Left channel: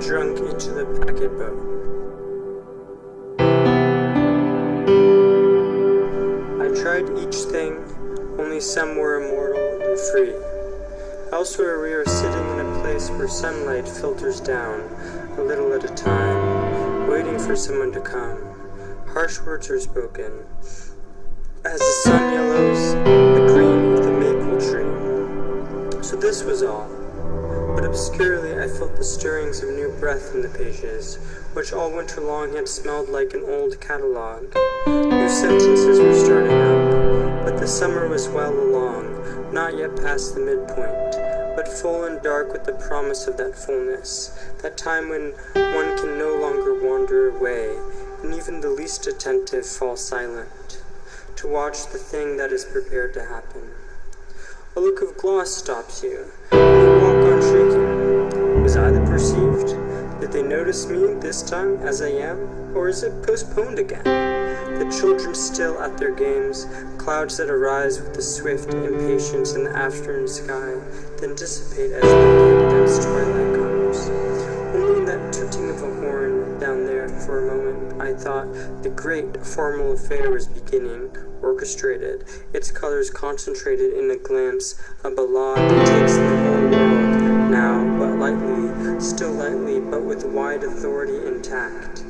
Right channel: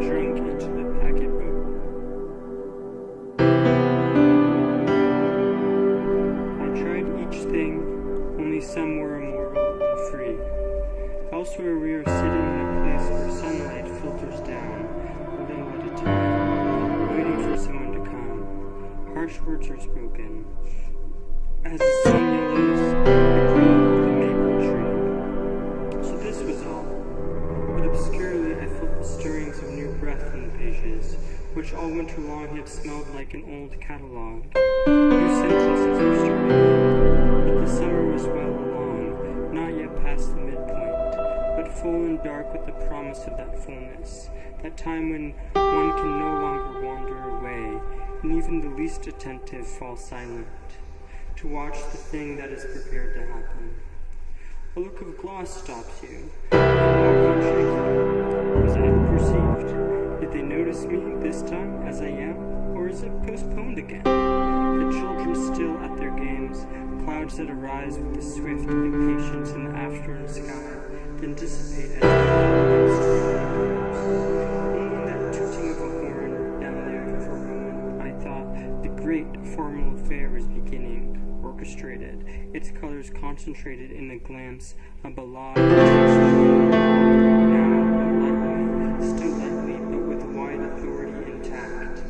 drunk into the packet boat. I tried each thing, only some were immortal and free. Elsewhere we are sitting in a place where sunlight filters down, a little at a time, waiting for someone to come. Harsh words are spoken, as the sun yellows the green of the maple tree. So this was all. But obscurely I felt the stirrings of new breath in the pages, which all winter long had smelled like an old catalogue. New sentences were starting up, but the summer was well along, not yet past the midpoint, but full and dark with the promise of that fullness, that time when one can no longer wander away, and even the least attentive fall silent, to watch the thing that is prepared to happen. A look of gloss stops you, and you walk on shaking. Was I the perceived? Did they notice me this time as I am, or is it postponed again? The children still at their games, clouds that arise with the swift impatience in the afternoon sky, then dissipate as as twilight comes. Only in that tooting of a horn down there for a moment I thought the great formal affair was beginning, orchestrated, its colors concentrated in a glance, a ballade that takes the whole world, now but lightly, still lightly, but with wide authority intact.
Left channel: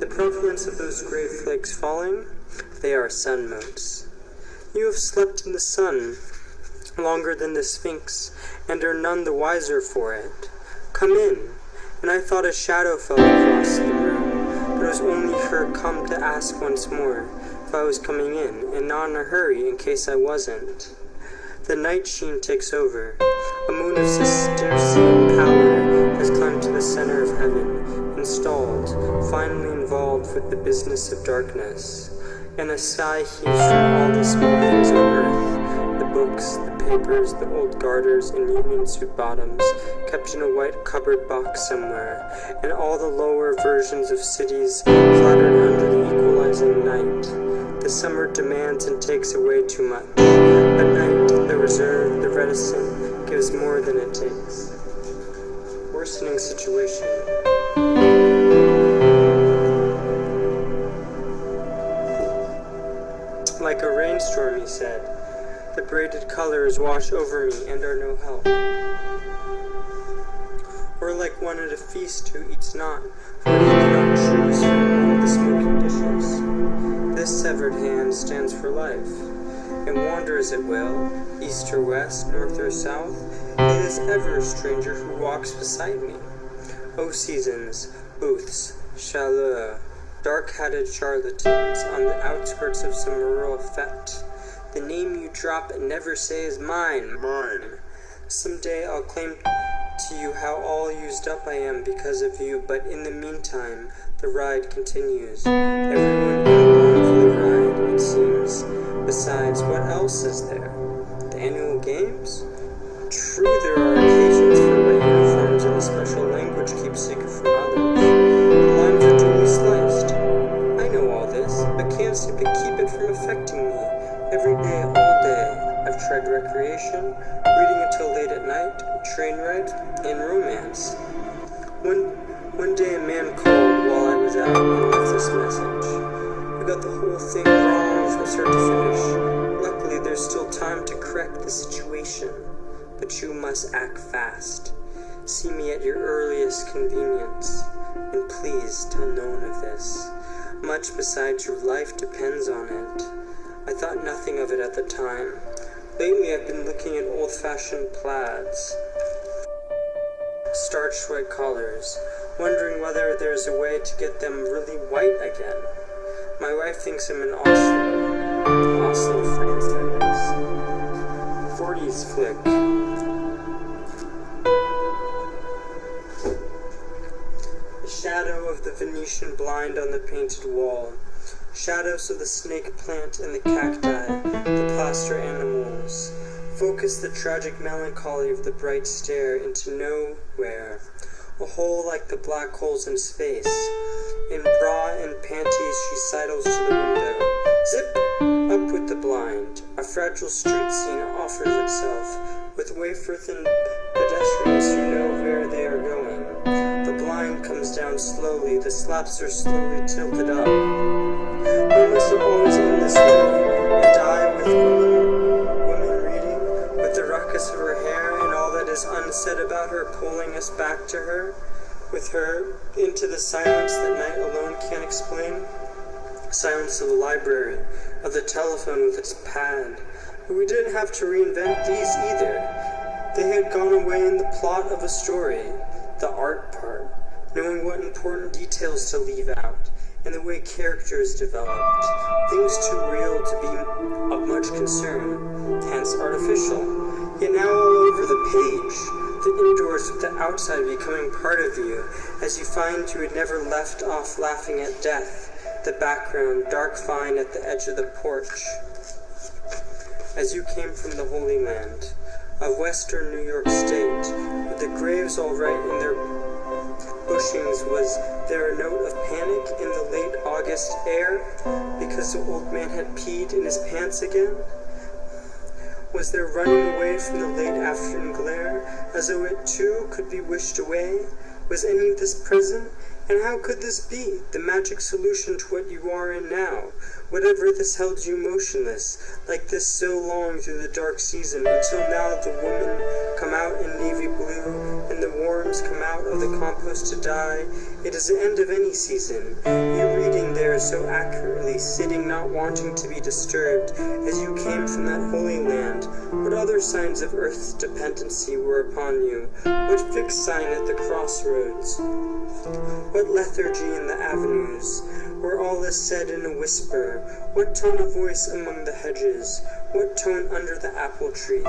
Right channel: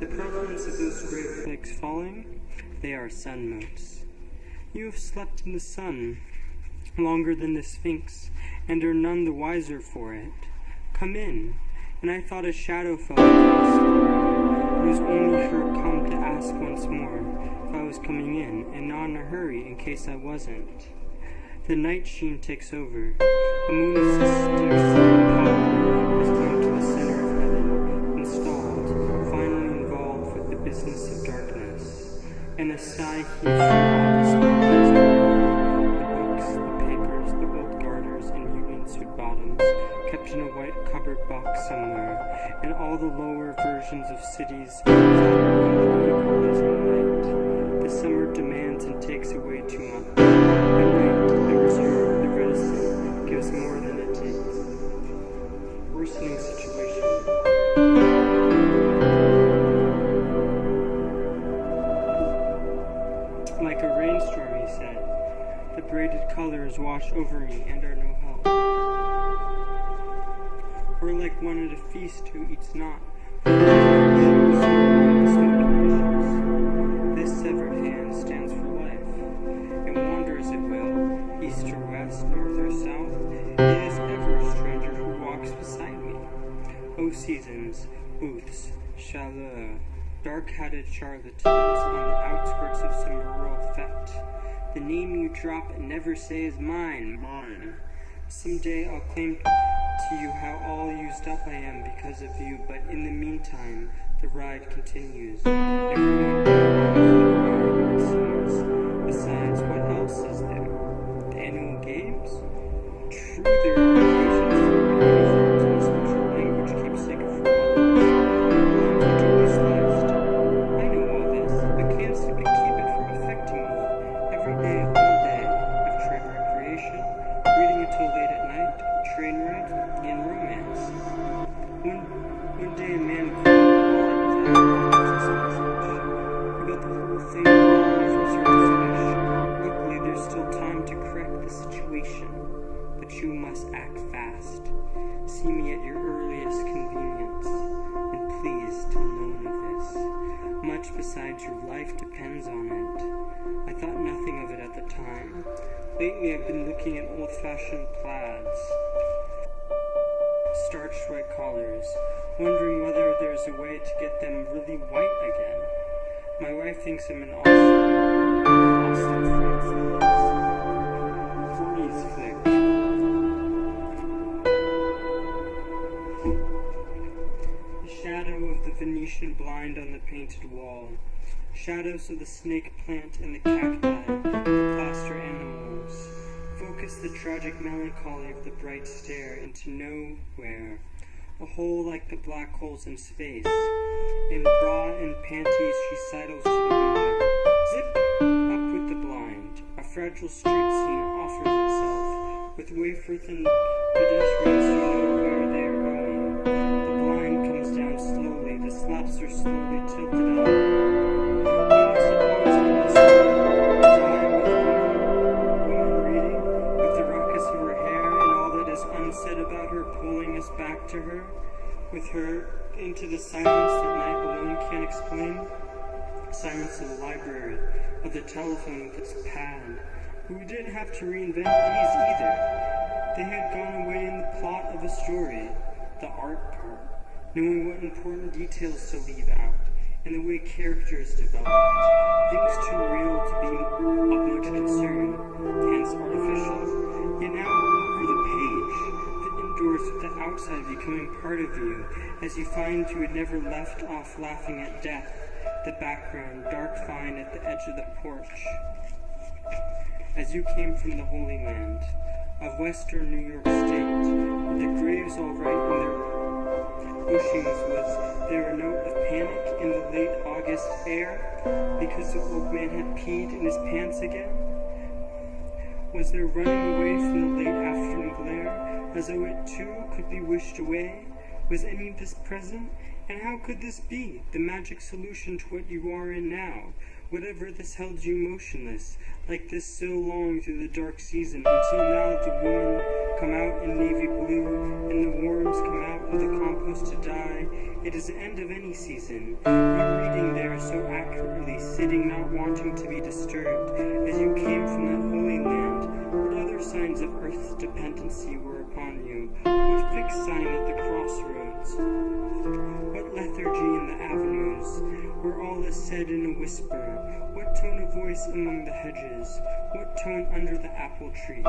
The prevalence of those gray flakes falling, they are sun motes. You have slept in the sun longer than the Sphinx, and are none the wiser for it. Come in. And I thought a shadow fell across the room, but it was only her come to ask once more if I was coming in, and not in a hurry in case I wasn't. The night sheen takes over. A moon of Cistercian pallor has climbed to the center of heaven, installed, finally involved with the business of darkness. And a sigh heaves from all the small things on earth, the books, the papers, the old garters in union suit bottoms, kept in a white cupboard box somewhere, and all the lower versions of cities flattered under the equalizing night. The summer demands and takes away too much. At night, the reserved, the reticent, gives more than it takes. Worsening situation. Like a rainstorm, he said. The braided colors wash over me and are no help. Or like one at a feast who eats not, for he cannot choose from among the smoking dishes. This severed hand stands for life, and wander as it will, east or west, north or south, it is ever a stranger who walks beside me. O seasons, booths, chaleur, dark-hatted charlatans on the outskirts of some rural fete. The name you drop and never say is mine, mine. Some day I'll claim to you how all used up I am because of you, but in the meantime, the ride continues. Everyone in along for the ride, it seems. Besides, what else is there? The annual games? True, there are occasions for red uniforms and a special language keepsake from others. The lines are duly sliced. I know all this, but can't seem to keep it from affecting me. Every day, all day, I've tried recreation, reading until late at night, train rides, and romance. One day a man called while I was out and left this message. You got the whole thing wrong from start to finish. Luckily, there's still time to correct the situation, but you must act fast. See me at your earliest convenience, and please tell no one of this. Much besides your life depends on it. I thought nothing of it at the time. Lately I've been looking at old-fashioned plaids, starched white collars, wondering whether there's a way to get them really white again. My wife thinks I'm an Oslo France, that is. 40s flick. The shadow of the Venetian blind on the painted wall. Shadows of the snake plant and the cacti, the plaster animals. Focus the tragic melancholy of the bright stare into nowhere. A hole like the black holes in space. In bra and panties she sidles to the window. Zip! Up with the blind. A fragile street scene offers itself, with wafer-thin pedestrians who know where they are going. The blind sun comes down slowly, the slaps are slowly tilted up. We must have always been this way. You die with woman reading, with the ruckus of her hair and all that is unsaid about her pulling us back to her, with her into the silence that night alone can't explain. Silence of the library, of the telephone with its pad. But we didn't have to reinvent these either. They had gone away in the plot of a story, the art part, knowing what important details to leave out, and the way characters developed, things too real to be of much concern, hence artificial, yet now all over the page, the indoors with the outside becoming part of you, as you find you had never left off laughing at death, the background, dark fine at the edge of the porch. As you came from the Holy Land, of western New York State, with the graves all right in their bushings, was there a note of panic in the late August air, because the old man had peed in his pants again? Was there running away from the late afternoon glare, as though it too could be wished away? Was any of this present? And how could this be, the magic solution to what you are in now? Whatever this held you motionless, like this so long through the dark season, until now the women come out in navy blue, and the worms come out of the compost to die. It is the end of any season. You reading there so accurately, sitting not wanting to be disturbed, as you came from that holy land. What other signs of earth's dependency were upon you? What fixed sign at the crossroads? What lethargy in the avenues, where all is said in a whisper? What tone of voice among the hedges? What tone under the apple trees?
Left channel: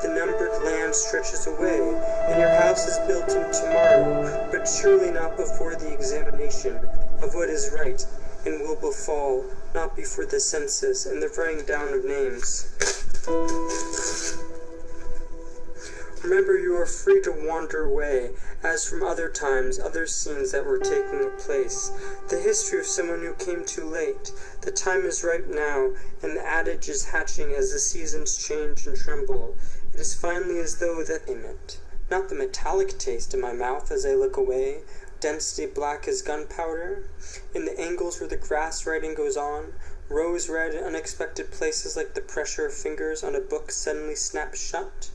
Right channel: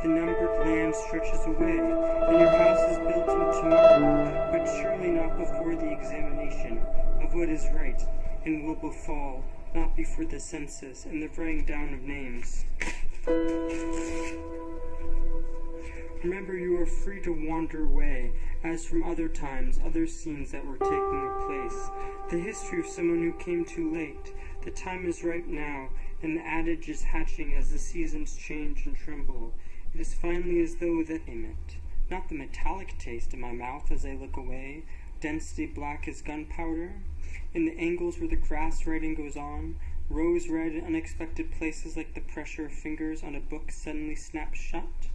The numbered land stretches away, and your house is built in tomorrow, but surely not before the examination of what is right and will befall, not before the census and the writing down of names. Remember, you are free to wander away, as from other times, other scenes that were taking place. The history of someone who came too late. The time is ripe now, and the adage is hatching as the seasons change and tremble. It is finally as though that payment, not the metallic taste in my mouth as I look away, densely black as gunpowder. In the angles where the grass writing goes on, rose red in unexpected places like the pressure of fingers on a book suddenly snaps shut.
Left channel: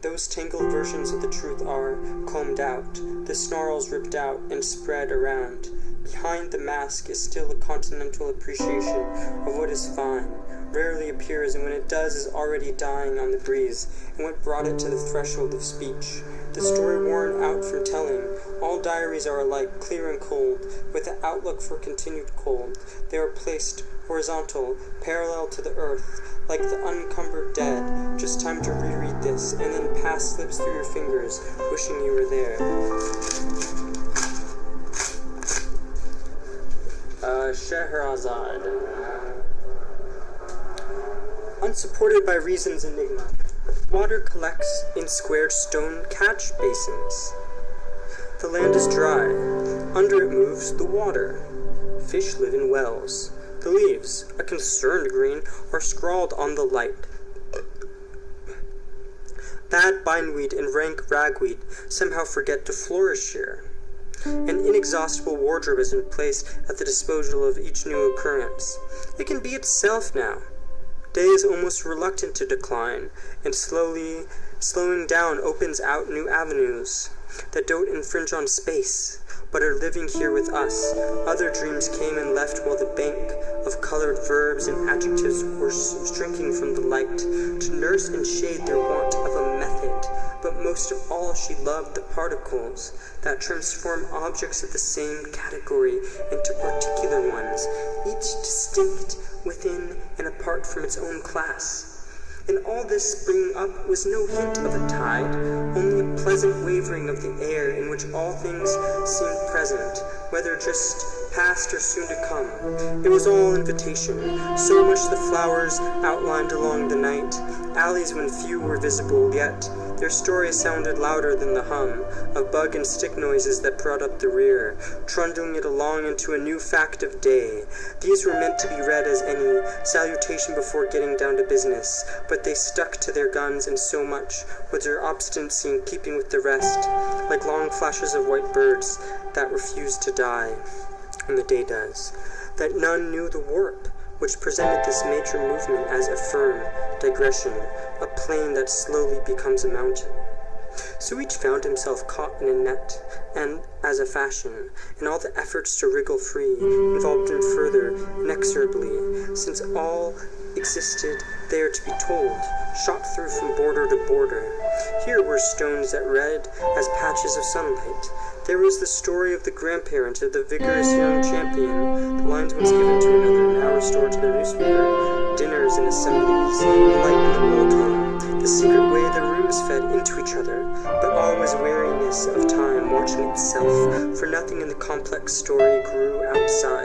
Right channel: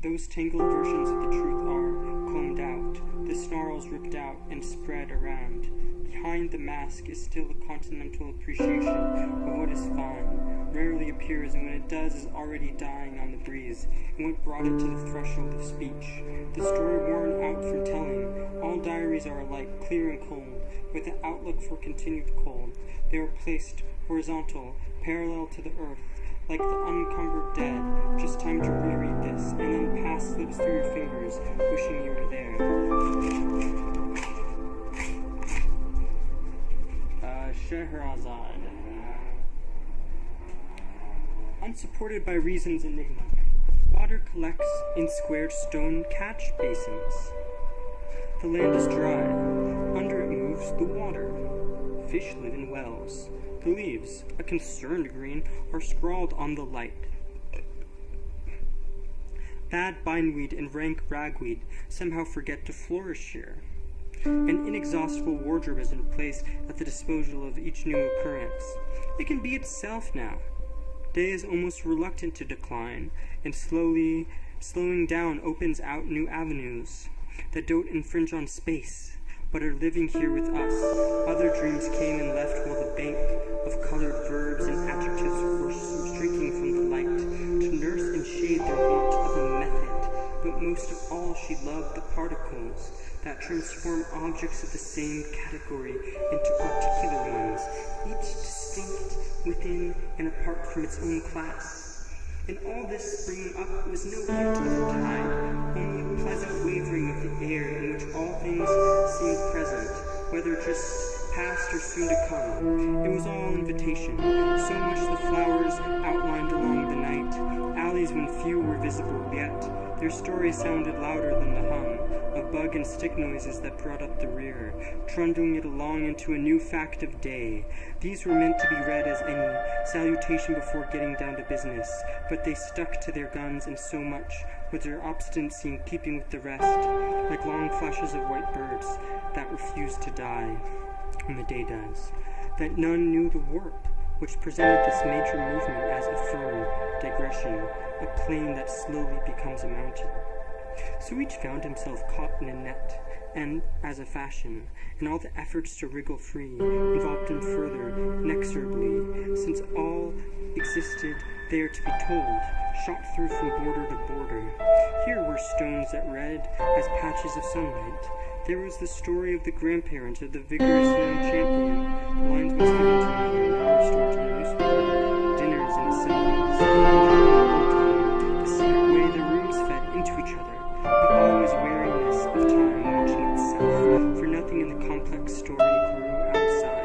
Those tangled versions of the truth are combed out, the snarls ripped out and spread around. Behind the mask is still a continental appreciation of what is fine, rarely appears, and when it does is already dying on the breeze, and what brought it to the threshold of speech. The story worn out from telling. All diaries are alike, clear and cold, with the outlook for continued cold. They are placed horizontal, parallel to the earth, like the unencumbered dead. Just time to reread this, and then pass slips through your fingers, wishing you were there. Scheherazade. Unsupported by reason's enigma, water collects in squared stone catch basins. The land is dry. Under it moves the water. Fish live in wells. The leaves, a concerned green, are scrawled on the light. Bad bindweed and rank ragweed somehow forget to flourish here. An inexhaustible wardrobe has been placed at the disposal of each new occurrence. It can be itself now. Day is almost reluctant to decline, and slowing down opens out new avenues that don't infringe on space, but are living here with us. Other dreams came and left while the bank of colored verbs and adjectives were shrinking from the light, to nurse and shade their want of a method. But most of all, she loved the particles that transform objects of the same category into particular ones, each distinct within and apart from its own class. In all this springing up was no hint of a tide, only a pleasant wavering of the air in which all things seemed present, whether just past or soon to come. It was all invitation, so much the flowers outlined along the night, alleys when few were visible, yet Their story sounded louder than the hum of bug and stick noises that brought up the rear, trundling it along into a new fact of day. These were meant to be read as any salutation before getting down to business, but they stuck to their guns, and so much was their obstinacy in keeping with the rest, like long flashes of white birds that refuse to die when the day does, that none knew the warp which presented this major movement as a firm digression, a plain that slowly becomes a mountain. So each found himself caught in a net, and, as a fashion, in all the efforts to wriggle free, involved him further, inexorably, since all existed there to be told, shot through from border to border. Here were stones that read as patches of sunlight. There was the story of the grandparent of the vigorous young champion, the lines once given to another, now restored to their newspaper, dinners and assemblies, alike in the old home, the secret way the rooms fed into each other, but always weariness of time watching itself, for nothing in the complex story grew outside.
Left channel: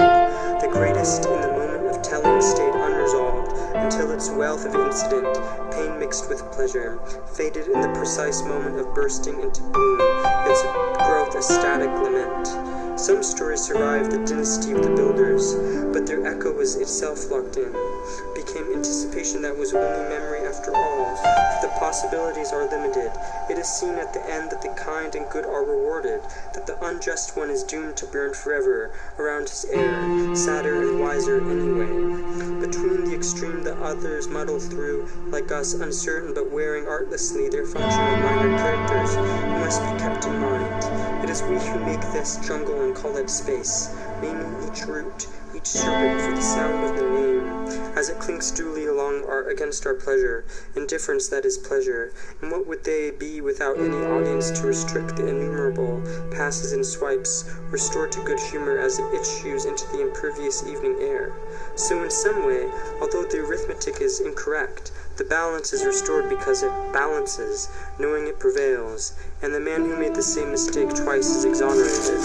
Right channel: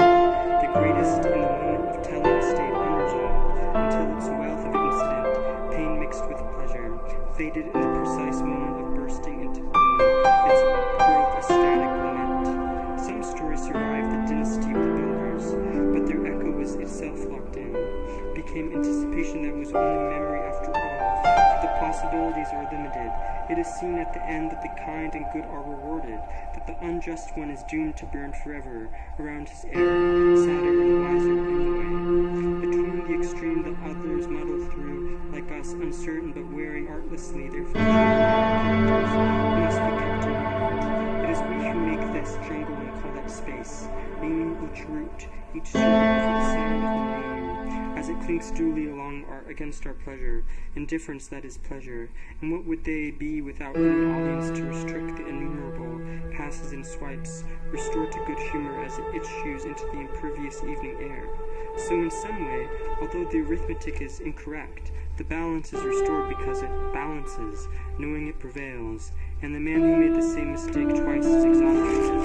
The greatest in the moment of telling stayed unresolved, until its wealth of incident, pain mixed with pleasure, faded in the precise moment of bursting into bloom, its growth a static lament. Some stories survived the dynasty of the builders, but their echo was itself locked in, became anticipation that was only memory after all, for the possibilities are limited. It is seen at the end that the kind and good are rewarded, that the unjust one is doomed to burn forever around his heir, sadder and wiser anyway. Between the extreme the others muddle through, like us, uncertain but wearing artlessly their functional minor characters, who must be kept in mind. It is we who make this jungle and call it space, naming each root, each serpent for the sound of the name, as it clinks duly along against our pleasure, indifference that is pleasure. And what would they be without any audience to restrict the innumerable passes and swipes, restored to good humor as it issues into the impervious evening air? So in some way, although the arithmetic is incorrect, the balance is restored because it balances, knowing it prevails, and the man who made the same mistake twice is exonerated.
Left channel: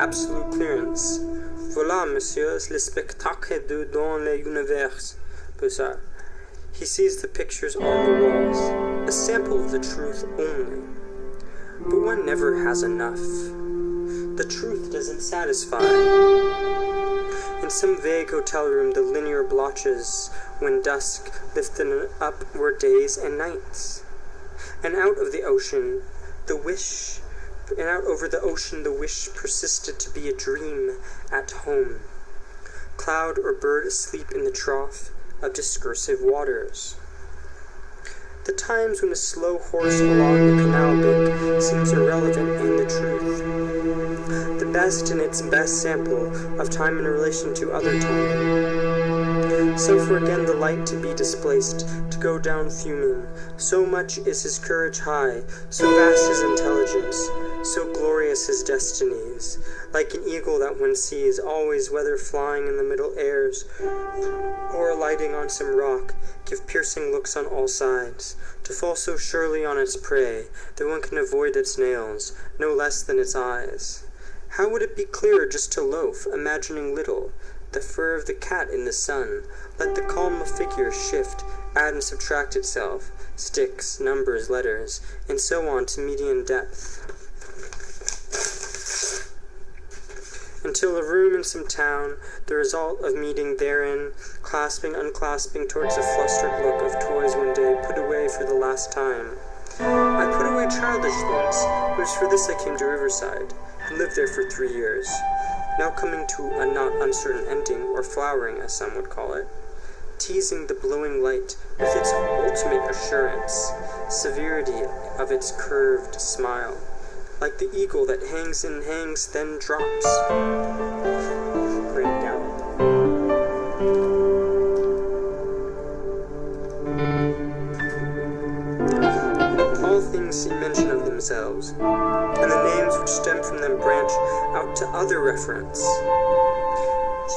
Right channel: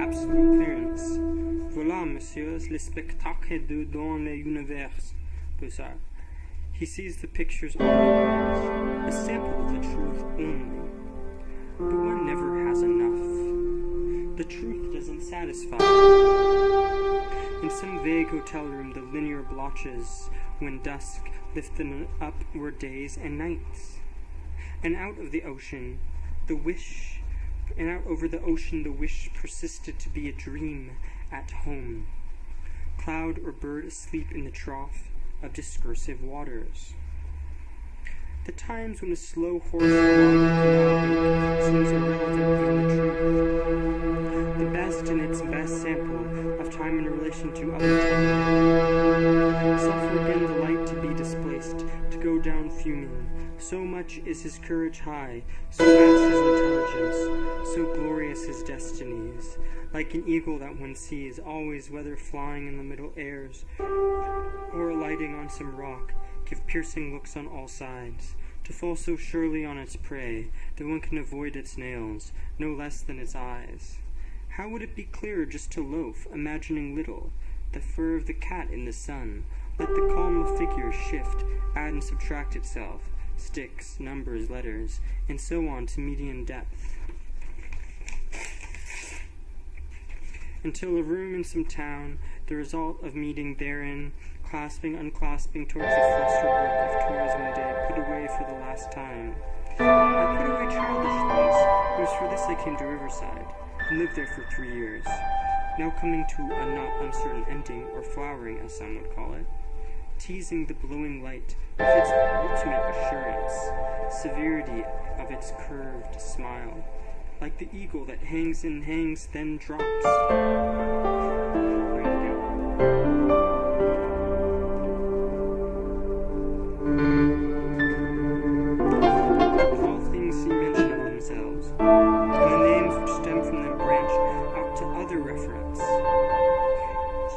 Absolute clearance. Voilà, messieurs, le spectacle de dans l'univers. Bizarre. He sees the pictures on the walls, a sample of the truth only. But one never has enough. The truth doesn't satisfy. In some vague hotel room, the linear blotches, when dusk lifted up, were days and nights. And out of the ocean, over the ocean, the wish persisted to be a dream at home. Cloud or bird asleep in the trough of discursive waters. The times when a slow horse along the canal bank seems irrelevant in the truth. The best in its best sample of time in relation to other time. Suffer again the light to be displaced, to go down fuming. So much is his courage high, so vast his intelligence, so glorious his destinies. Like an eagle that one sees, always whether flying in the middle airs or alighting on some rock, give piercing looks on all sides, to fall so surely on its prey that one can avoid its nails, no less than its eyes. How would it be clearer just to loaf, imagining little, the fur of the cat in the sun, let the calm of figures shift, add and subtract itself, sticks, numbers, letters, and so on to median depth, until a room in some town, the result of meeting therein, clasping, unclasping towards a flustered look of toys one day put away for the last time. I put away childish things. It was for this I came to Riverside, and lived there for 3 years, now coming to a not uncertain ending, or flowering, as some would call it, teasing the glowing light with its ultimate assurance, severity of its curved smile, like the eagle that hangs and hangs, then drops. Great gallop. All things see mention of themselves, and the names which stem from them branch out to other reference.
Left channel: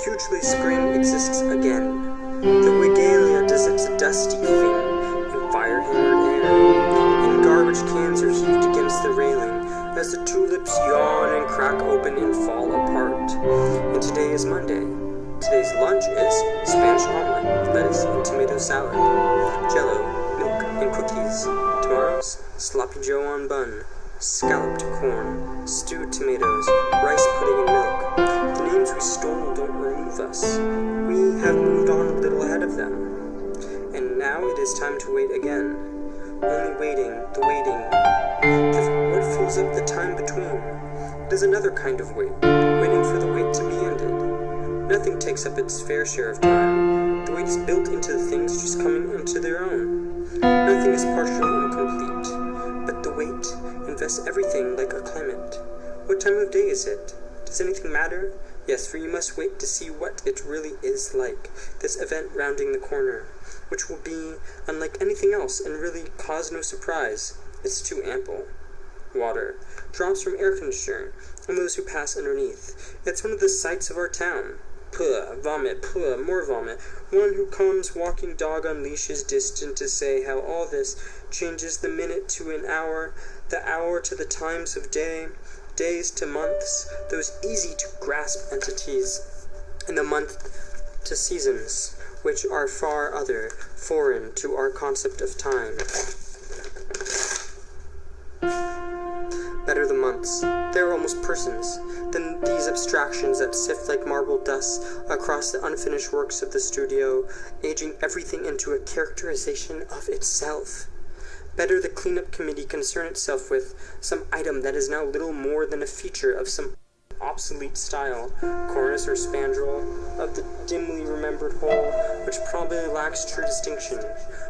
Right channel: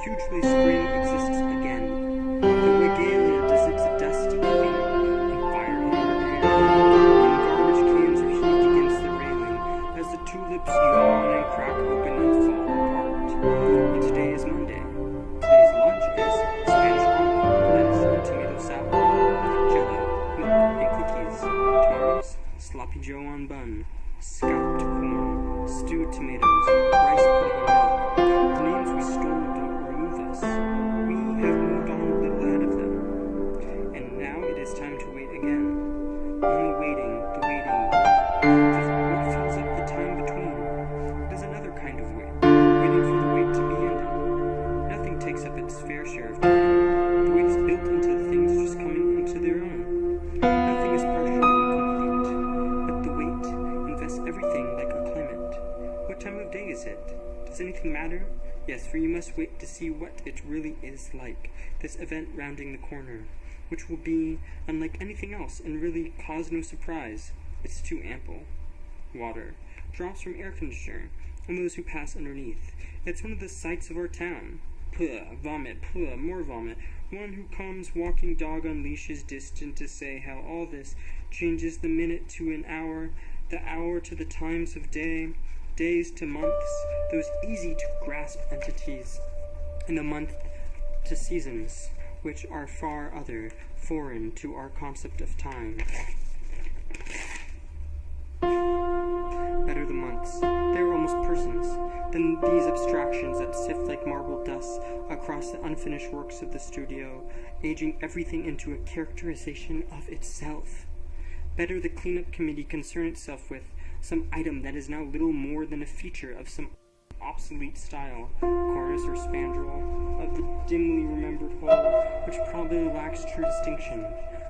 Hugely spring exists again. The Wigalia does its dusty thing in fire-hammered air, and garbage cans are heaved against the railing, as the tulips yawn and crack open and fall apart. And today is Monday. Today's lunch is Spanish omelet, lettuce, and tomato salad, jello, milk, and cookies. Tomorrow's sloppy joe on bun, scalloped corn, stewed tomatoes, rice pudding, and milk. The names we stole don't remove us. We have moved on a little ahead of them. And now it is time to wait again. Only waiting, what fills up the time between. It is another kind of wait, waiting for the wait to be ended. Nothing takes up its fair share of time. The wait is built into the things just coming into their own. Nothing is partially incomplete, but the wait invests everything like a climate. What time of day is it? Does anything matter? Yes, for you must wait to see what it really is like, this event rounding the corner, which will be unlike anything else and really cause no surprise. It's too ample. Water, drops from air conditioner, and those who pass underneath. It's one of the sights of our town. Puh, vomit, puh, more vomit. One who comes walking dog on leashes, distant to say how all this changes the minute to an hour, the hour to the times of day, days to months, those easy-to-grasp entities, and the month to seasons, which are far other, foreign to our concept of time. Better the months. They're almost persons, than these abstractions that sift like marble dust across the unfinished works of the studio, aging everything into a characterization of itself. Better the cleanup committee concern itself with some item that is now little more than a feature of some obsolete style, cornice or spandrel, of the dimly remembered whole, which probably lacks true distinction.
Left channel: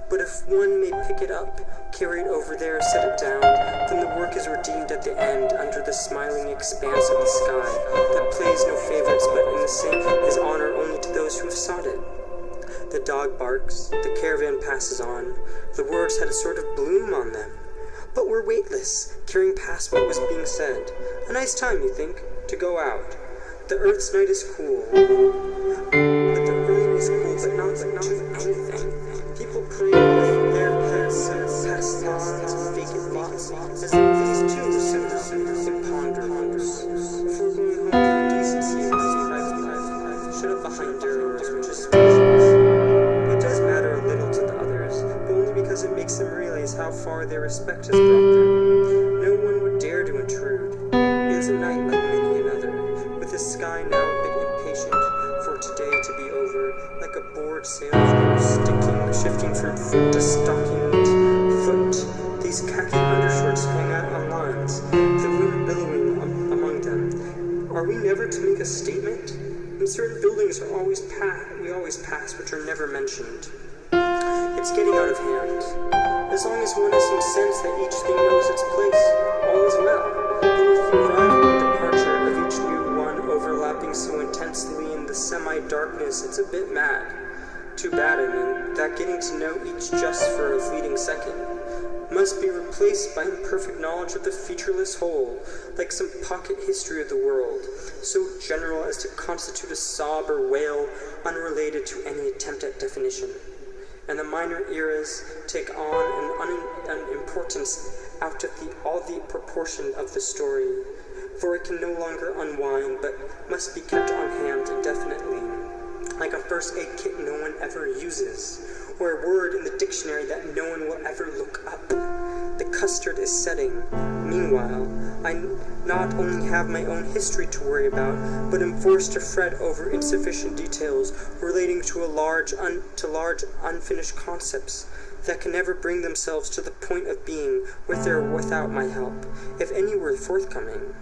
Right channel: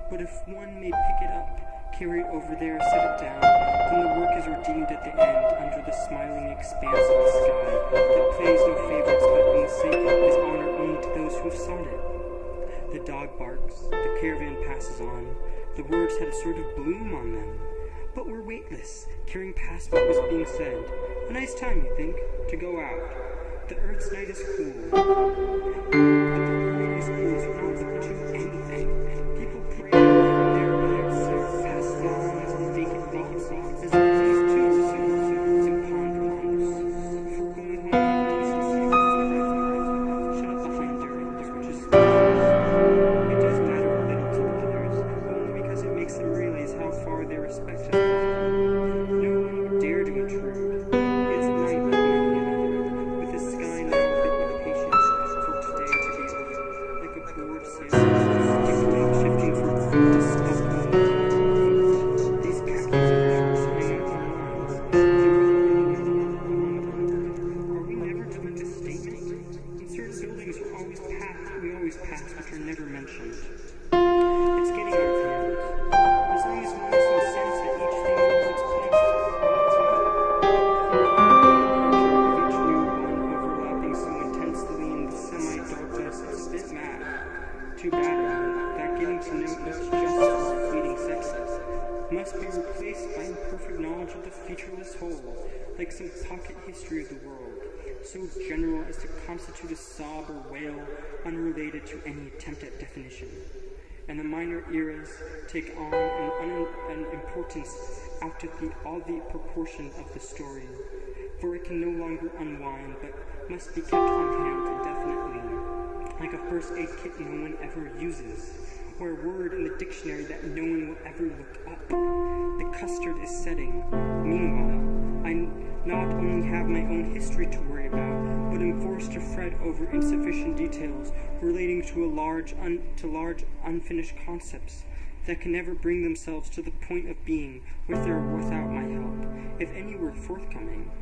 But if one may pick it up, carry it over there, set it down, then the work is redeemed at the end under the smiling expanse of the sky that plays no favorites but in the same is honor only to those who have sought it. The dog barks, the caravan passes on, the words had a sort of bloom on them, but were weightless, carrying past what was being said. A nice time, you think, to go out. The earth's night is cool, but the earth is cool, but not to anything. People parade with their past lawns, vacant lots, as these too were so imponderables. Before going home, decency was private, shut up behind doors, which is it does matter a little to the others, but only because it makes them realize how far their respect has brought them. No one would dare to intrude. It is a night like many another, with the sky now a bit impatient for today to be over, like a bored sailor sticking, shifting from foot to stockinged foot. These khaki undershorts hang out on lines, the wind billowing among them. Are we never to make a statement? And certain buildings are we always pass, which are never mentioned. It's getting out of hand. As long as one has some sense that each thing knows its place, all is well. But with the arrival and departure of each new one overlapping so intensely in the semi-darkness, it's a bit mad. Too bad, that getting to know each just for a fleeting second must be replaced by imperfect knowledge of the featureless whole, like some pocket history of the world, so general as to constitute a sob or wail unrelated to any attempt at definition. And the minor eras take on an importance out of all the proportion of the story, for it can no longer unwind, but must be kept on hand indefinitely, like a first aid kit no one ever uses, or a word in the dictionary that no one will ever look up. The custard is setting. Meanwhile, I not only have my own history to worry about, but am forced to fret over insufficient details relating to large unfinished concepts that can never bring themselves to the point of being with or without my help, if any were forthcoming.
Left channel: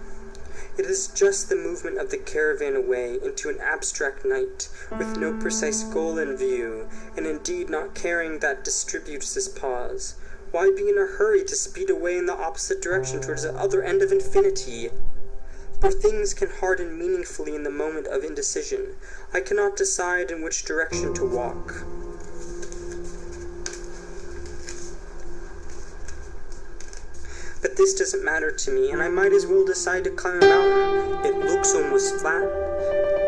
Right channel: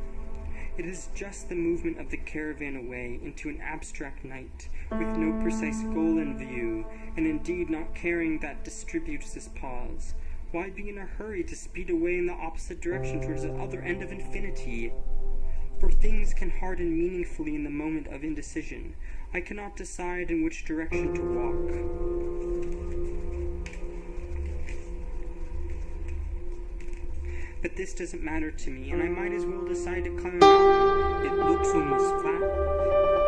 It is just the movement of the caravan away into an abstract night, with no precise goal in view, and indeed not caring that distributes this pause. Why be in a hurry to speed away in the opposite direction towards the other end of infinity? For things can harden meaningfully in the moment of indecision. I cannot decide in which direction to walk. But this doesn't matter to me, and I might as well decide to climb a mountain. It looks almost flat.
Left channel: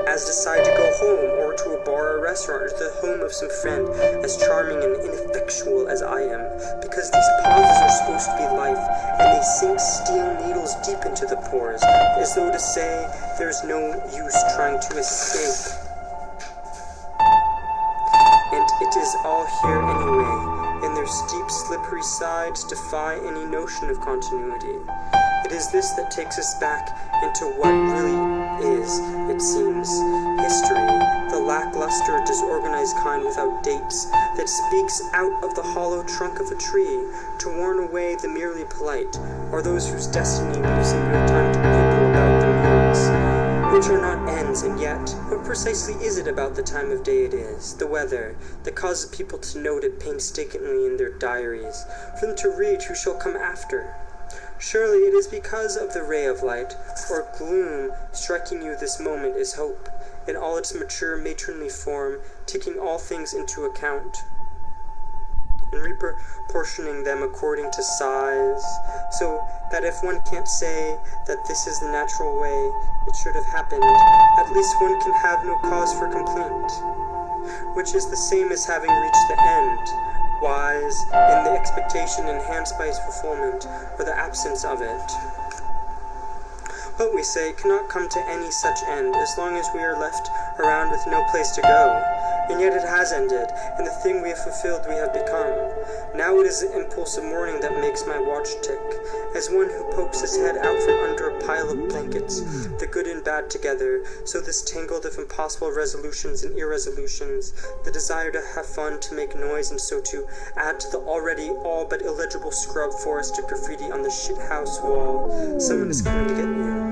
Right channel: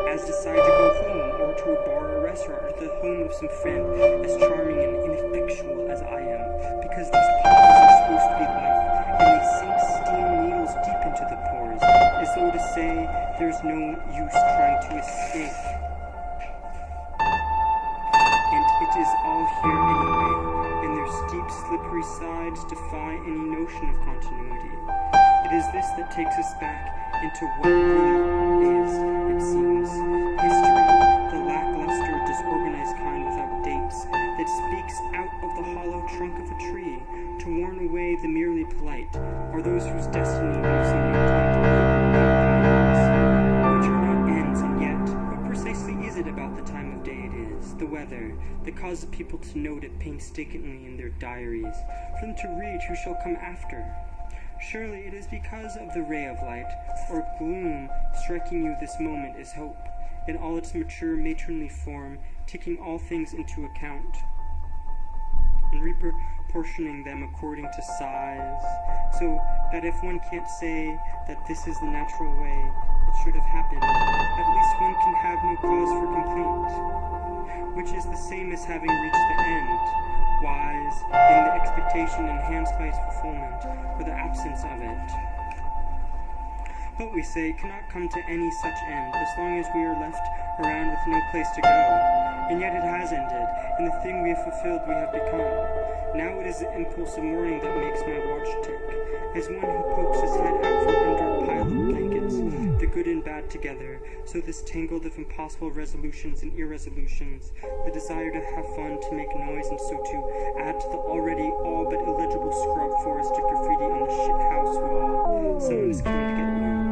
As decide to go home, or to a bar or restaurant, or to the home of some friend as charming and ineffectual as I am, because these pauses are supposed to be life, and they sink steel needles deep into the pores, as though to say there's no use trying to escape. And it is all here anyway, and their steep, slippery sides defy any notion of continuity. It is this that takes us back into what really is, it seems, history, the lackluster, disorganized kind without dates, that speaks out of the hollow trunk of a tree to warn away the merely polite, or those whose destiny leaves them no time to quibble about the means, which are not ends. And yet, what precisely is it about the time of day it is, the weather, that causes people to note it painstakingly in their diaries, for them to read who shall come after? Surely it is because of the ray of light, or gloom, striking you this moment is hope, in all its mature matronly form, taking all things into account, and reproportioning them according to size, so that if one can't say that this is the natural way it should have happened, at least one can have no cause for complaint, which is the same as having reached the end, wise in the expectation enhanced by its fulfillment, or the absence of it. But we say cannot come to any such end as long as we are left around with no place to go. And yet it has ended, and the thing we have fulfilled we have become. Now it is the impulse of morning that makes my watch tick, as one who pokes his head out from under a pile of blankets, the good and bad together, so this tangled of impossible resolutions and irresolutions, the desire to have fun, to make noise, and so to add to the already all but illegible scrub forest of graffiti on the shithouse wall. Someone is coming to get you.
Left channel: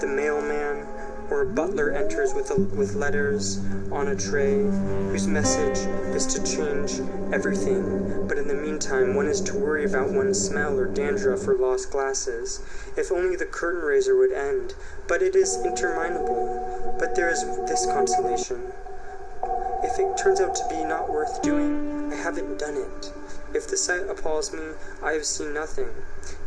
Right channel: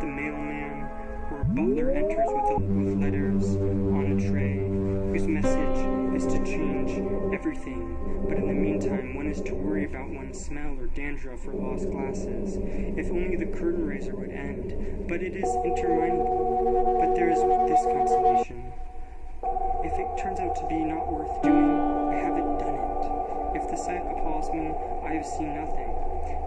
The mailman or a butler enters with letters on a tray, whose message is to change everything, but in the meantime one is to worry about one's smell or dandruff or lost glasses. If only the curtain raiser would end, but it is interminable. But there is this consolation. If it turns out to be not worth doing, I haven't done it. If the sight appalls me, I have seen nothing.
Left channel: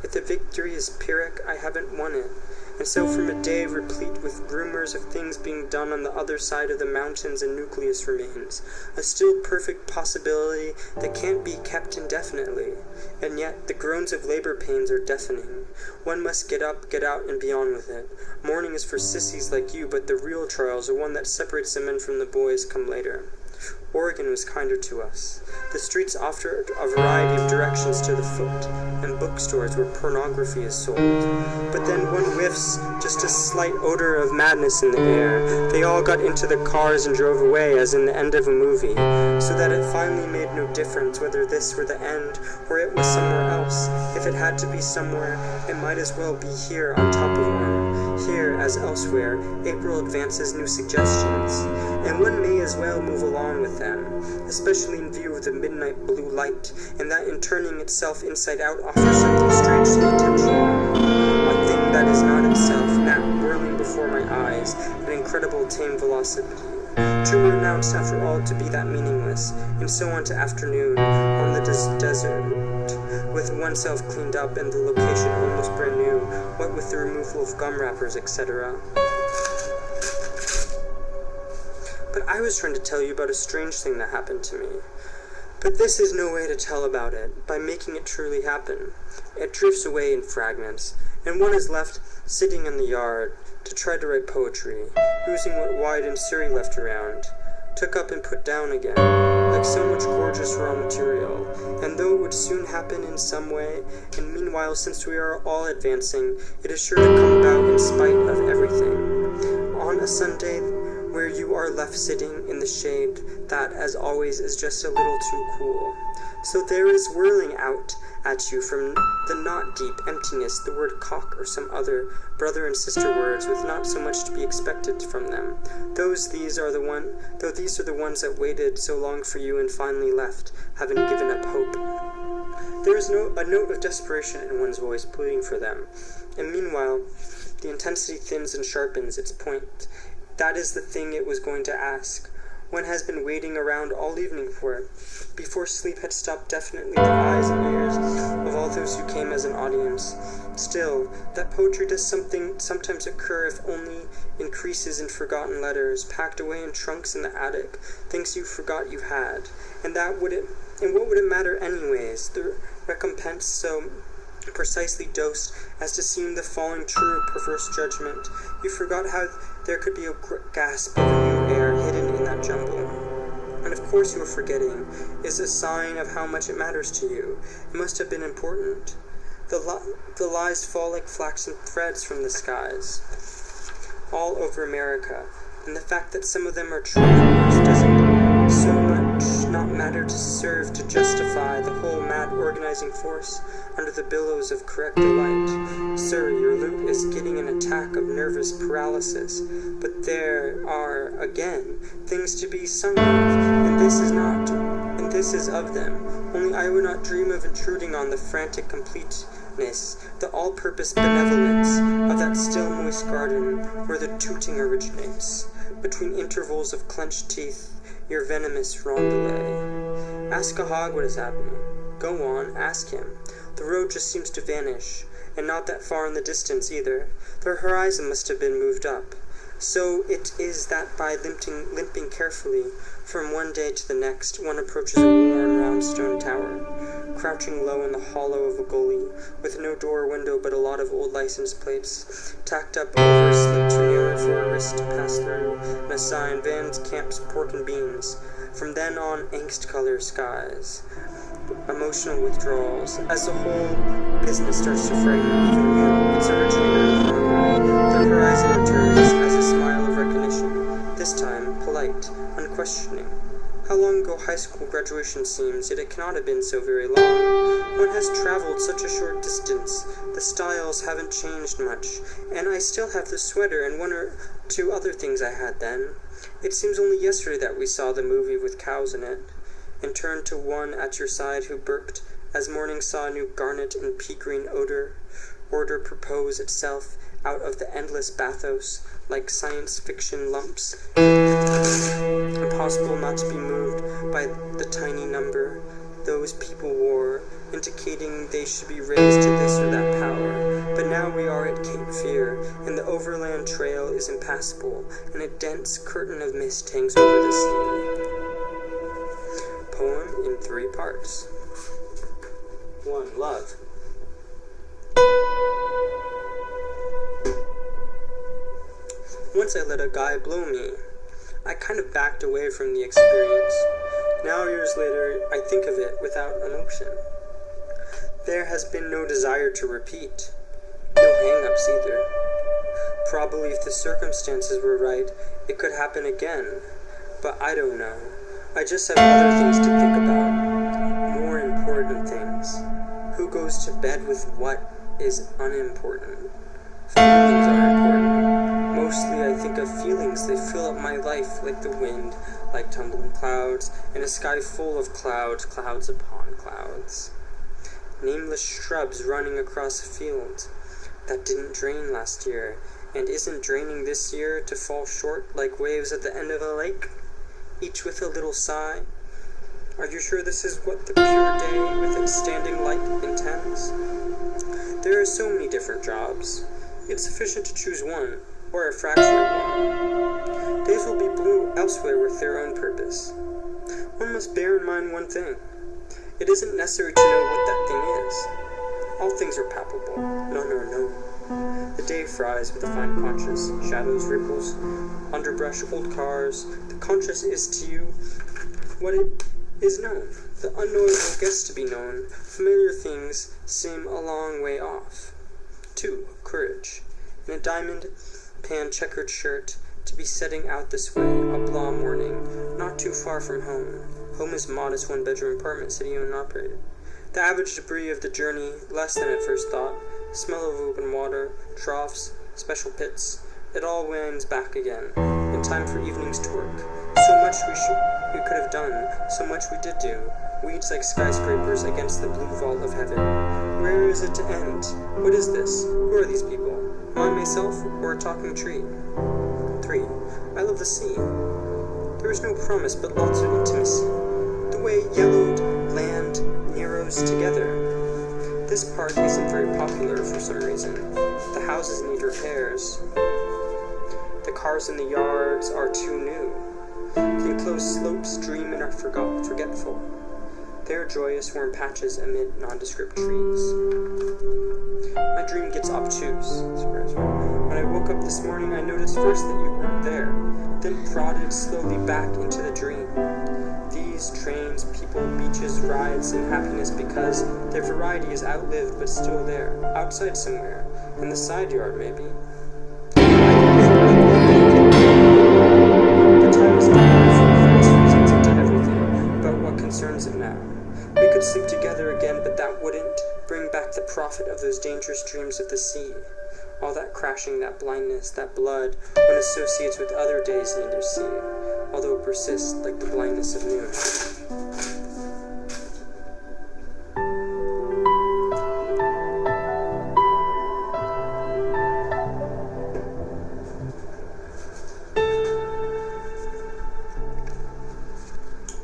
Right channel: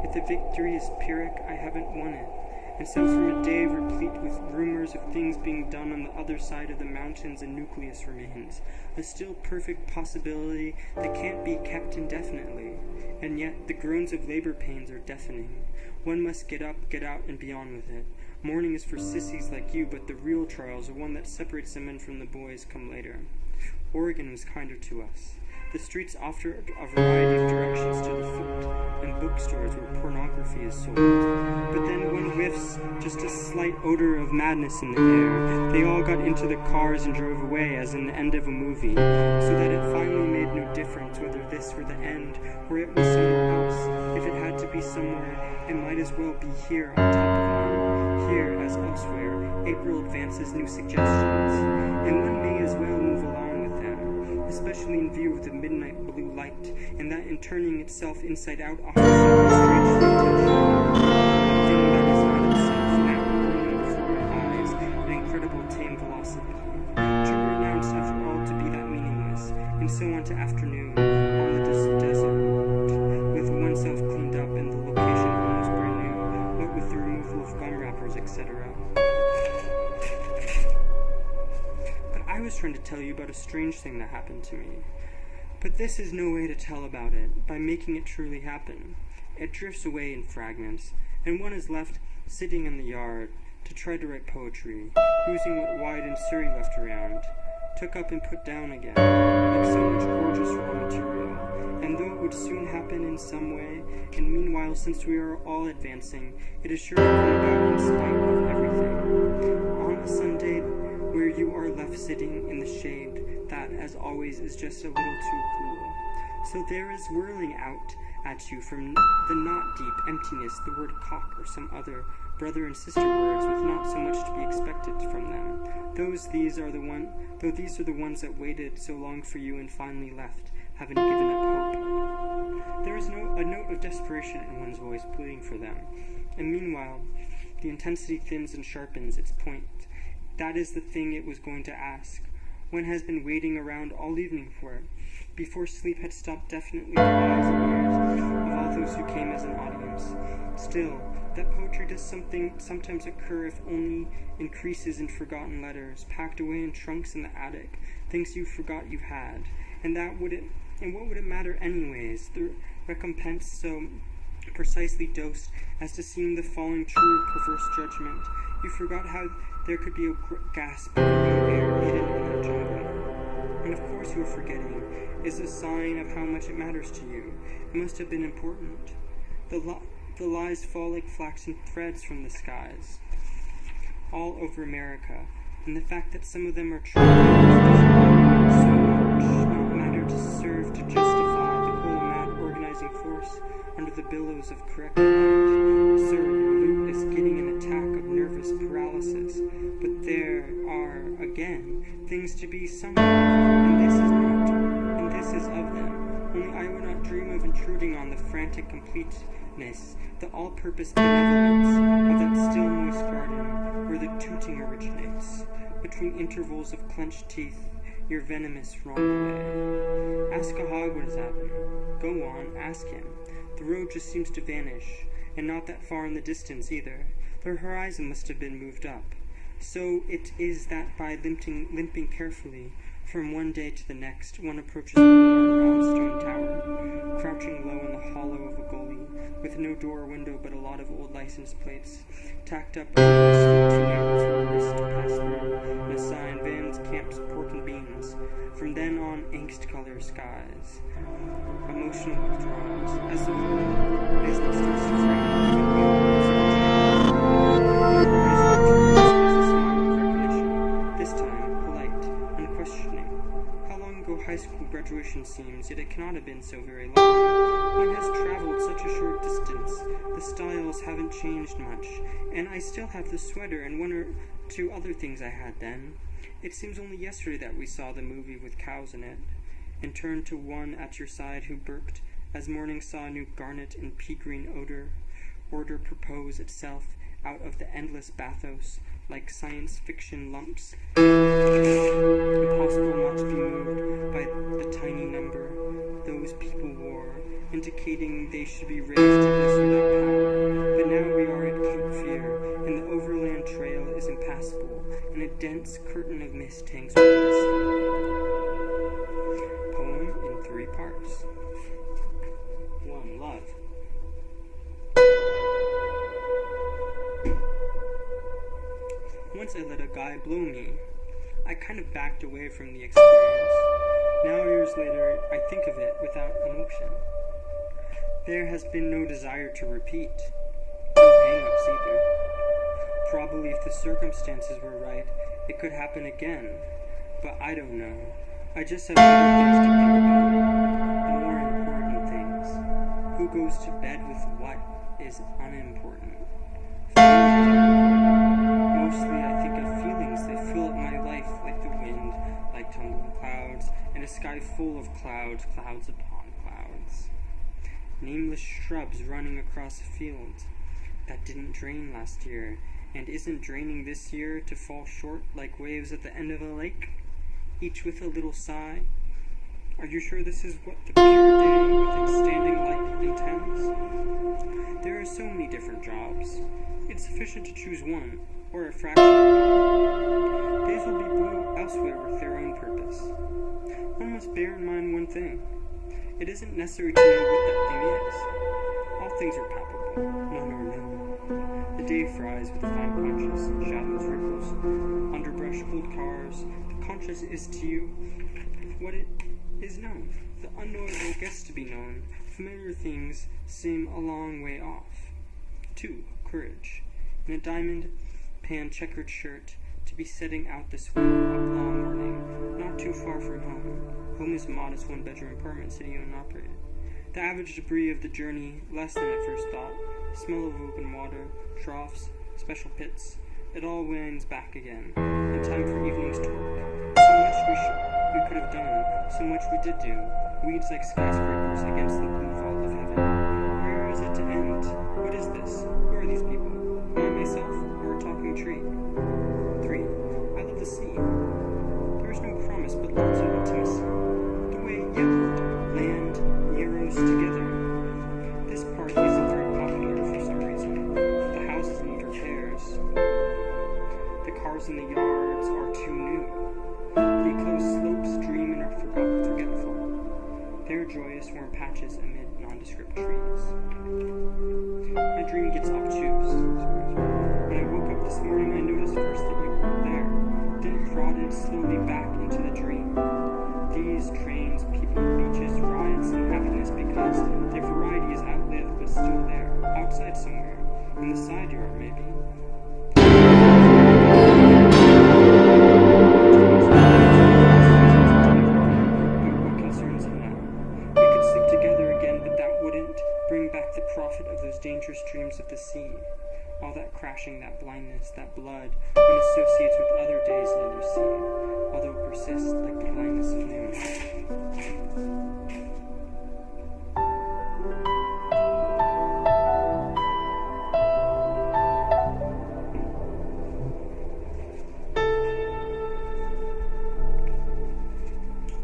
If the victory is Pyrrhic, I haven't won it. And so from a day replete with rumors of things being done on the other side of the mountains and nucleus remains, a still perfect possibility that can't be kept indefinitely. And yet the groans of labor pains are deafening. One must get up, get out, and be on with it. Morning is for sissies like you, but the real trials, the one that separates the men from the boys, come later. Oregon was kinder to us. The streets offered a variety of directions to the foot, and bookstores where pornography is sold. But then one whiffs just a slight odor of madness in the air. They all got into the cars and drove away, as in the end of a movie, so that it finally made no difference whether this were the end or it was somewhere else. If it had to be somewhere, it might as well be here on top of one. Here, as elsewhere, April advances new suggestions, and one may as well move along with them, especially in view of the midnight blue light, and that in turning itself inside out offers something strangely intentional, a thing that is not itself, now whirling before my eyes at incredible tame velocity, too renounced after all to be that meaningless, and so on to afternoon, on the desert, with oneself cleaned up and the location almost brand new, what with the removal of gum wrappers, etc. But I was trying to tell you about a strange thing that happened to me. But this is no way to tell about it, by making it truly happen. It drifts away in fragments, and one is left sitting in the yard to try to write poetry, using what Wide and Surrey left around, took up and put down again, like so much gorgeous raw material, and though it would soon happen in some way, and meanwhile, since we are all advancing, it is sure to come about in spite of everything. On a Sunday, where you are left sitting in the shade that, as always, is just a little too cool. So there is whirling out at you from the not deep emptiness the word cock or some other brother and sister words with not so much to be expected from them, though these are the ones that waited so long for you and finally left, having given up hope. There is a note of desperation in one's voice pleading for them, and meanwhile the intensity thins and sharpens its point. That is the thing it was going to ask. One has been waiting around all evening for it, before sleep had stopped definitely the eyes and ears of all those who came as an audience. Still, that poetry does sometimes occur, if only in creases in forgotten letters, packed away in trunks in the attic, things you forgot you had. And what would it matter anyways? The recompense so precisely dosed as to seem the falling true of perverse judgment. You forgot how there could be a gasp of new air hidden in that jumble. And of course you were forgetting is a sign of how much it matters to you. It must have been important. The lies fall like flaxen threads from the skies, all over America, and the fact that some of them are true doesn't so much not matter to serve to justify the whole mad organizing force under the billows of correct delight. Sir, your lute is getting an attack of nervous paralysis, but there are, again, things to be sung of, and this is of them. Only I would not dream of intruding on the frantic completeness, the all-purpose benevolence of that still moist garden where the tooting originates, between intervals of clenched teeth, your venomous rondelay. Ask a hog what is happening. Go on, ask him. The road just seems to vanish, and not that far in the distance either. The horizon must have been moved up. So it is that by limping carefully from one day to the next, one approaches a worn round stone tower, crouching low in the hollow of a gully, with no door or window but a lot of old license plates, tacked up over a slit too narrow for a wrist to pass through, and a sign, Vans, Camps, Pork and Beans. From then on, angst-color skies, emotional withdrawals, as the whole business starts to frighten even you, its originator. The horizon returns as a smile of recognition, this time polite, unquestioning. How long ago high school graduation seems, yet it cannot have been so very long. One has traveled such a short distance, the styles haven't changed much, and I still have the sweater and one or two other things I had then. It seems only yesterday that we saw the movie with cows in it, and turned to one at your side who burped as morning saw a new garnet and pea-green order propose itself out of the endless bathos like science fiction lumps, impossible not to be moved by the tiny number those people wore, indicating they should be raised to this or that power. But now we are at Cape Fear, and the overland trail is impassable, and a dense curtain of mist hangs over the sea. Poem in 3 parts. 1. Love. Once I let a guy blow me. I kind of backed away from the experience. Now, years later, I think of it without emotion. There has been no desire to repeat. No hang-ups either. Probably if the circumstances were right, it could happen again. But I don't know. I just have other things to think about. More important things. Who goes to bed with what is unimportant. Feelings are important. Mostly I think of feelings. They fill up my life like the wind, like tumbling clouds, and a sky full of clouds, clouds upon clouds. Nameless shrubs running across a field that didn't drain last year, and isn't draining this year to fall short like waves at the end of a lake, each with a little sigh. Are you sure this is what the pure day with its standing light intends? There are so many different jobs. It's sufficient to choose one, or a fraction of one. Days will be blue elsewhere with their own purpose. One must bear in mind one thing. It isn't necessary to know what that thing is. All things are palpable, none are known. The day fries with a fine conscious, shadows, ripples, underbrush, old cars. The conscious is to you what it is known. The unknowable gets to be known. Familiar things seem a long way off. 2. Courage. In a diamond pan checkered shirt, to be setting out this way, oblong morning, not too far from home. Home is modest 1-bedroom apartment, city-owned and operated. The average debris of the journey, less than at first thought. Smell of open water, troughs, special pits. It all winds back again. In time for evening's torque. So much we could have done, so much we did do. Weeds like skyscrapers against the blue vault of heaven. Where is it to end? What is this? Who are these people? Am I myself, or a talking tree? 3. I love the sea. There is no promise, but lots of intimacy. The way yellowed land narrows together. This part isn't very popular for some reason. The houses need repairs. The cars in the yards are too new. The enclosed slopes dream and are forgetful. They are joyous warm patches amid nondescript trees. My dream gets obtuse. When I woke up this morning, I noticed first that you weren't there, then prodded slowly back into the dream. These trains, people, beaches, rides, and happiness because their variety is outlived but still there, outside somewhere, in the side yard maybe. The time is done for false reasons into everything about what concerns it now. We could sleep together again, but that wouldn't bring back the profit of those dangerous dreams of the sea. All that crashing, that blindness, that blood, one associates with other days near sea, although it persists like the blindness of noon.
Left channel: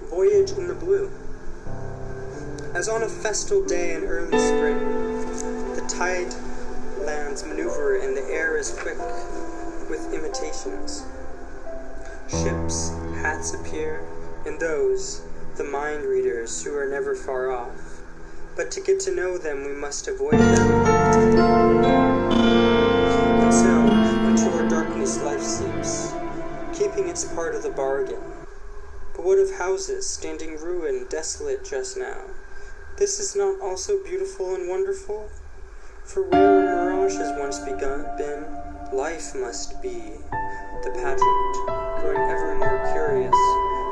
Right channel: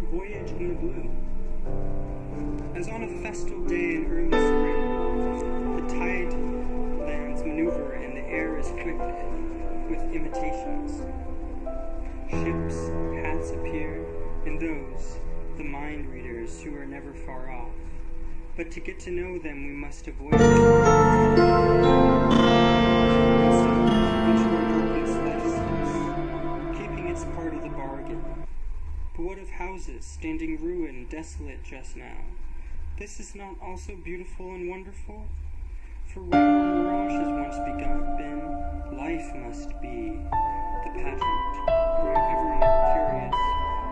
Voyage in the blue. As on a festal day in early spring, the tide lands maneuver and the air is quick with imitations. Ships, hats appear, and those, the mind readers who are never far off. But to get to know them, we must avoid them. And so, into our darkness life seeps, keeping its part of the bargain. But what of houses, standing ruined, desolate just now? This is not also beautiful and wonderful? For where a mirage has once been, life must be. The pageant, growing ever more curious,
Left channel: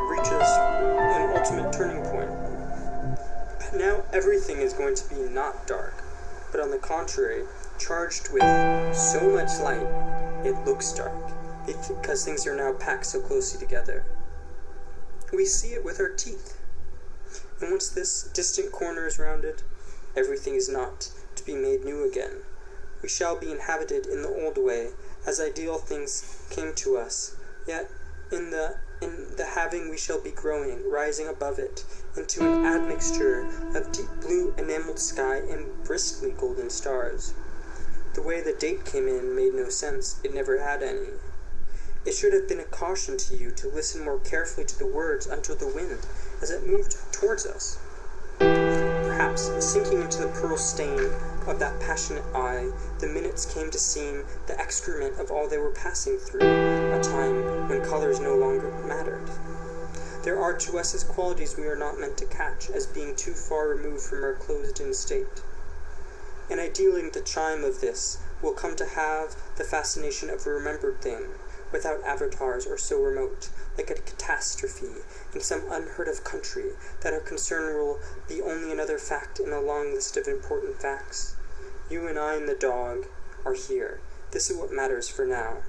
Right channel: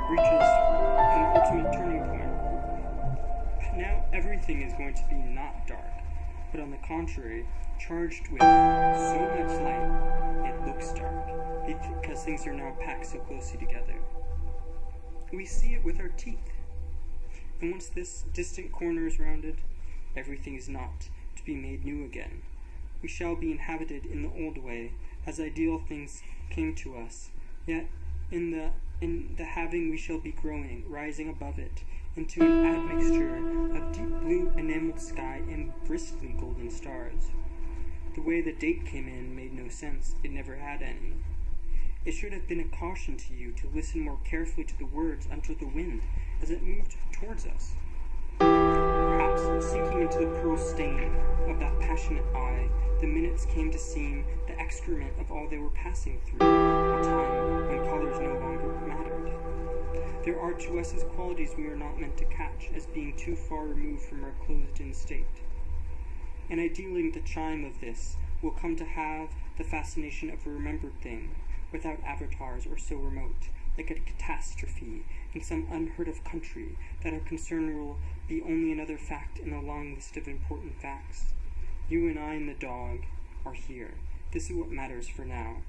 reaches an ultimate turning point. Now everything is going to be not dark, but on the contrary, charged with so much light, it looks dark, because things are now packed so closely together. We see it with our teeth. And once this distant corner is rounded, everything is not to be made new again. We shall be inhabited in the old way, as ideal things came to us, yet in the having we shall be growing, rising above it, into an admixture of deep blue enameled sky and bristly golden stars. The way the date came in made no sense, it never had any. It should have been a caution to you to listen more carefully to the words under the wind as it moved towards us. Perhaps, sinking into the pearl stain of that passionate eye, the minutes came to seem the excrement of all they were passing through, a time when colors no longer mattered. There are to us as qualities we are not meant to catch, as being too far removed from our closed-in state. And ideally the chime of this will come to have the fascination of a remembered thing, without avatars or so remote, like a catastrophe in some unheard-of country, that our concern will be only another fact in a long list of important facts. You and I and the dog are here. This is what matters for now.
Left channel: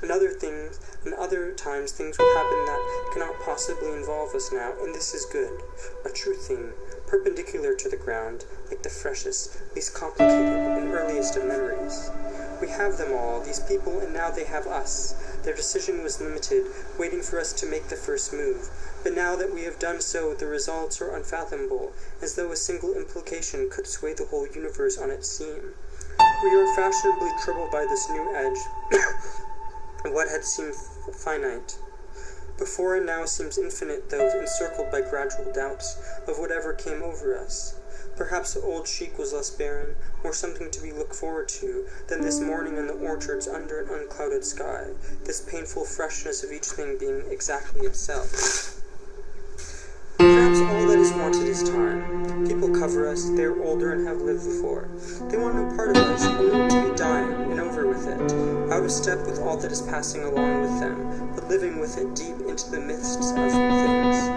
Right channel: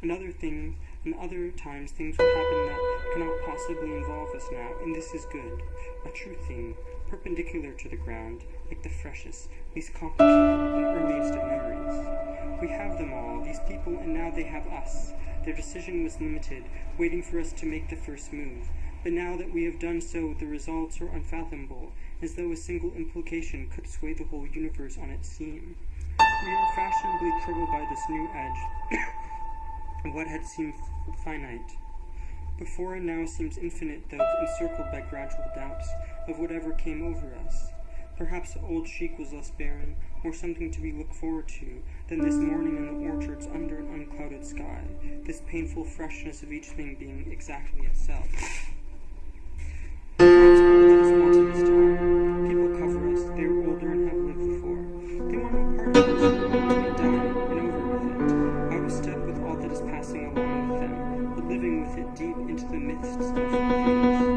And other times things will happen that cannot possibly involve us now, and this is good. A true thing, perpendicular to the ground, like the freshest, least complicated, and earliest of memories. We have them all, these people, and now they have us. Their decision was limited, waiting for us to make the first move. But now that we have done so, the results are unfathomable, as though a single implication could sway the whole universe on its seam. We are fashionably troubled by this new edge, what had seemed finite. Before and now seems infinite, though encircled by gradual doubts of whatever came over us. Perhaps the old chic was less barren, more something to be looked forward to, than this morning in the orchards under an unclouded sky, this painful freshness of each thing being exactly itself. Perhaps all that is wanted is time. People cover us, they are older and have lived before. They want no part of us, and want to be dying and over with it, out of step with all that is passing along with them, but living with it deep into the midst of things.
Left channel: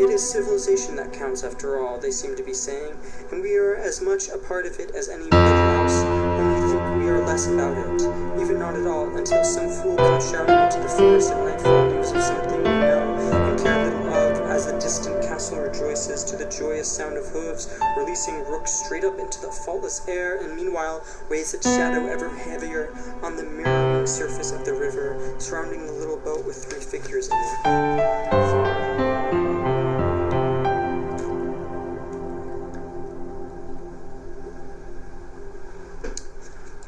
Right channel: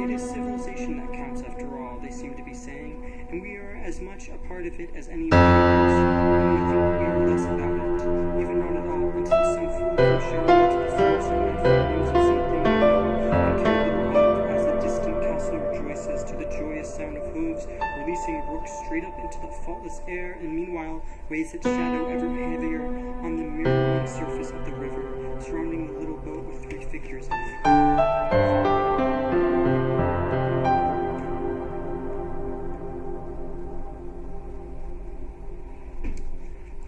It is civilization that counts after all, they seem to be saying, and we are as much a part of it as anybody else, and we think we are less about it, even not at all, until some fool comes shouting into the forest at nightfall news of something we know and care little of, as the distant castle rejoices to the joyous sound of hooves, releasing rooks straight up into the faultless air, and meanwhile weighs its shadow ever heavier on the mirroring surface of the river, surrounding the little boat with three figures in it.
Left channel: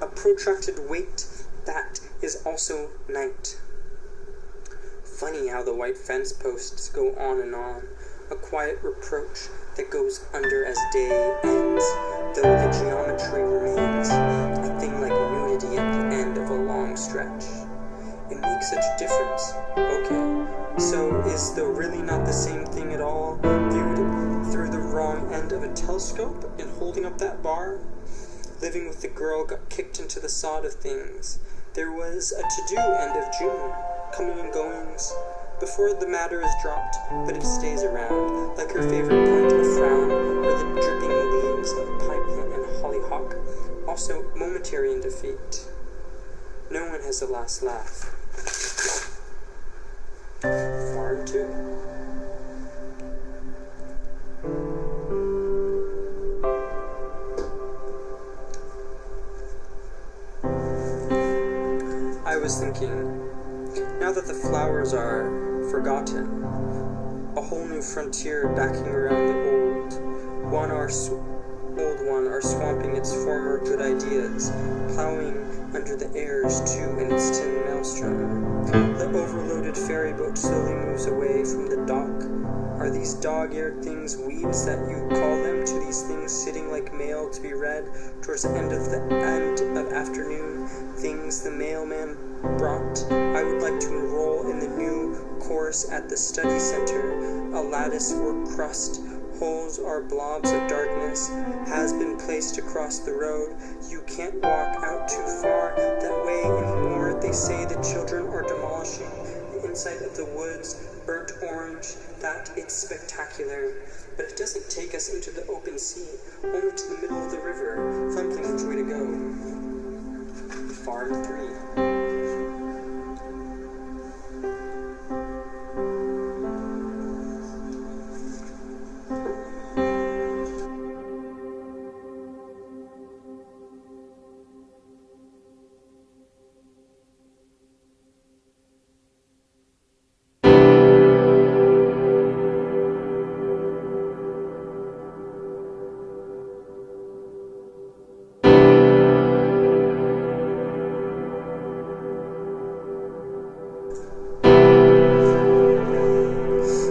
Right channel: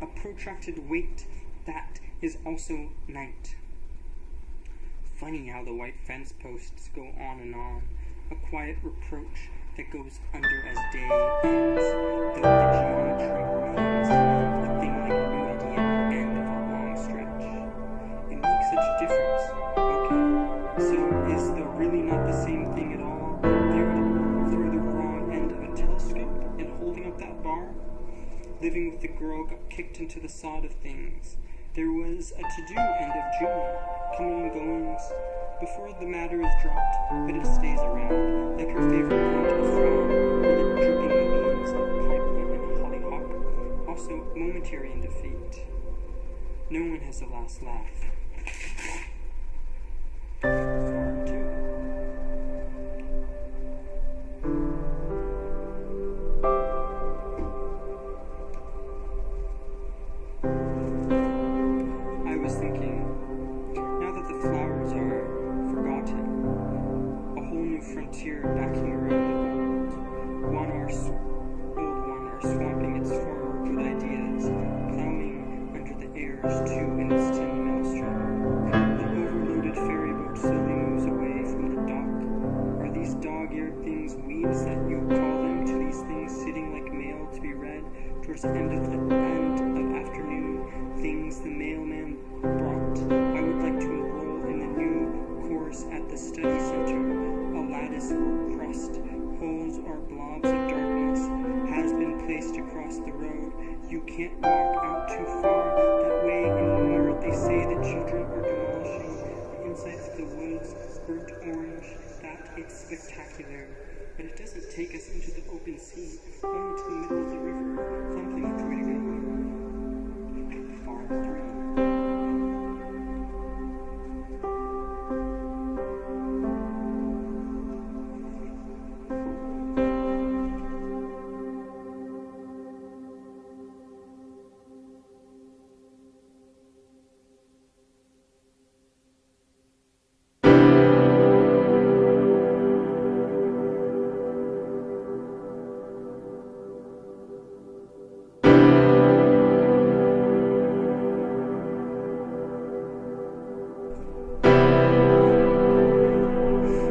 A protracted wait, that is also night. Funny how the white fence posts go on and on, a quiet reproach that goes under as day ends, though the geometry remains a thing like nudity at the end of a long stretch. It makes such a difference. Okay, so is the really not the same thing at all, viewed through the wrong end of a telescope and holding up that bar? Living with the girl got kicked into the sod of things. There was a to-do end of June, coming and goings, before the matter is dropped, but it stays around, like her favorite point, a frown, or the dripping leaves of pie plant and hollyhock, also momentary in defeat. No one has the last laugh. Farm 2. I was thinking, now that the flowers are forgotten, a whole new frontier backing around the old one are swamping its former good ideas, plowing under the airs too in its tin maelstrom. The overloaded ferry boat slowly moves away from the dock. Are these dog-eared things weeds that you call them to these things sitting like mail to be read towards the end of afternoon, things the mailman brought? I would like to enroll in the new course at the study center. A lattice work crust, holes are blobs of darkness, has been placed across the road. You can't walk out too far that way anymore. They say the children are demolishing the inside of the woods, burnt orange, that it's spectacular. But it doesn't take us into the open sea, only to the middle of the river, thumping which way to go. Farm 3.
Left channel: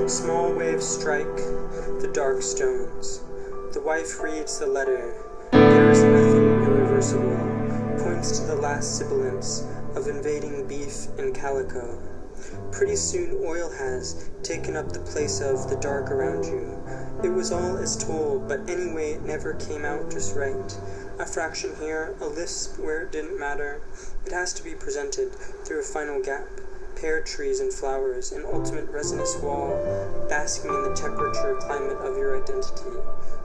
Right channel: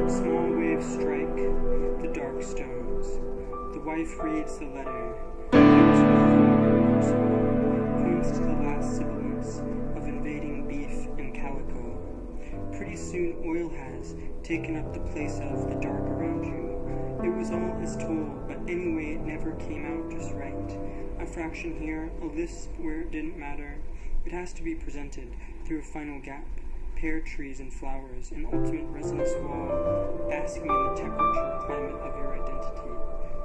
Small waves strike the dark stones. The wife reads the letter. There is nothing irreversible. Points to the last sibilance of invading beef and calico. Pretty soon oil has taken up the place of the dark around you. It was all as told, but anyway it never came out just right. A fraction here, a lisp where it didn't matter. It has to be presented through a final gap. Pear trees and flowers, an ultimate resinous wall, basking in the temperature climate of your identity,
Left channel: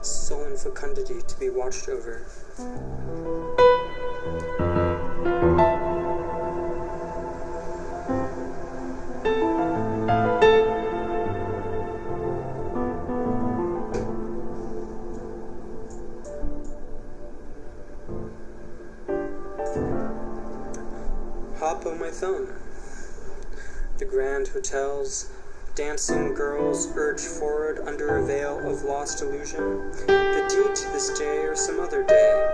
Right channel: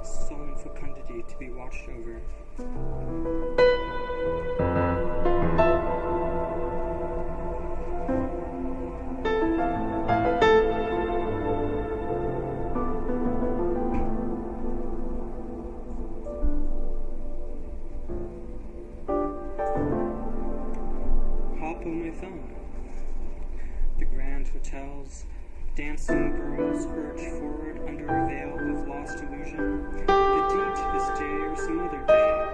sullen fecundity to be watched over. Hop on my thumb. The grand hotels, dancing girls urge forward under a veil of lost illusion. The deed to this day or some other day.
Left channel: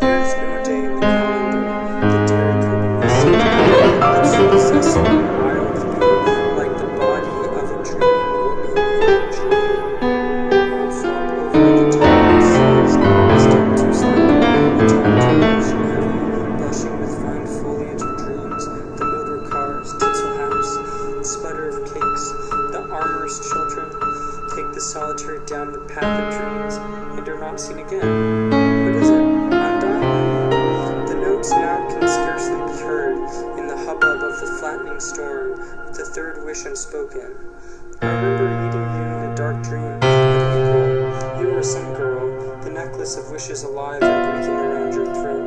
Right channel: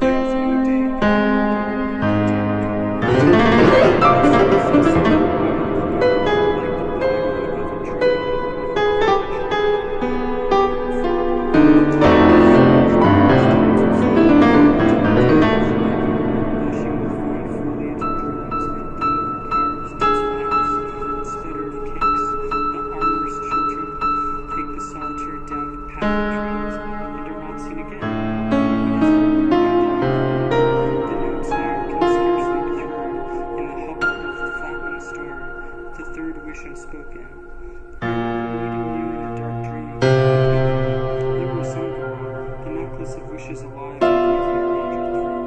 There is no day in the calendar. The dairy company sees a wild thing, like the body of a dreaming woman. All flop over the top of the seas, still too slender, the top too ocean heavy, blushing with fine foliage of dreams. The motor cars, tinsel hats, sputter of cakes, the armor's children take the solitary down the path of dreams and are not seen again. What is it? Undying? The notes now can scarcely be heard in the hubbub of the flattening storm, the third wish unspoken. I remember meeting you in a dark dream, with equal, you were some girl, the necklace of wishes alive and breathing around your throat,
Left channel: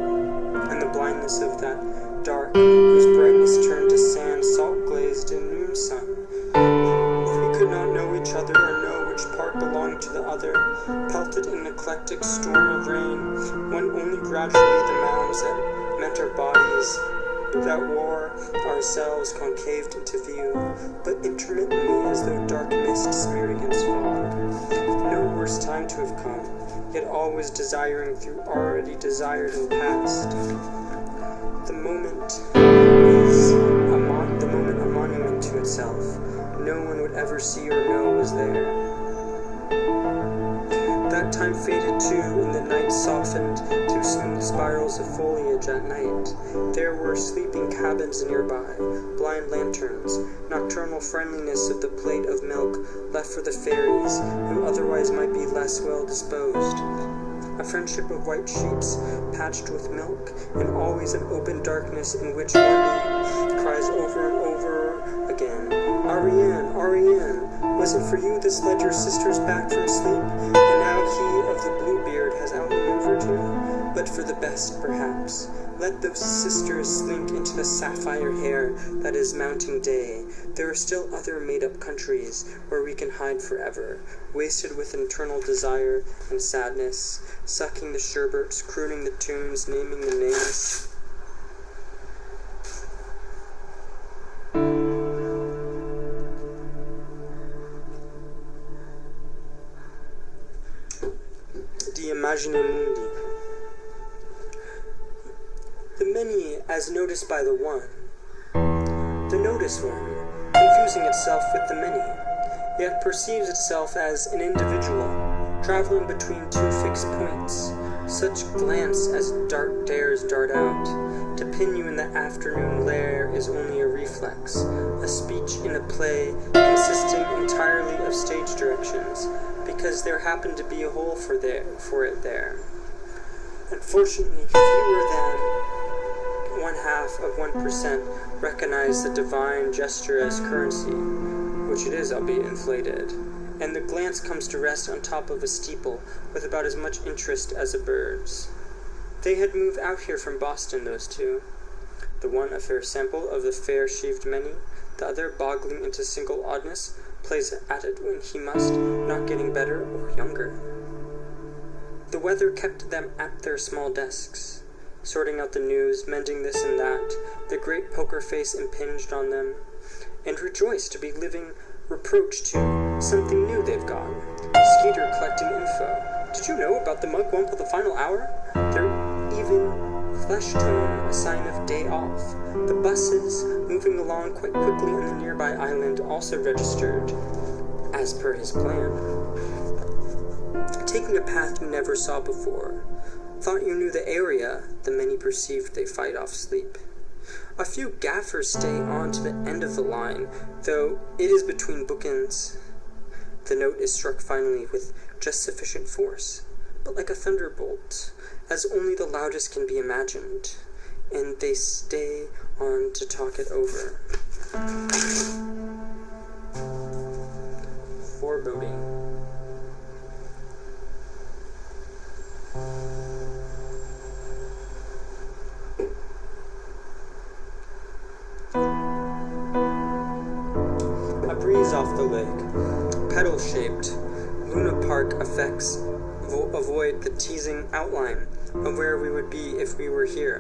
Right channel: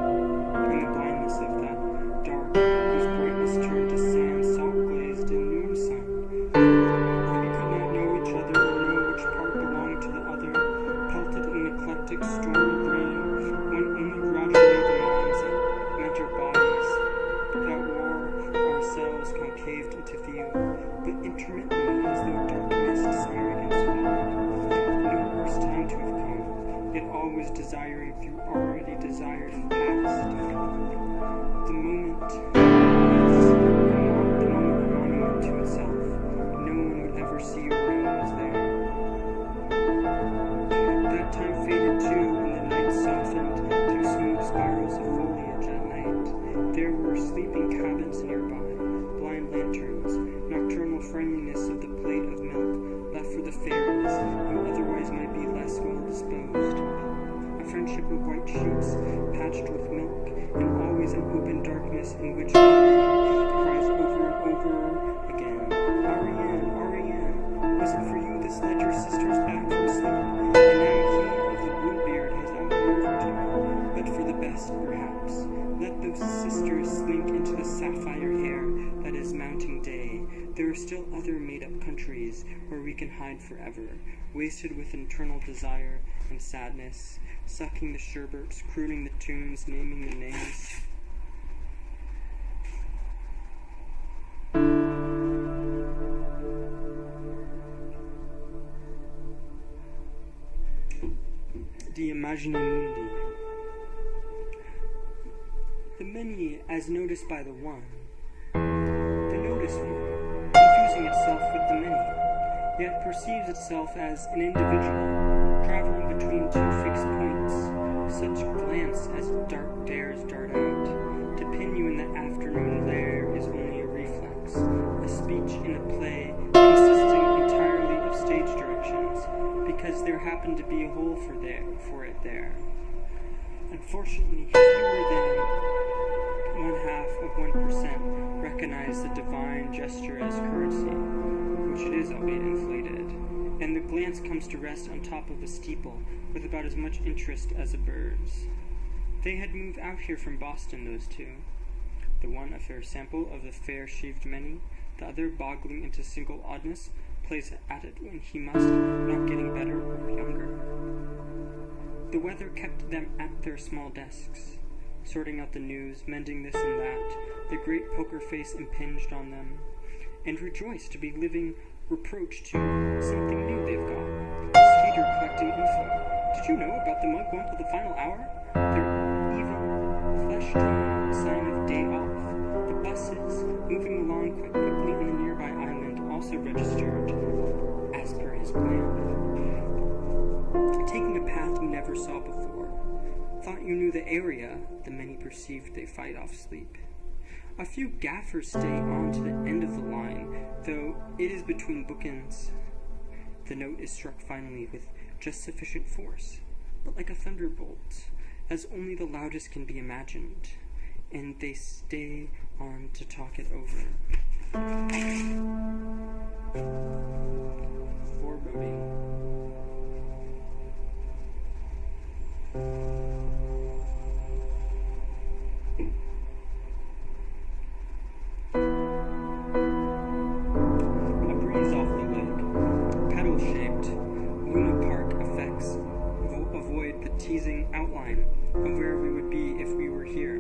and the blindness of that dark, whose brightness turned to sand, salt-glazed in noon sun. We could not know each other or know which part belonged to the other, pelted in an eclectic storm of rain, when only gradually the mounds that meant our bodies, without war, ourselves concaved into view, but intermittently as though dark mist smear against fog. No worse time to have come, yet always desiring through already desired and past. The moment is a monument to itself. No one would ever see or know was there. time faded too, and the night softened to smooth spirals of foliage at night. There were sleeping cabins nearby, blind lanterns, nocturnal friendliness of the plate of milk left for the fairies, who otherwise might be less well disposed. A friendship of white sheets, patched with milk, and always an open darkness in which Marie cries over and over again, Ariane, Ariane, was it for you this led your sisters back from sleep? And now he of the blue beard has outmaneuvered you? But for the best, perhaps. Let those sisters slink into the sapphire hair that is mounting day. There are still other made-up countries where we can hide forever, wasted with internal desire and sadness, sucking the sherbets, crooning the tunes, naming the names. The Imagine Mundi. The many as noticed by the one, the noticed one, confusing itself with the many, yet perceives itself as an individual, traveling between two fixed points, such glance as dares dart out. To pin you in the afternoon lair is only a reflex, a speech in a play consisting entirely of stage directions, because there happened to be a hole for it there. Unfortunately, fewer than 0.5% recognize the divine gesture as currency, which it is, albeit inflated, and the glance comes to rest on top of a steeple with about as much interest as a bird's. They had moved out here from Boston, those two. The one a fair sample of the fair-shaved many, the other boggling into single oddness, plays at it when he must, not getting better or younger. The weather kept them at their small desks, sorting out the news, mending this and that, the great poker face impinged on them, and rejoiced to be living reproach to something new they've got. Skeeter collecting info. Did you know about the mugwump of the final hour? Their even flesh tone, a sign of day off. The buses, moving along quite quickly on the nearby island, also registered, as per his plan. Taking a path you never saw before. Thought you knew the area, the many perceived they fight off sleep. A few gaffers stay on to the end of the line, though it is between bookends. The note is struck finally with just sufficient force, but like a thunderbolt, as only the loudest can be imagined, and they stay on to talk it over. Foreboding. A breeze off the lake, petal-shaped, Luna Park effects avoid the teasing outline of where we would be if we were here.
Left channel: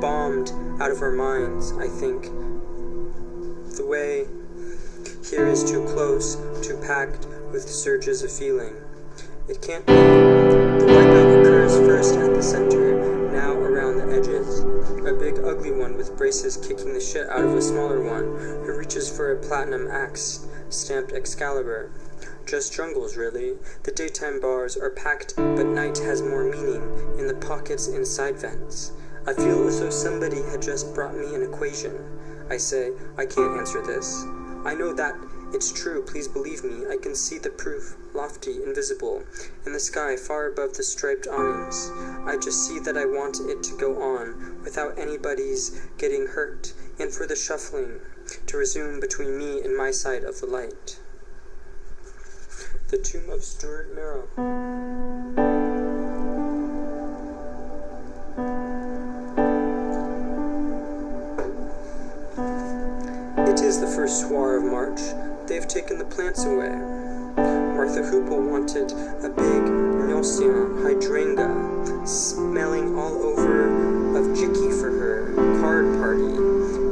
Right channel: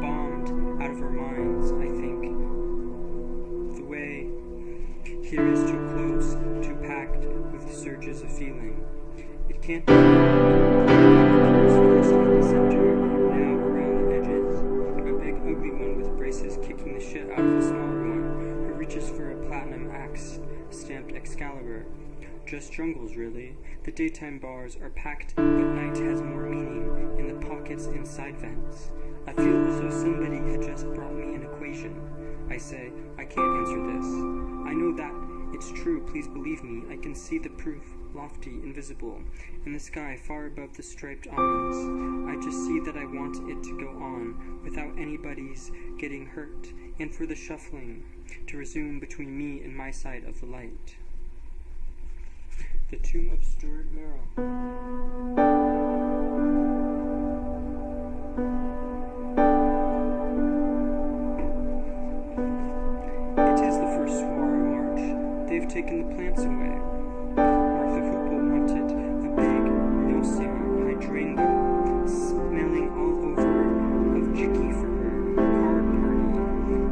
Bombed out of our minds, I think. The way here is too close, too packed with surges of feeling. It can't be. The wipeout occurs first at the center, now around the edges. A big ugly one with braces kicking the shit out of a smaller one who reaches for a platinum axe stamped Excalibur. Just jungles, really. The daytime bars are packed, but night has more meaning in the pockets and side vents. I feel as though somebody had just brought me an equation. I say, I can't answer this. I know that it's true, please believe me. I can see the proof, lofty, invisible, in the sky far above the striped awnings. I just see that I want it to go on, without anybody's getting hurt, and for the shuffling to resume between me and my side of the light. The Tomb of Stuart Merrill. It is the first soir of March. They've taken the plants away. Martha Hoople wanted a big Nocean hydrangea, smelling all over of Jicky for her card party.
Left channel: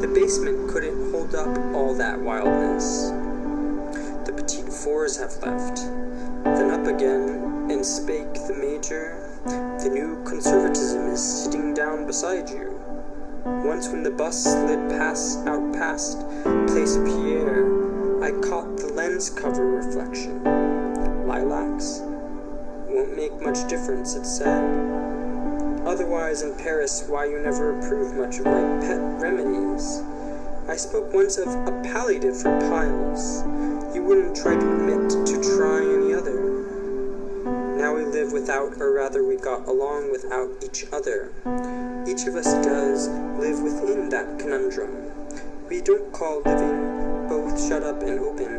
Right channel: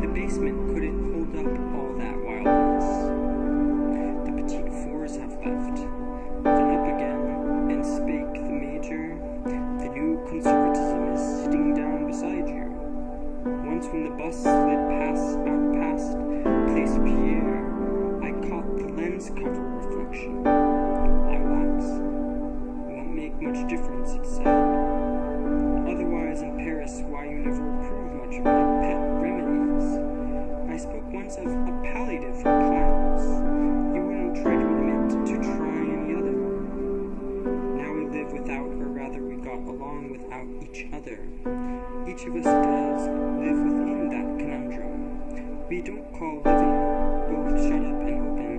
The basement couldn't hold up all that wildness. The petite fours have left. Then up again, and spake the major, the new conservatism is sitting down beside you. Once when the bus slid out past Place Pierre, I caught the lens cover reflection. Lilacs? Won't make much difference, it said. Otherwise, in Paris, why you never approved much of my pet remedies. I spoke once of a palliative for piles. You wouldn't try to admit to trying any other. Now we live without, or rather we got along without each other. Each of us does live within that conundrum. We don't call living both shut up and open.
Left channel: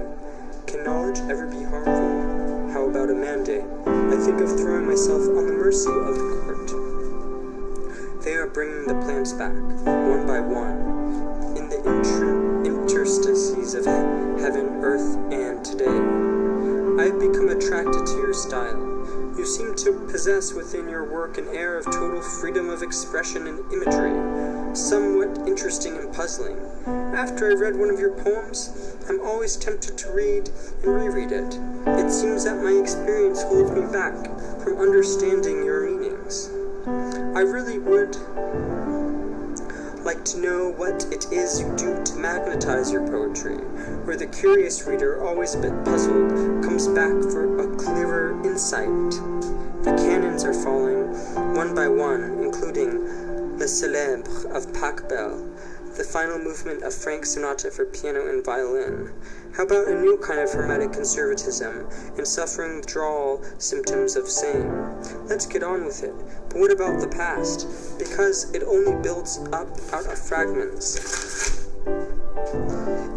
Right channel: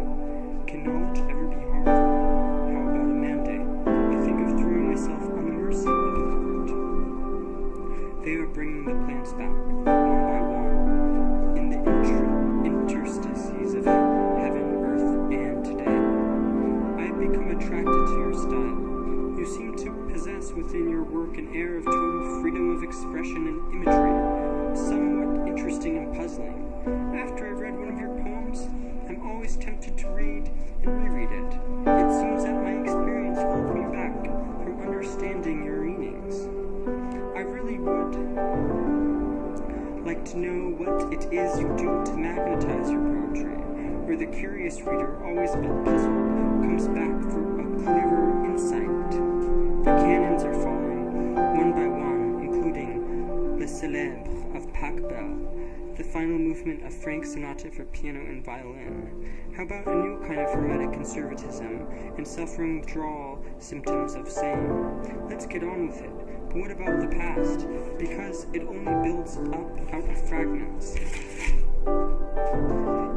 Can knowledge ever be harmful? How about a mandate? I think of throwing myself on the mercy of the court. They are bringing the plants back, one by one, in the interstices of heaven, earth, and today. I have become attracted to your style. You seem to possess within your work an air of total freedom of expression and imagery, somewhat interesting and puzzling. After I read one of your poems, I'm always tempted to read and reread it. It seems that my experience holds me back from understanding your meanings. I really would like to know what it is you do to magnetize your poetry, where the curious reader, always a bit puzzled, comes back for a clearer insight. The cannons are falling, one by one, including Le Célèbre of Pachelbel, the final movement of Frank's Sonata for piano and violin. How about a new kind of hermetic conservatism and suffering withdrawal symptoms of same? Let's get on with it. But what about the past? Because it only builds up out of fragments.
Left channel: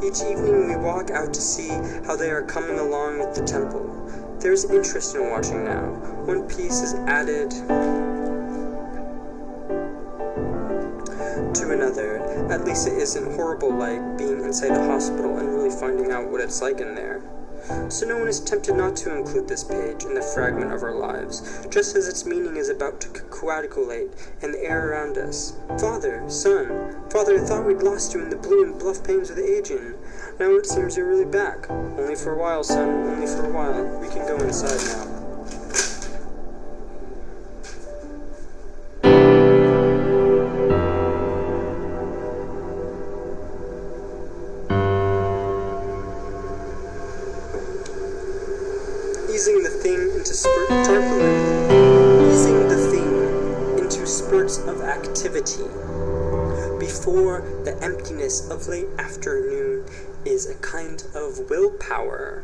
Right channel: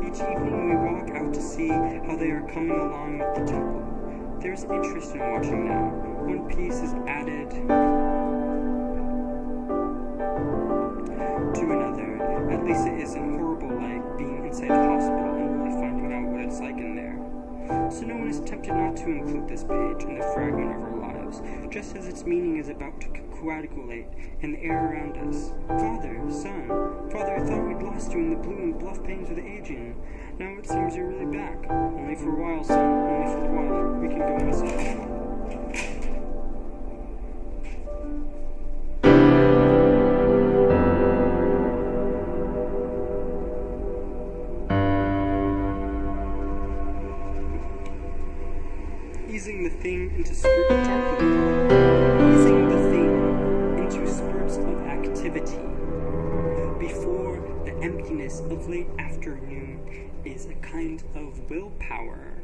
Each evening we walk out to see how they are coming along with the temple. There's interest in watching now. One piece is added to another. At least it isn't horrible like being inside a hospital and really finding out what it's like in there. So no one is tempted not to include this page in the fragment of our lives, just as its meaning is about to coagulate in the air around us. Father, son, Father, I thought we'd lost you in the blue and bluff pains of the aging. Now it seems you're really back. Only for a while, son, only for a while. We can go inside now. Easing the thing into spurts of activity before the emptiness of late afternoon is a kind of willpower,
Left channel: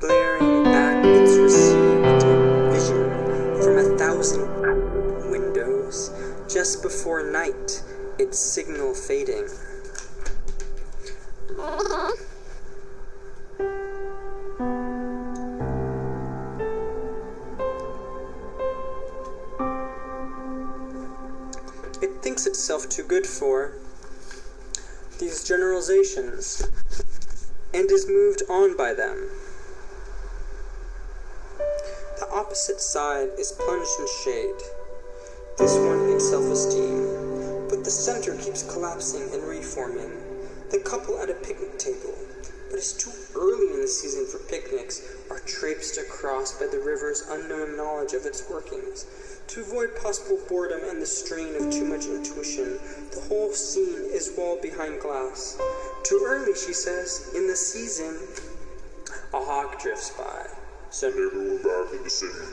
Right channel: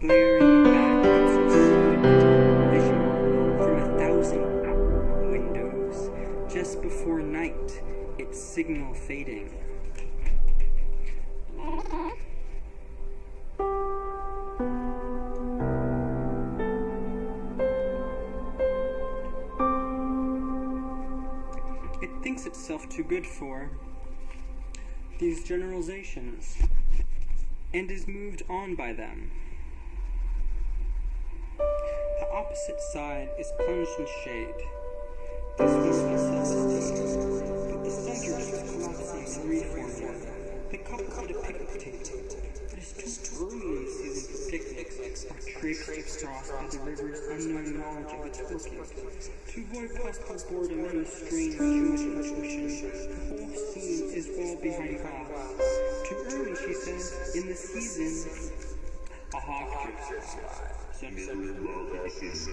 blaring back its received vision from 1,000 windows just before night, its signal fading. It thinks itself too good for these generalizations, and is moved on by them. The opposite side is plunged in shade, this one in self-esteem, but the center keeps collapsing and reforming. The couple at a picnic table, but it's too early in the season for picnics, are traipsed across by the river's unknown knowledge of its workings. To avoid possible boredom and the strain of too much intuition, the whole scene is walled behind glass. Too early, she says, in the season. A hawk drifts by. Send everyone back in the city.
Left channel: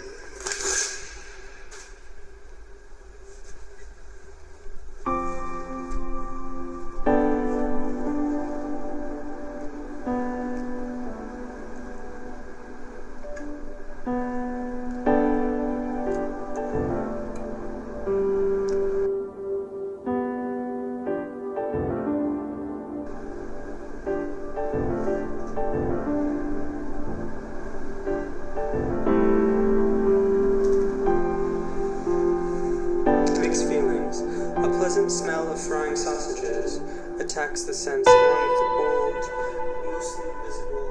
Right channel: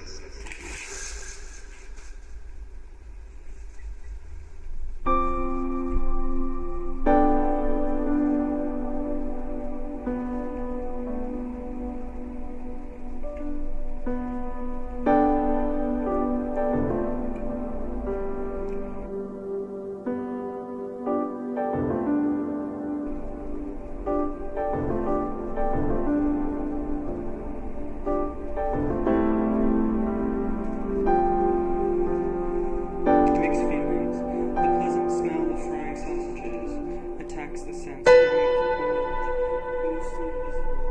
Frying sausages attacks the sense along with the old, mostly invisible.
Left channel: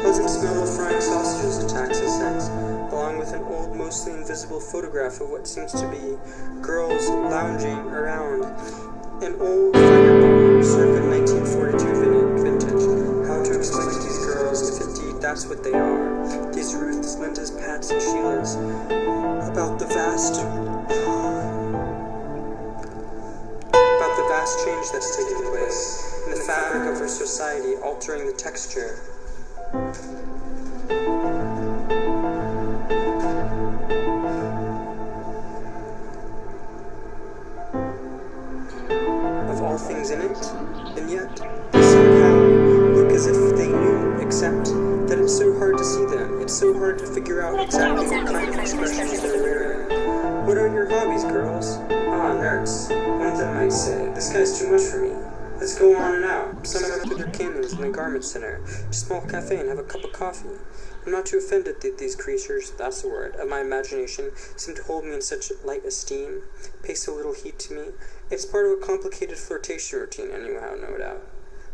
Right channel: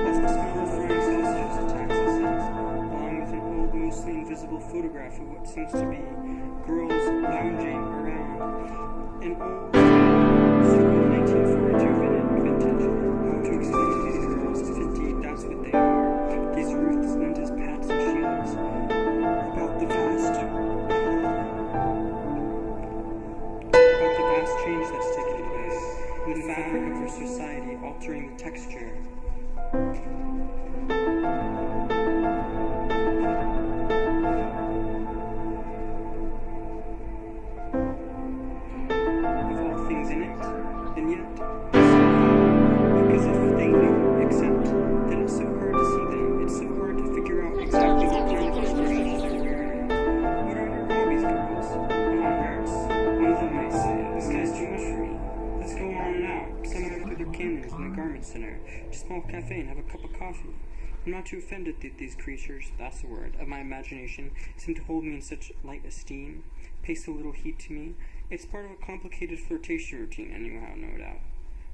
Pleasant smell of frying sausages attacks the sense, along with an old, mostly invisible photograph of what seems to be girls lounging around an old fighter bomber circa 1942 vintage. How to explain to these girls if indeed that's what they are? These Ruths, Lindas, Pats, and Sheilas. About the vast vast change that's taken place in the fabric of our society, altering the texture. Of all things in it, and yet they somehow look as if they knew, except that it's so hard to see them. It's so hard to figure out exactly what kind of expressions they're wearing. What are your hobbies, girls? Ah, nerds. One of them might say, this guy's too much for me. Let's go on and out. Summon up with your cannons in the garment center, to a small cafe and have a cup of coffee. I'm not too offended that these creatures, that's the word, of my imagination seem to hold me in such light esteem, pay so little heed to me. It's part of a complicated flirtation routine anyhow, no doubt.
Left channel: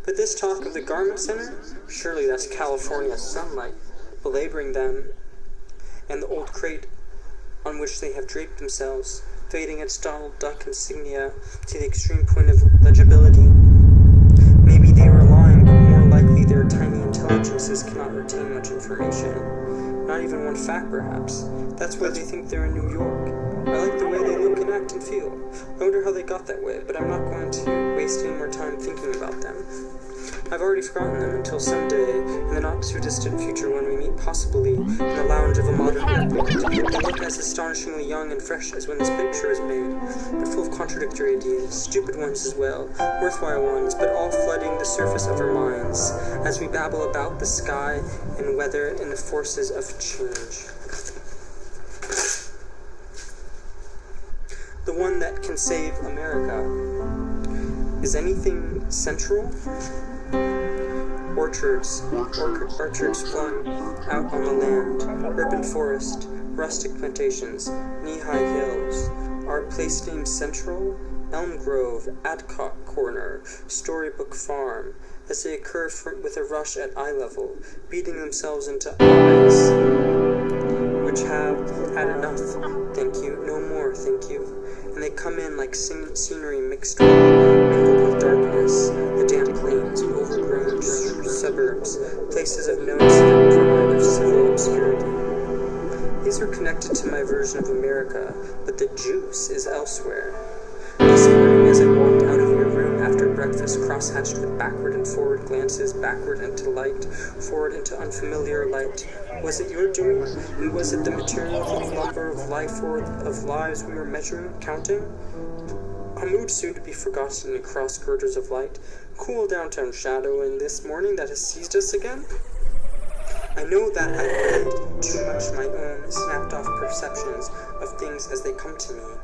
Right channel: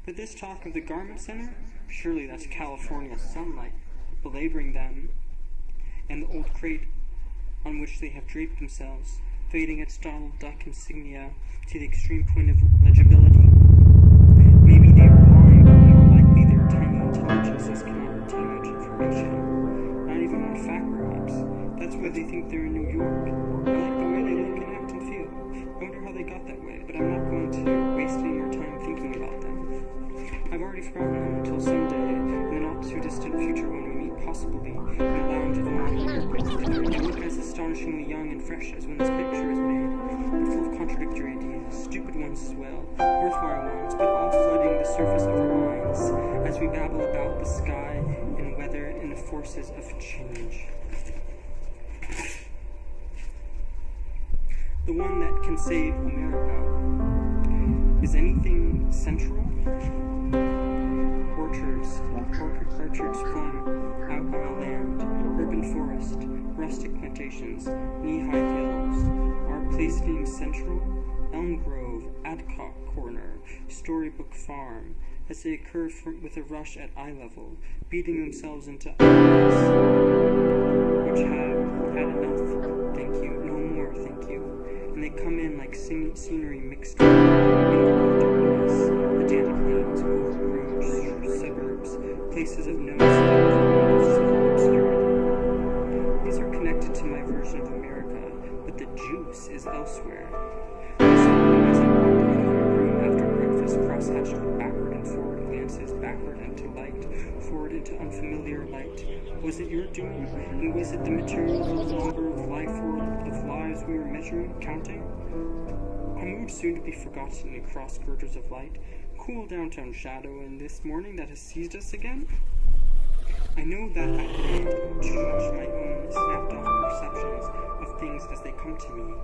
But this talk of the garment center, surely that's California sunlight, belaboring them, and the old crate on which they have draped themselves, fading its Donald Duck insignia to the extreme point of legibility. Maybe they are lying, but more likely their tiny intelligences cannot retain much information. Not even one fact, perhaps. That's why they think they're in New York. I like the way they look and act and feel. I wonder how they got that way, but I'm not going to waste any more time thinking about them. I've already forgotten them until someday, in the not-too-distant future, when we meet possibly in the lounge of a modern airport. They look as astonishingly young and fresh as when this picture was made, but full of contradictory ideas, stupid ones as well, worthwhile ones, but all flooding the surface of our minds as we babble about the sky and weather and the forces of change. The one that can save America. Is anything central? Orchards flung out on the land, urban forest, rustic plantations, knee-high hills. Our place named Central, Elm Grove, Adcock Corner, Storybook Farm, as they occur with a rush at eye level, beating themselves into eyes, which have had enough, thank you, no more, thank you. And they come in like scenery mingled with darkness, the damp plains, overgrown suburbs, places of no incident and of civil obscurity. These are connected to my version of America, but the juice is elsewhere. This morning, as I walked out of your room after breakfast, cross-hatched with backward and forward glances, backward into light, forward into unfamiliar light, was it your doing? And was it the material of the lumber of life or of lives we were measuring, counting? A mood soon to be forgotten in cross girders of light, cool downtown shadow in this morning that has seized us again? I know that I played too much my own snapped-off perceptions of things as they come to me.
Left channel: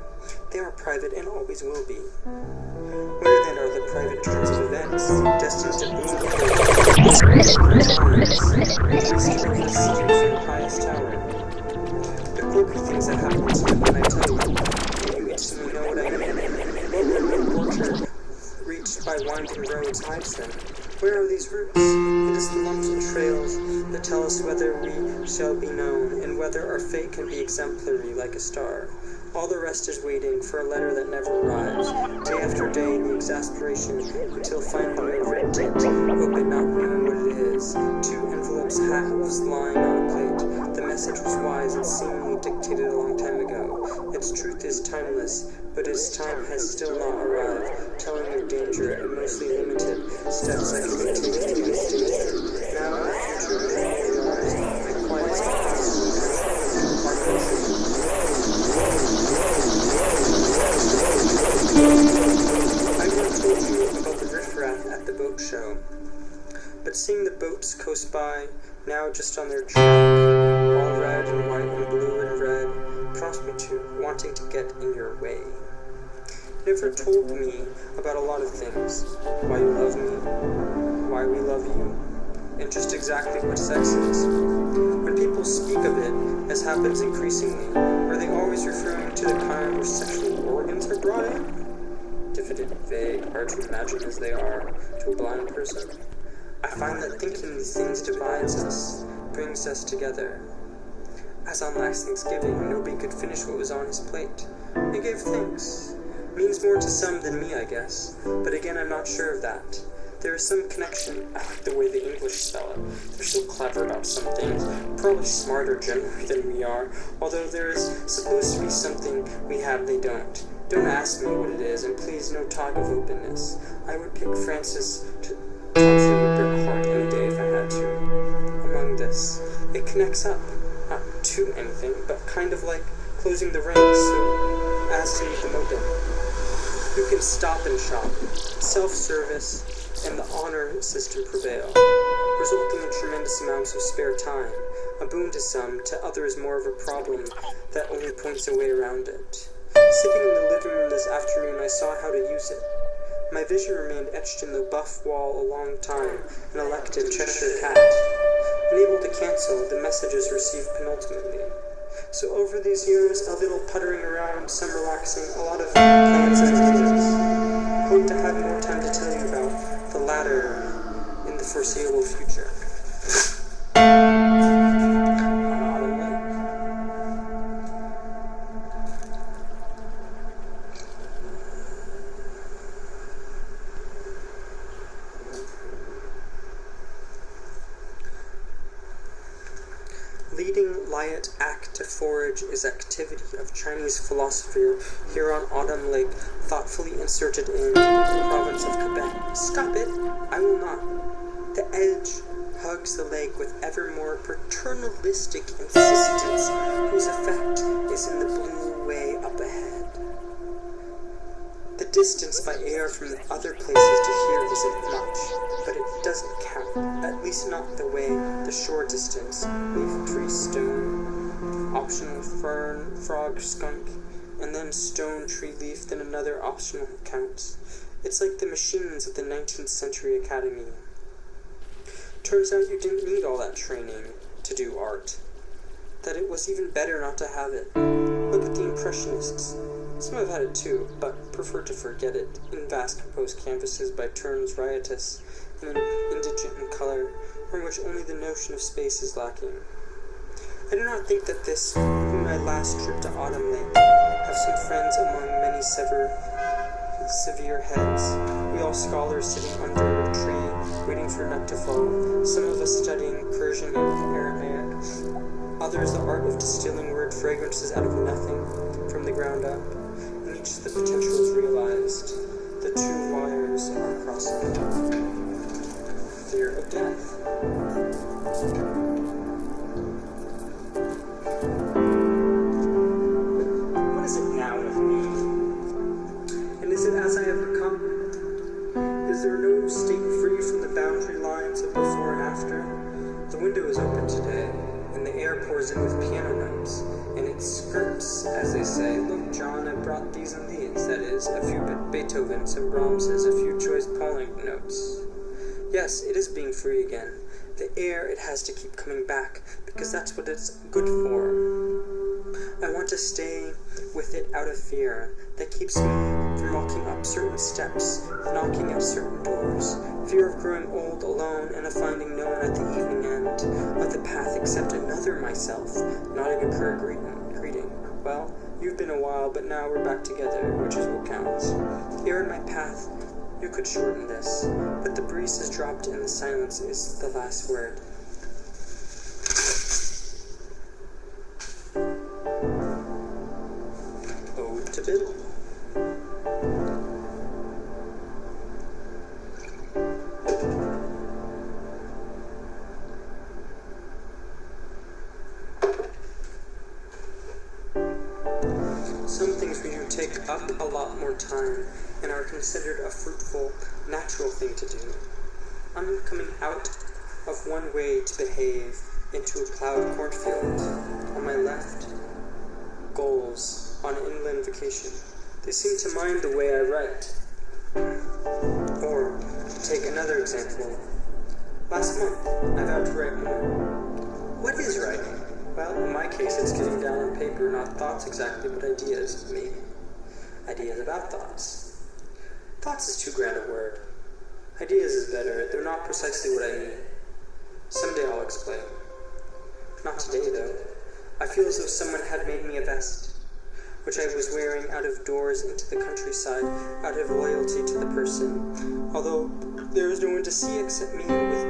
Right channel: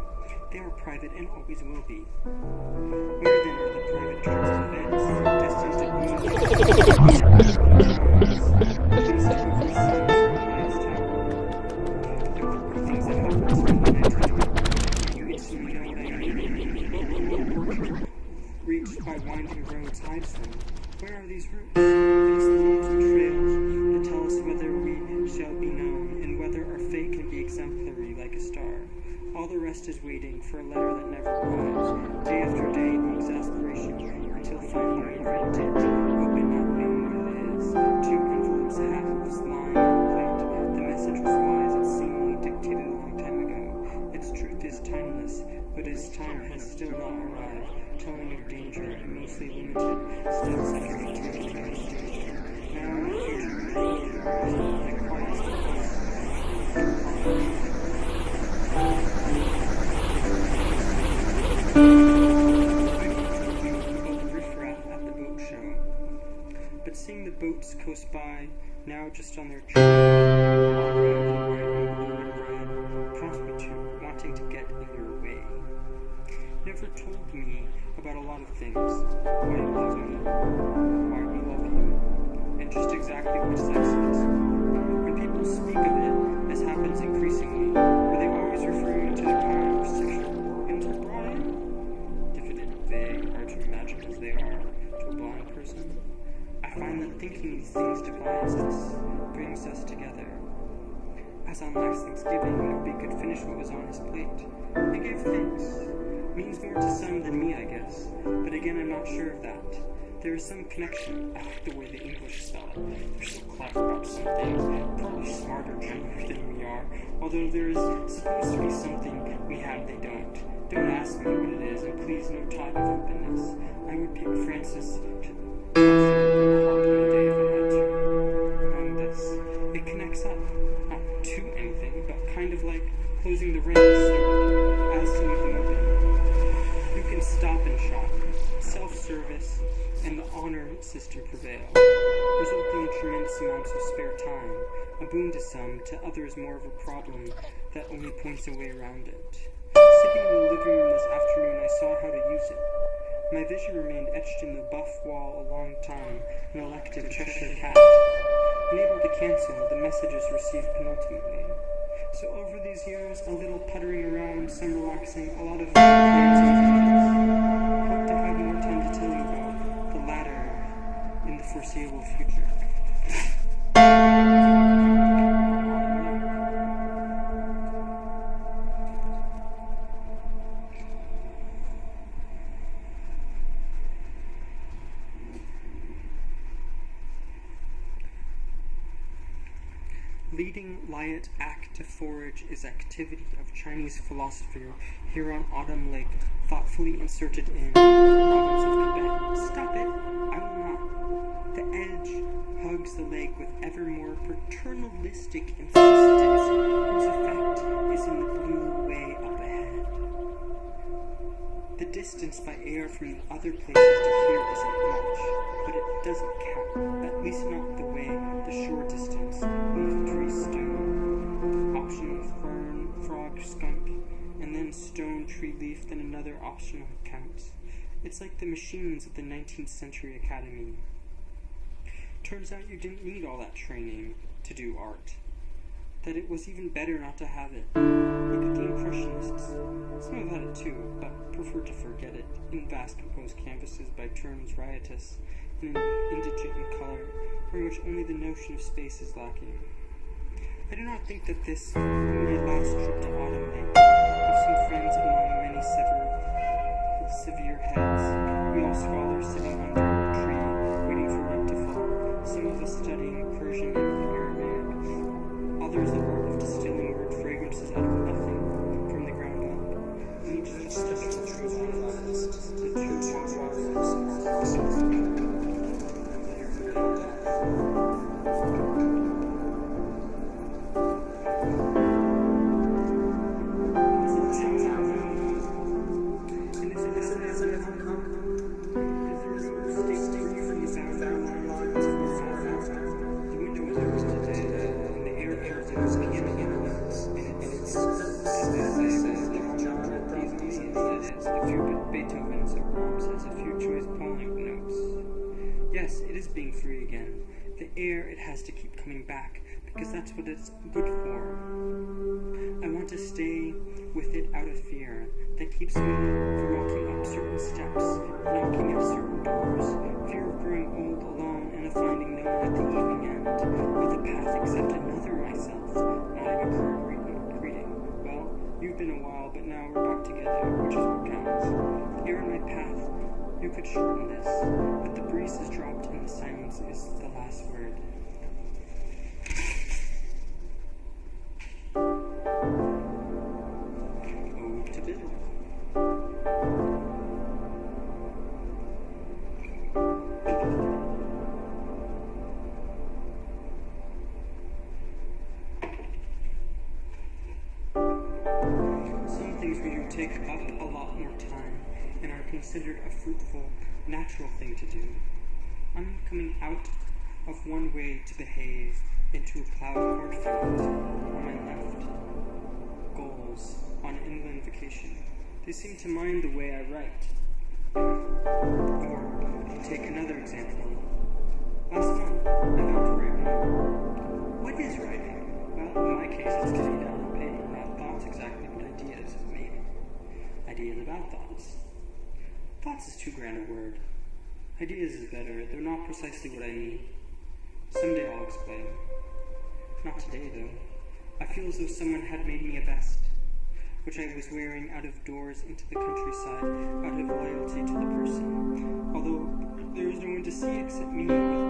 They are private and always will be. Where then are the private turns of events, destined to boom from the highest tower? The quirky things that happen to me when I tell you instantly know what I mean. What would orchard reached by winding roads hides them? Where are these roots? It is the lonesome trails that tell us whether we shall be known, and whether our fate can be exemplary like a star. All the rest is waiting for a letter that never arrives. Day after day, the exasperation, until finally we have written it, open not knowing what it is. 2 envelopes halves lying on a plate. The message was wise and seemingly dictated a long time ago. Its truth is timeless, but its time has still not arrived, telling of danger and mostly limited steps that can be taken against danger. Now in the future, dreaming ours, the quietest possible compartments. I could have told you about the riffraff at the boat show, but seeing the boats coast by, now just on their track, all red and white and blue and red, prompts me to wanting to get in your way. Never told me about a lot of things, why you love me, why we love you, and just exactly what sex is. When people speak of it, as happens increasingly, are they always referring to the kind where sexual organs are brought in? Diffident, vague, hard to imagine as they are to a blind person. I find that thinking these things divides us, brings us together. As on last Thanksgiving, nobody could finish what was on his plate. He gave thanks. Means more to some than me, I guess. But again, I'm not sure of that. There is some connection. I like the way the English spell it. They're so clever about some things, probably smarter generally than we are, although there is supposed to be something we have they don't. Don't ask me what it is, and please no talk of openness. I would pick Francis Thompson or Bret Hart any day if I had to. Among this, it connects up, not to anything, but kind of like closing the ranks so as to leave them open. You can stop and shop, self-service, and the honor system prevail, resulting in tremendous amounts of spare time, a boon to some, to others more of a problem that only points a way around it. Sitting in the living room this afternoon, I saw how to use it. My vision remained etched in the buff wall a long time, an elective Cheshire cat, unable to cancel the messages received penultimately. So over these years, a little puttering around, some relaxing, a lot of plans and ideas. Hope to have more time to tell you about the latter in the foreseeable future. Leading Liat Act to forage is activity of Chinese philosopher here on Autumn Lake, thoughtfully inserted in the province of Quebec. Stop it! I will not. The edge hugs the lake with ever more paternalistic insistence, whose effect is in the blue way up ahead. The distance by air from the other places to here isn't much, but it doesn't count, at least not the way the shore distance, leaf, tree, stone, optional fern, frog, skunk, and then stone, tree, leaf, then another optional counts. It's like the machines of the 19th century academy. Turns out you didn't need all that training to do art. That it was even better not to have it. Look at the Impressionists. Some have had it too, but prefer to forget it, in vast composed canvases by turns riotous and indigent in color, from which only the notion of space is lacking. I do not think that this be my last trip to Autumn Lake. Have some friends among many severe heads. We all scholars sitting under a tree, waiting for a nut to fall. Some of us studying Persian and Aramaic. Others the art of distilling word fragrances out of nothing, from the ground up. In each the potential is realized. The two waters of the process. Fear of death. What is it now? And is it as I have become? Is there no state free from the boundary lines of before and after? The window is open today, and the air pours in with piano notes, and it skirts, as they say. John had brought these and these, that is, a few Beethoven, some Brahmses, a few choice Pauling notes. Yes, it is being free again. The air, it has to keep coming back, because that's what it's good for. I want to stay with it out of fear. That keeps me from walking up certain steps, knocking at certain doors. Fear of growing old alone and of finding no one at the evening end of the path except another myself, nodding a prayer greeting. Well, you've been a while, but now we're back together, which is what counts. Here in my path, you could shorten this, but the breeze has dropped and the silence is the last word. Ode to Biddle. Some things we do take up a lot more time and are considered a fruitful, natural thing to do. I'm coming out of one way to behave into a plowed cornfield. On my left, goals on an inland vacation. They seem to mind the way I write. Or, to take another example, last month I vowed to write more. What is writing? Well, in my case, it's getting down on paper, not thoughts exactly, but ideas, maybe. Ideas about thoughts. Thoughts is too grand a word. Ideas is better. They're not precisely what I mean. Someday I'll explain. Not today, though. I feel as though someone had made me a vest, which I was wearing out of doors into the countryside, out of loyalty to the person, although there was no one to see except me with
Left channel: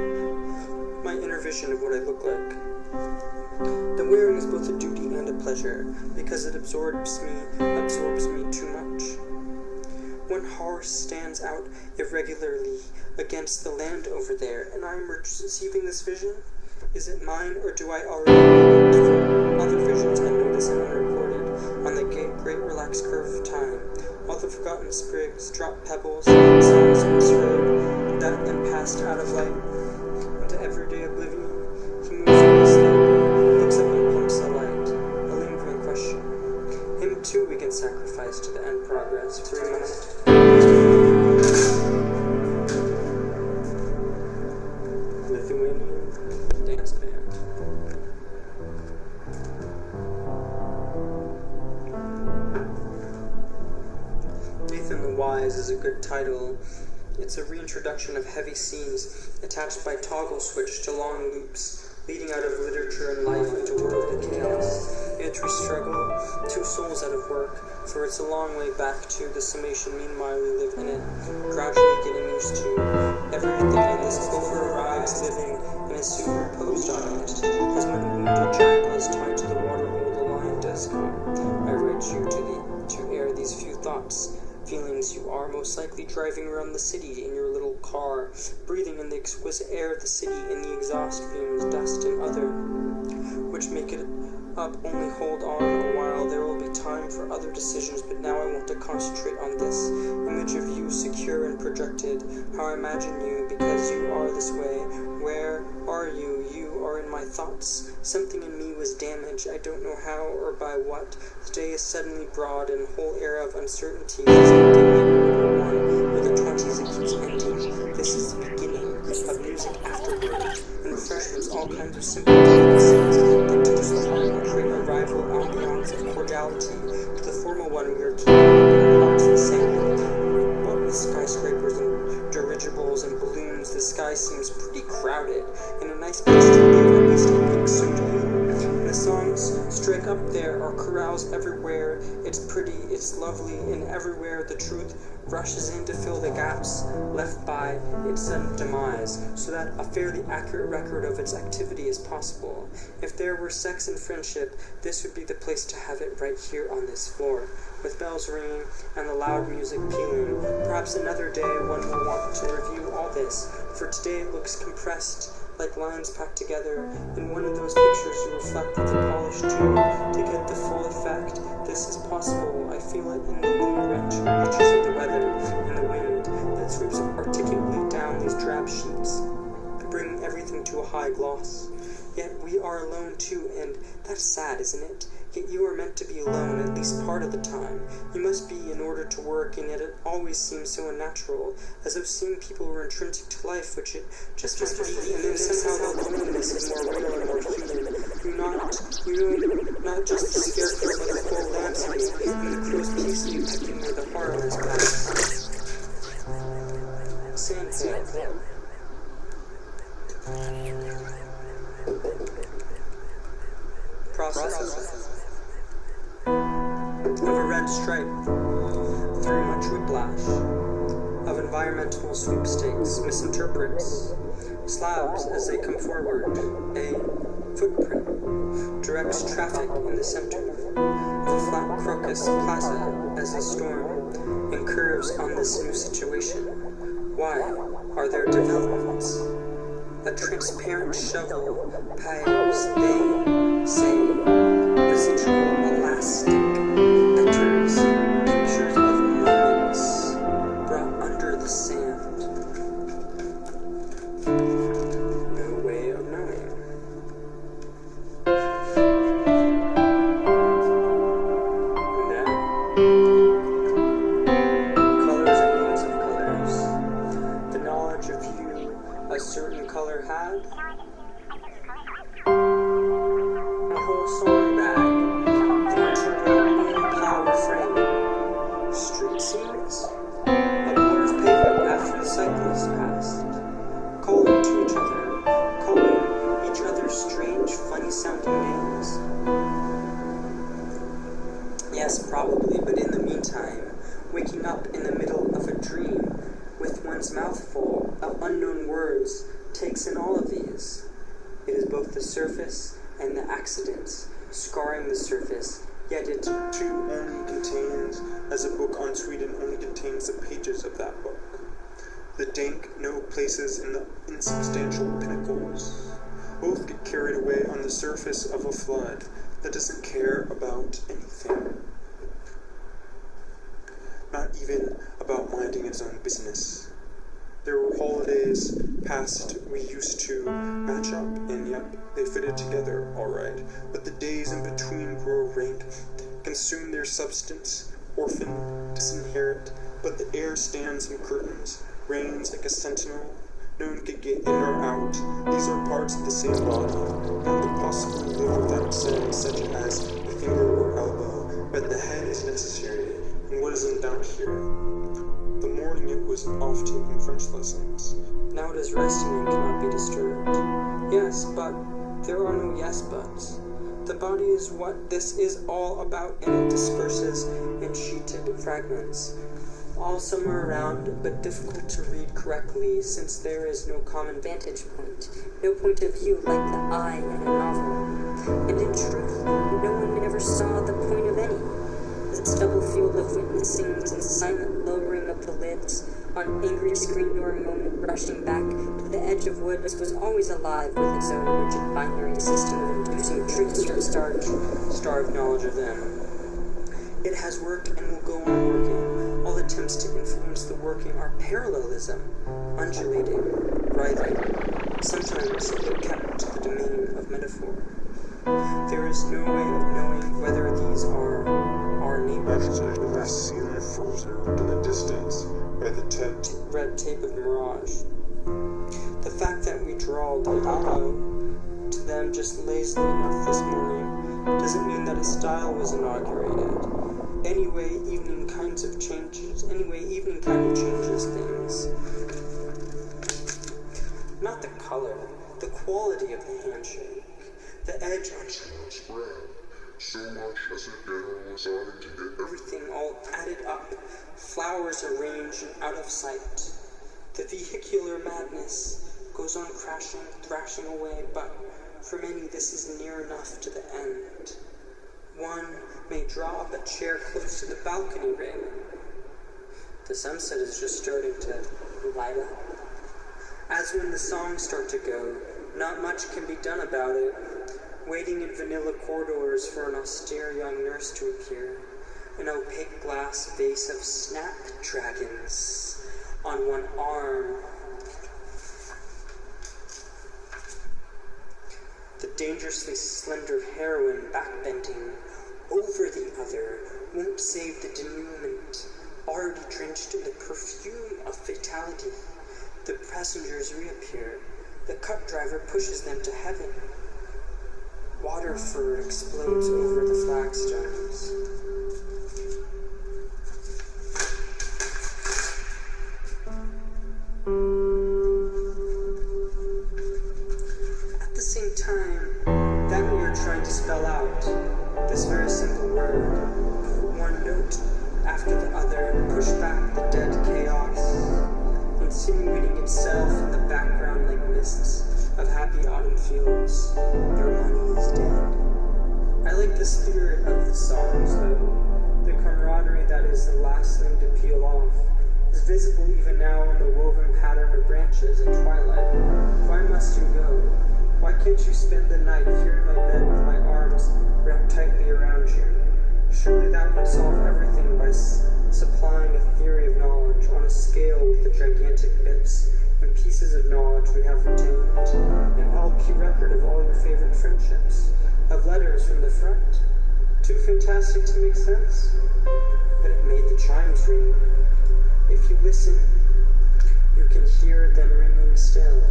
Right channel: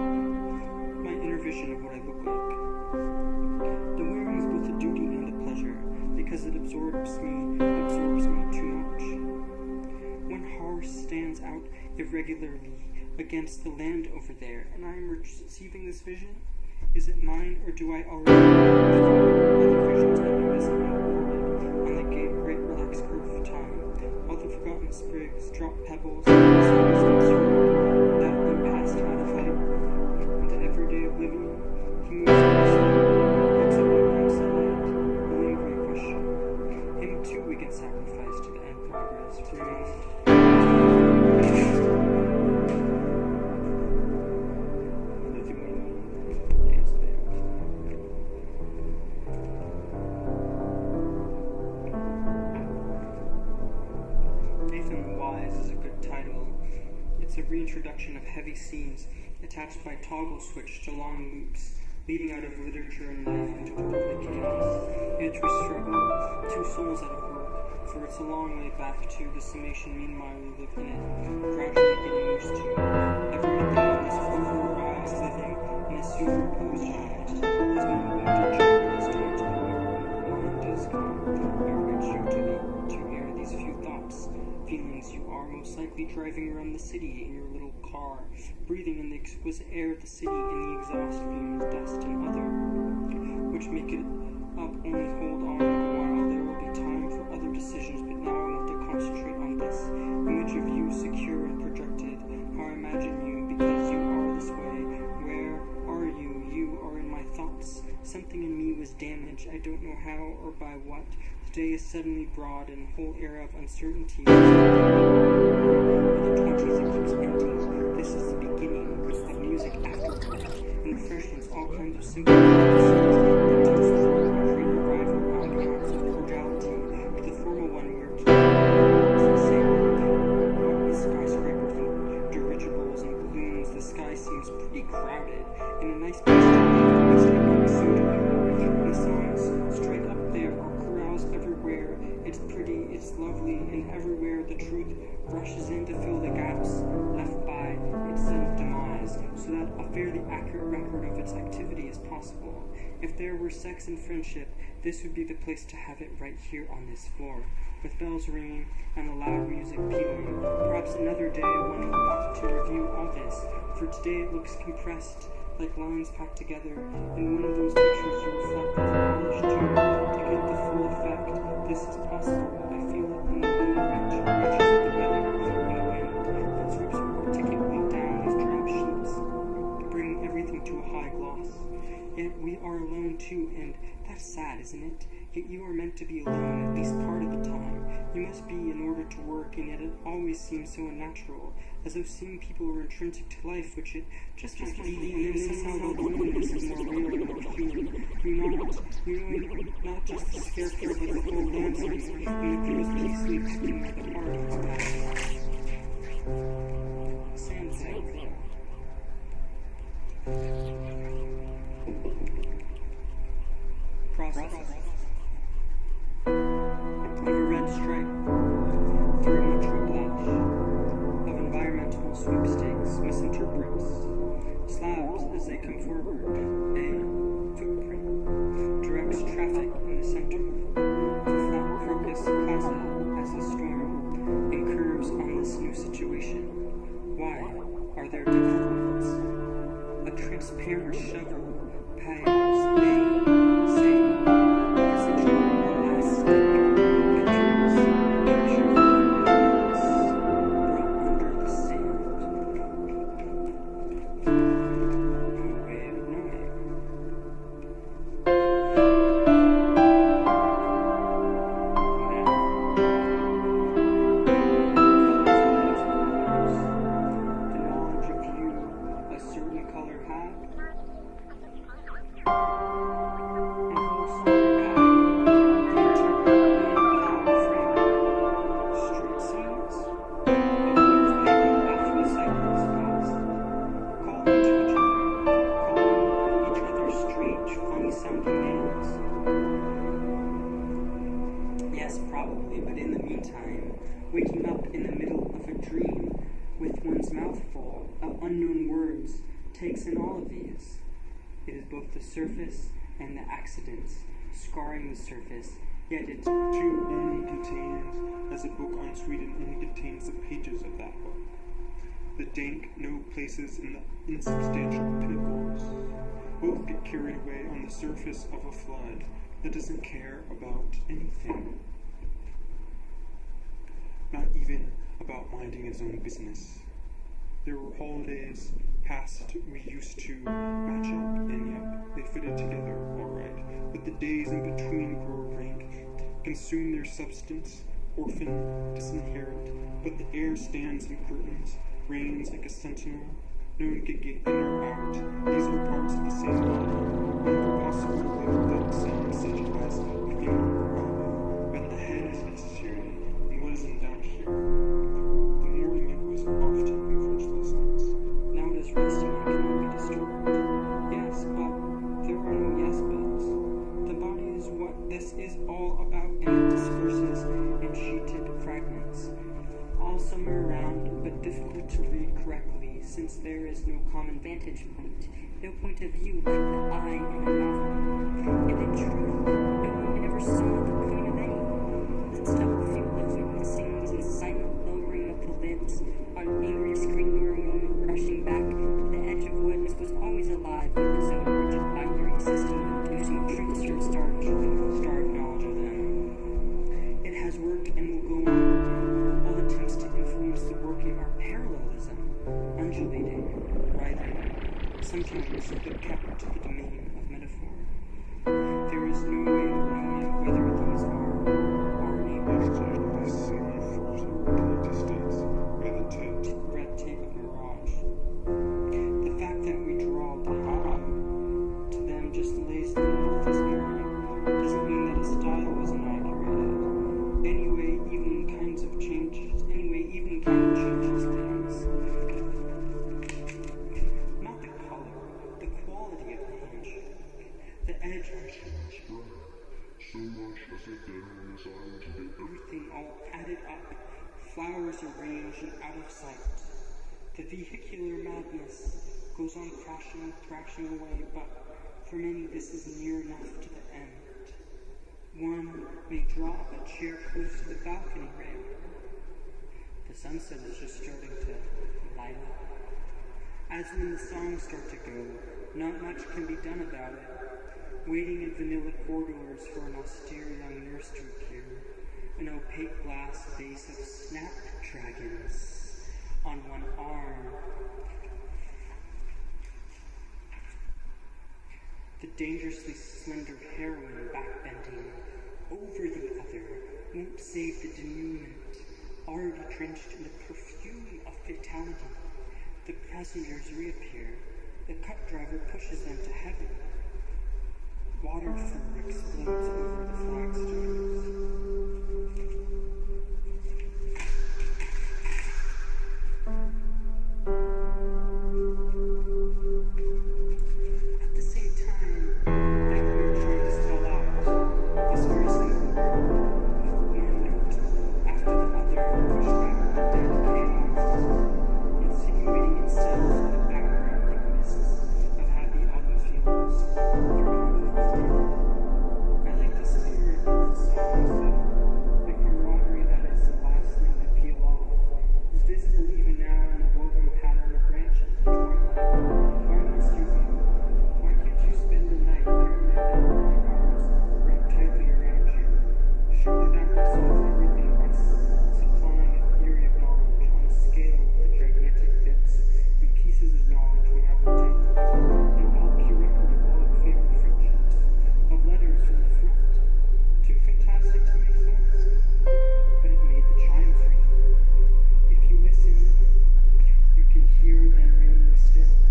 my inner vision of what I look like. The wearing is both a duty and a pleasure, because it absorbs me too much. One horse stands out irregularly against the land over there, and I am receiving this vision. Is it mine, or do I already look for other visions and notice them unrecorded on the great relaxed curve of time? All the forgotten sprigs, dropped pebbles, songs on this road, that then passed out of light into everyday oblivion. He moves away slowly, looks up and pumps the light, a lingering question. Him too we can sacrifice to the end progress for a moment. Lithuanian dance band. Nathan the Wise is a good title. It's a reintroduction of heavy scenes attached by toggle switch to long loops, leading out of literature and life into worldly chaos. In its struggle, two souls out of work, for it's a long way back to the summation. Meanwhile we live in it, gradually getting used to everything in this over-arrives living in a soon reposed on it, as when a wounded jackal is tied to the water hole the lion does come. I write you to air these few thoughts. Feelings you are most likely driving around the city in your little car, breathing in the exquisite air of the city, in the exhaust fumes, dust, and other, which make it up only hold on a while. There will be time for other decisions, but now I want to concentrate on this image of you, secure and projected, how I imagine you, because you are this way. Where are you? You are in my thoughts. Something in me was damaged, I don't know how or by what. The day is suddenly broad, and whole era of uncertainty is ending. With the 20s it keeps ending. This is the beginning of music afterward, and refreshments, all kinds of simple delicacies that toast the heart and create a rival ambiance of cordiality to the formal one we are keeping our hearts the same. What with skyscrapers and dirigibles and balloons, the sky seems pretty crowded, and a nice place to live, at least I think so do you. And the songs strike up there are chorales everywhere. It's pretty, it's lovely, and everywhere the truth rushes in to fill the gaps left by its sudden demise, so that a fairly accurate record of its activity is possible. If there were sex and friendship, this would be the place to have it, right here on this floor, with bells ringing and the loud music pealing. Perhaps another day one will want to review all this, for today it looks compressed, like lines packed together. In one of those pictures you reflect with a polished tube to get the full effect. This is possible. I feel it in the reaches of the weather and the wind that sweeps articulately down these drab sheets, bringing everything to a high gloss. Yet we are alone too, and that's sad, isn't it? Yet you are meant to be alone at least part of the time. You must be in order to work, and yet it always seems so unnatural, as though seeing people were intrinsic to life, which it just must be, and then somehow the loneliness is more real and more human. Not just the scarecrow, but the whole landscape, and the crows peacefully pecking where the heart is past. Soundscape. Process of a red stripe through much whiplash, of environmental sweepstakes, misinterprets slabs as they come forward, a footprint directs traffic in the center of a flat crocus plaza as they storm and curves on this new situation. Why are there developments? A transparent shovel piles, they say, residual elastic pictures of moments brought under the sand. No way of knowing. And then, colors and names of colors. The knowledge of you a certain color had. A whole song bag, the internal power frame, street scenes, a blur of pavement after the cyclists passed, calling each other strange, funny sounding names. Yes, probably, but in the meantime, waking up in the middle of a dream with one's mouth full of unknown words takes in all of these. It is both the surface and the accidents, scarring the surface, yet it too only contains, as a book on Sweden only contains the pages of that book. The dank no places in the insubstantial pinnacles. Both get carried away on the surface of a flood that doesn't care about anything. Not even about minding its own business. There were holidays past we used to match up, and yep, they fitted together all right. But the days in between grow rank, consume their substance, orphan, disinherit. But the air stands in curtains, reigns like a sentinel. No one could get in or out. These are parts of the same body. None could possibly live without sense, such as the finger or elbow. But the head is necessary, and what is in doubt here? The morning it was off taking French lessons. Now it is resting and cannot be disturbed. Yes, but there are no yes buts. The body is what this is all about, and it disperses in sheeted fragments, all somewhere around, but difficult to read correctly, since there is no common vantage point, no point of view like the eye in a novel. And in truth, no one ever saw the point of any. The stubble field of witnessing and silent lowering of the lids on angry screen door moment rushing back to the edge of woods was always alive with its own rigid binary system of inducing truths from starved knowledge of them. It has worked and will go on working. All attempts to influence the working are parallelism, undulating, writhing, sometimes but kept to the domain of metaphor. There is no way of knowing whether these are our neighbors. I see my further in the distance by the red tape of mirage. The fact that we drawled aloe to them just lazily enough this morning doesn't mean that a style was inaugurated. Anyway, evening kind of changes things. Not the color, the quality of the handshake, the edge on spread, so much as a general deciding to get everything all added up, flowers arranged and out of sight. The vehicular madness goes on crashing, thrashing away, but for many this is near enough to the end. One may draw up a chair close to the balcony railing. The sunset is just starting to light up. As when the songs start to go, not much can be done about it. Waiting in vanilla corridors for an austere young nurse to appear. An opaque glass vase of snapdragons on one arm. The dangerously slender heroine backbending over the other won't save the denouement, already drenched in the perfume of fatality. The passengers reappear. The cut driver pushes them to heaven. Water fur explodes over the flagstones. At the same time that we are trying to spell out this very simple word, one note after the other, push back the dead chaos, insinuating itself in the background like mists of happy autumn fields. Your money is dead. I like the spirit of the songs, though. The camaraderie that is the last thing to peel off is visible even now in the woven pattern of branches at twilight. Why must you go? Why can't you spend the night here in my bed with my arms wrapped tightly around you? Surely that would solve everything by supplying a theory of knowledge on a scale with the gigantic bits and pieces of knowledge we have retained, an LP record of all your favorite friendships, of letters from the front. Too fantastic to make sense, but it made the chimes ring. If you listen, you can hear them ringing still,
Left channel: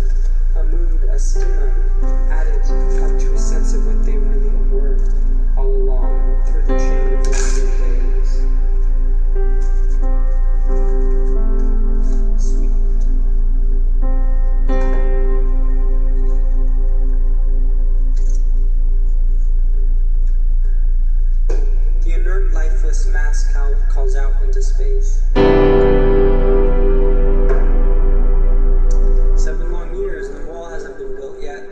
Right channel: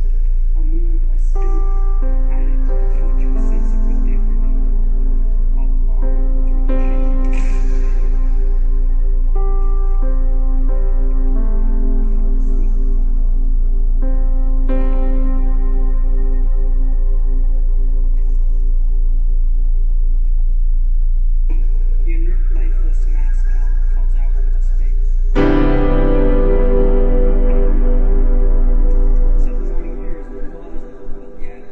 a mood, a stimum, added up to a sense of what they really were, all along, through the chain of living days. Sweet. The inert, lifeless mass calls out into space. 7 long years, and the wall hasn't been built yet.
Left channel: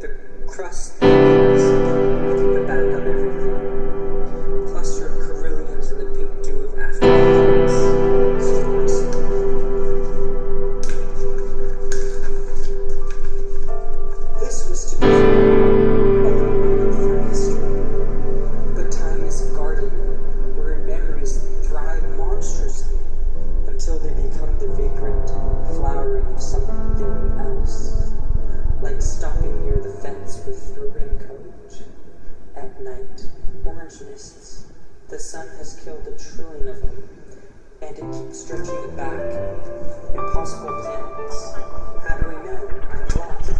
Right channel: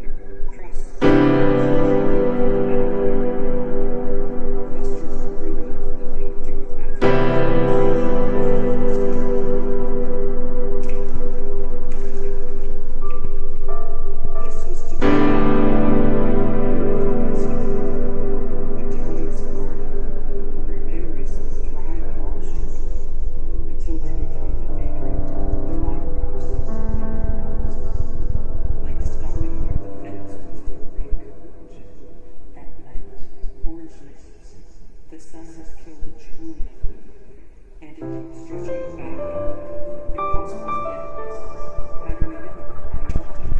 The crust that is the back of everything. A cluster of carillions in the pink dew of afternoons. This was to be a moment for history. But time is a garden where memories thrive monstrously until they become the vagrant flowering of something else. Like stopping near the fence with your raincoat. At night, orange mists. The sun has killed 1 trillion of them, and it keeps stretching it back. Impossible mechanics. How do I know? I'm lost.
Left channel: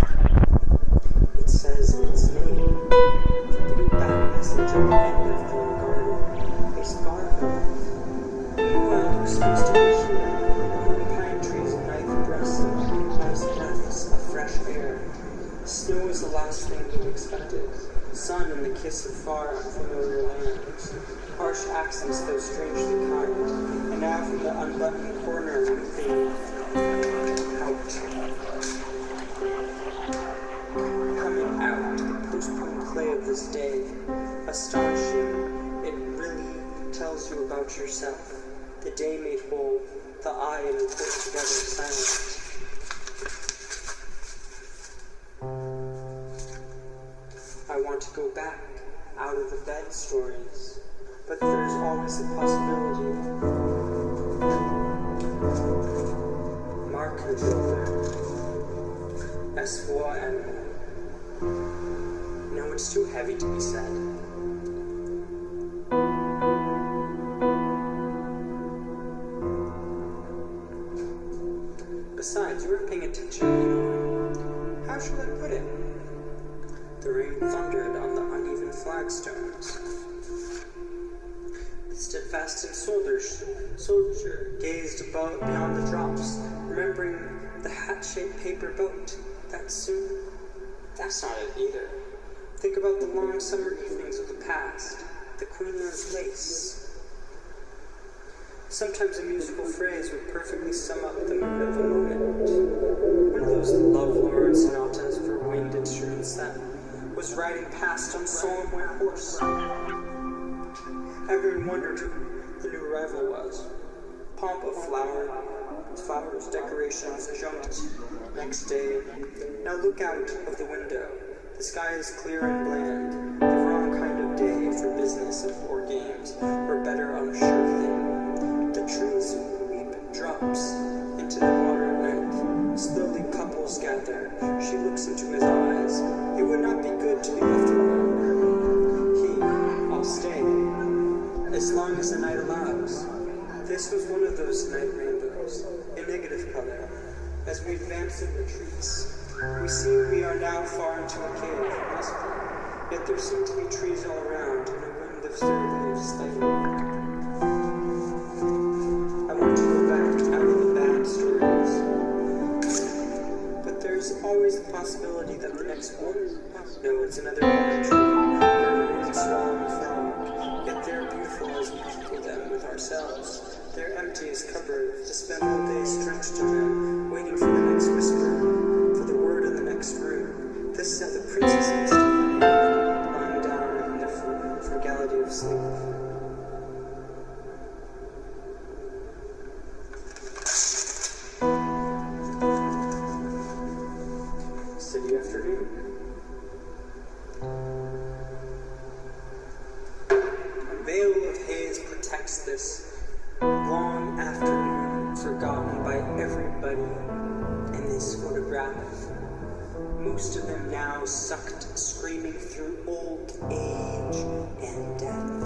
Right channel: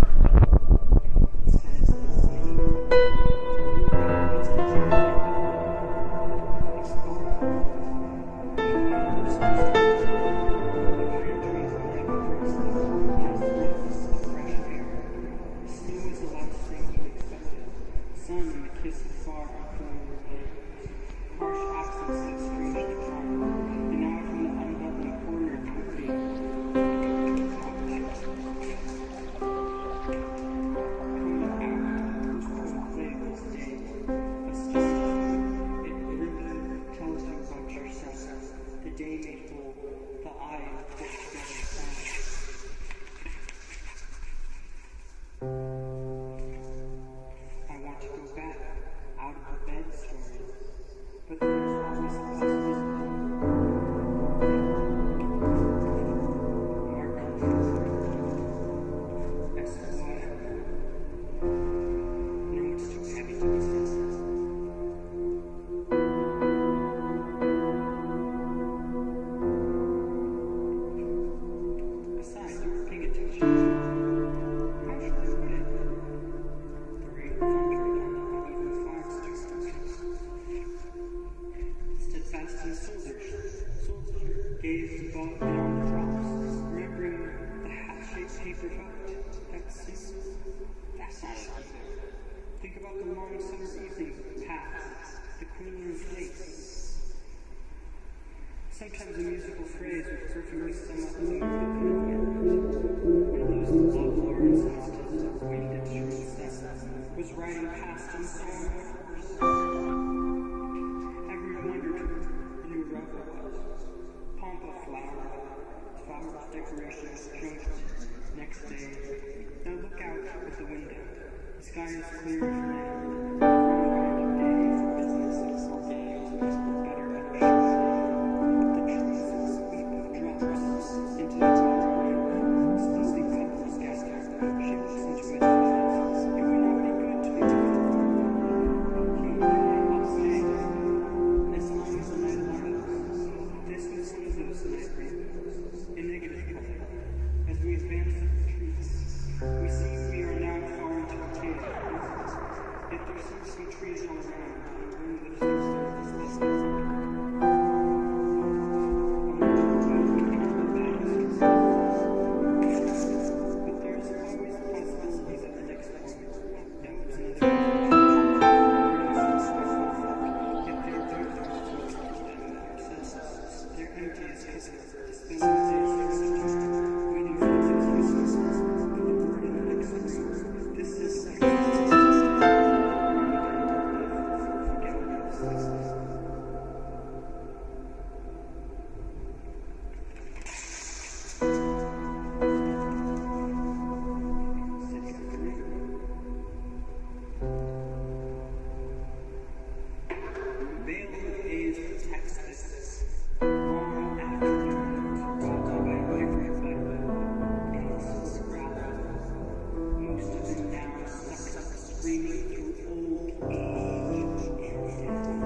It says it's me. The bad message at the end of the garden is garden. Meanwhile, we're supposed to be here. Pine trees and night breaths of nice breaths of fresh air. Snow is the last thing he expected. Sun and the kiss of far unfamiliar lands. Harsh accents, though strangely kind. And now from the unbuttoned corner, moving out. Coming out, the postponed play of this day. Astonishing, it really tells you about yourself. The day made whole, the eye and the put together silent. I want to go back, out of the bed stories, but there's always the possibility. Mark controller. S1. No, it's too heavy to be said. Besides, you weren't paying attention. How shall I put it? The rain thundered on the uneven flagstones. The steadfast soldier gazed above beyond the drops, remembering the hat-shaped paper boat. That soon? That's not it either. Think about the long summer evenings of the past, the Queen's lace. Sometimes a musical phrase would perfectly sum up the mood of the moment. One of those love-lorn sonatas for wind instruments that was riding past on solemn white horse. Everyone wondered who the new arrival was. Pomp of flowers, decorations, jumped. Next day, now look out of the window. The sky is clear and bland. The wrong kind of day for business and for games, or better, unsure thing. The trees weep drops into the water at night. Slowly couples gather. She looks into his eyes. It would not be good to be left alone. I'll stay, as long as the night allows. This was one of those night rainbows, a negative color. As we advance it retreats, we see we are now far into a cave, yet there seem to be trees all around, and a wind lifts their leaves slightly. I want to go back out of the bad stories, but there's always the possibility that the next one, no, it's another orange tree, is roughly formed, yet they're beautiful as we people them with ourselves. They're empty as cover to spend all day drenched in them, waiting for the next whisper, for the word in the next room. This said the princess can still think, lying down in the frugality of sleep. City afternoon. A veil of haze protects this long afternoon, forgotten by everybody in this photograph. Most of them now sucked, screaming through old age and death.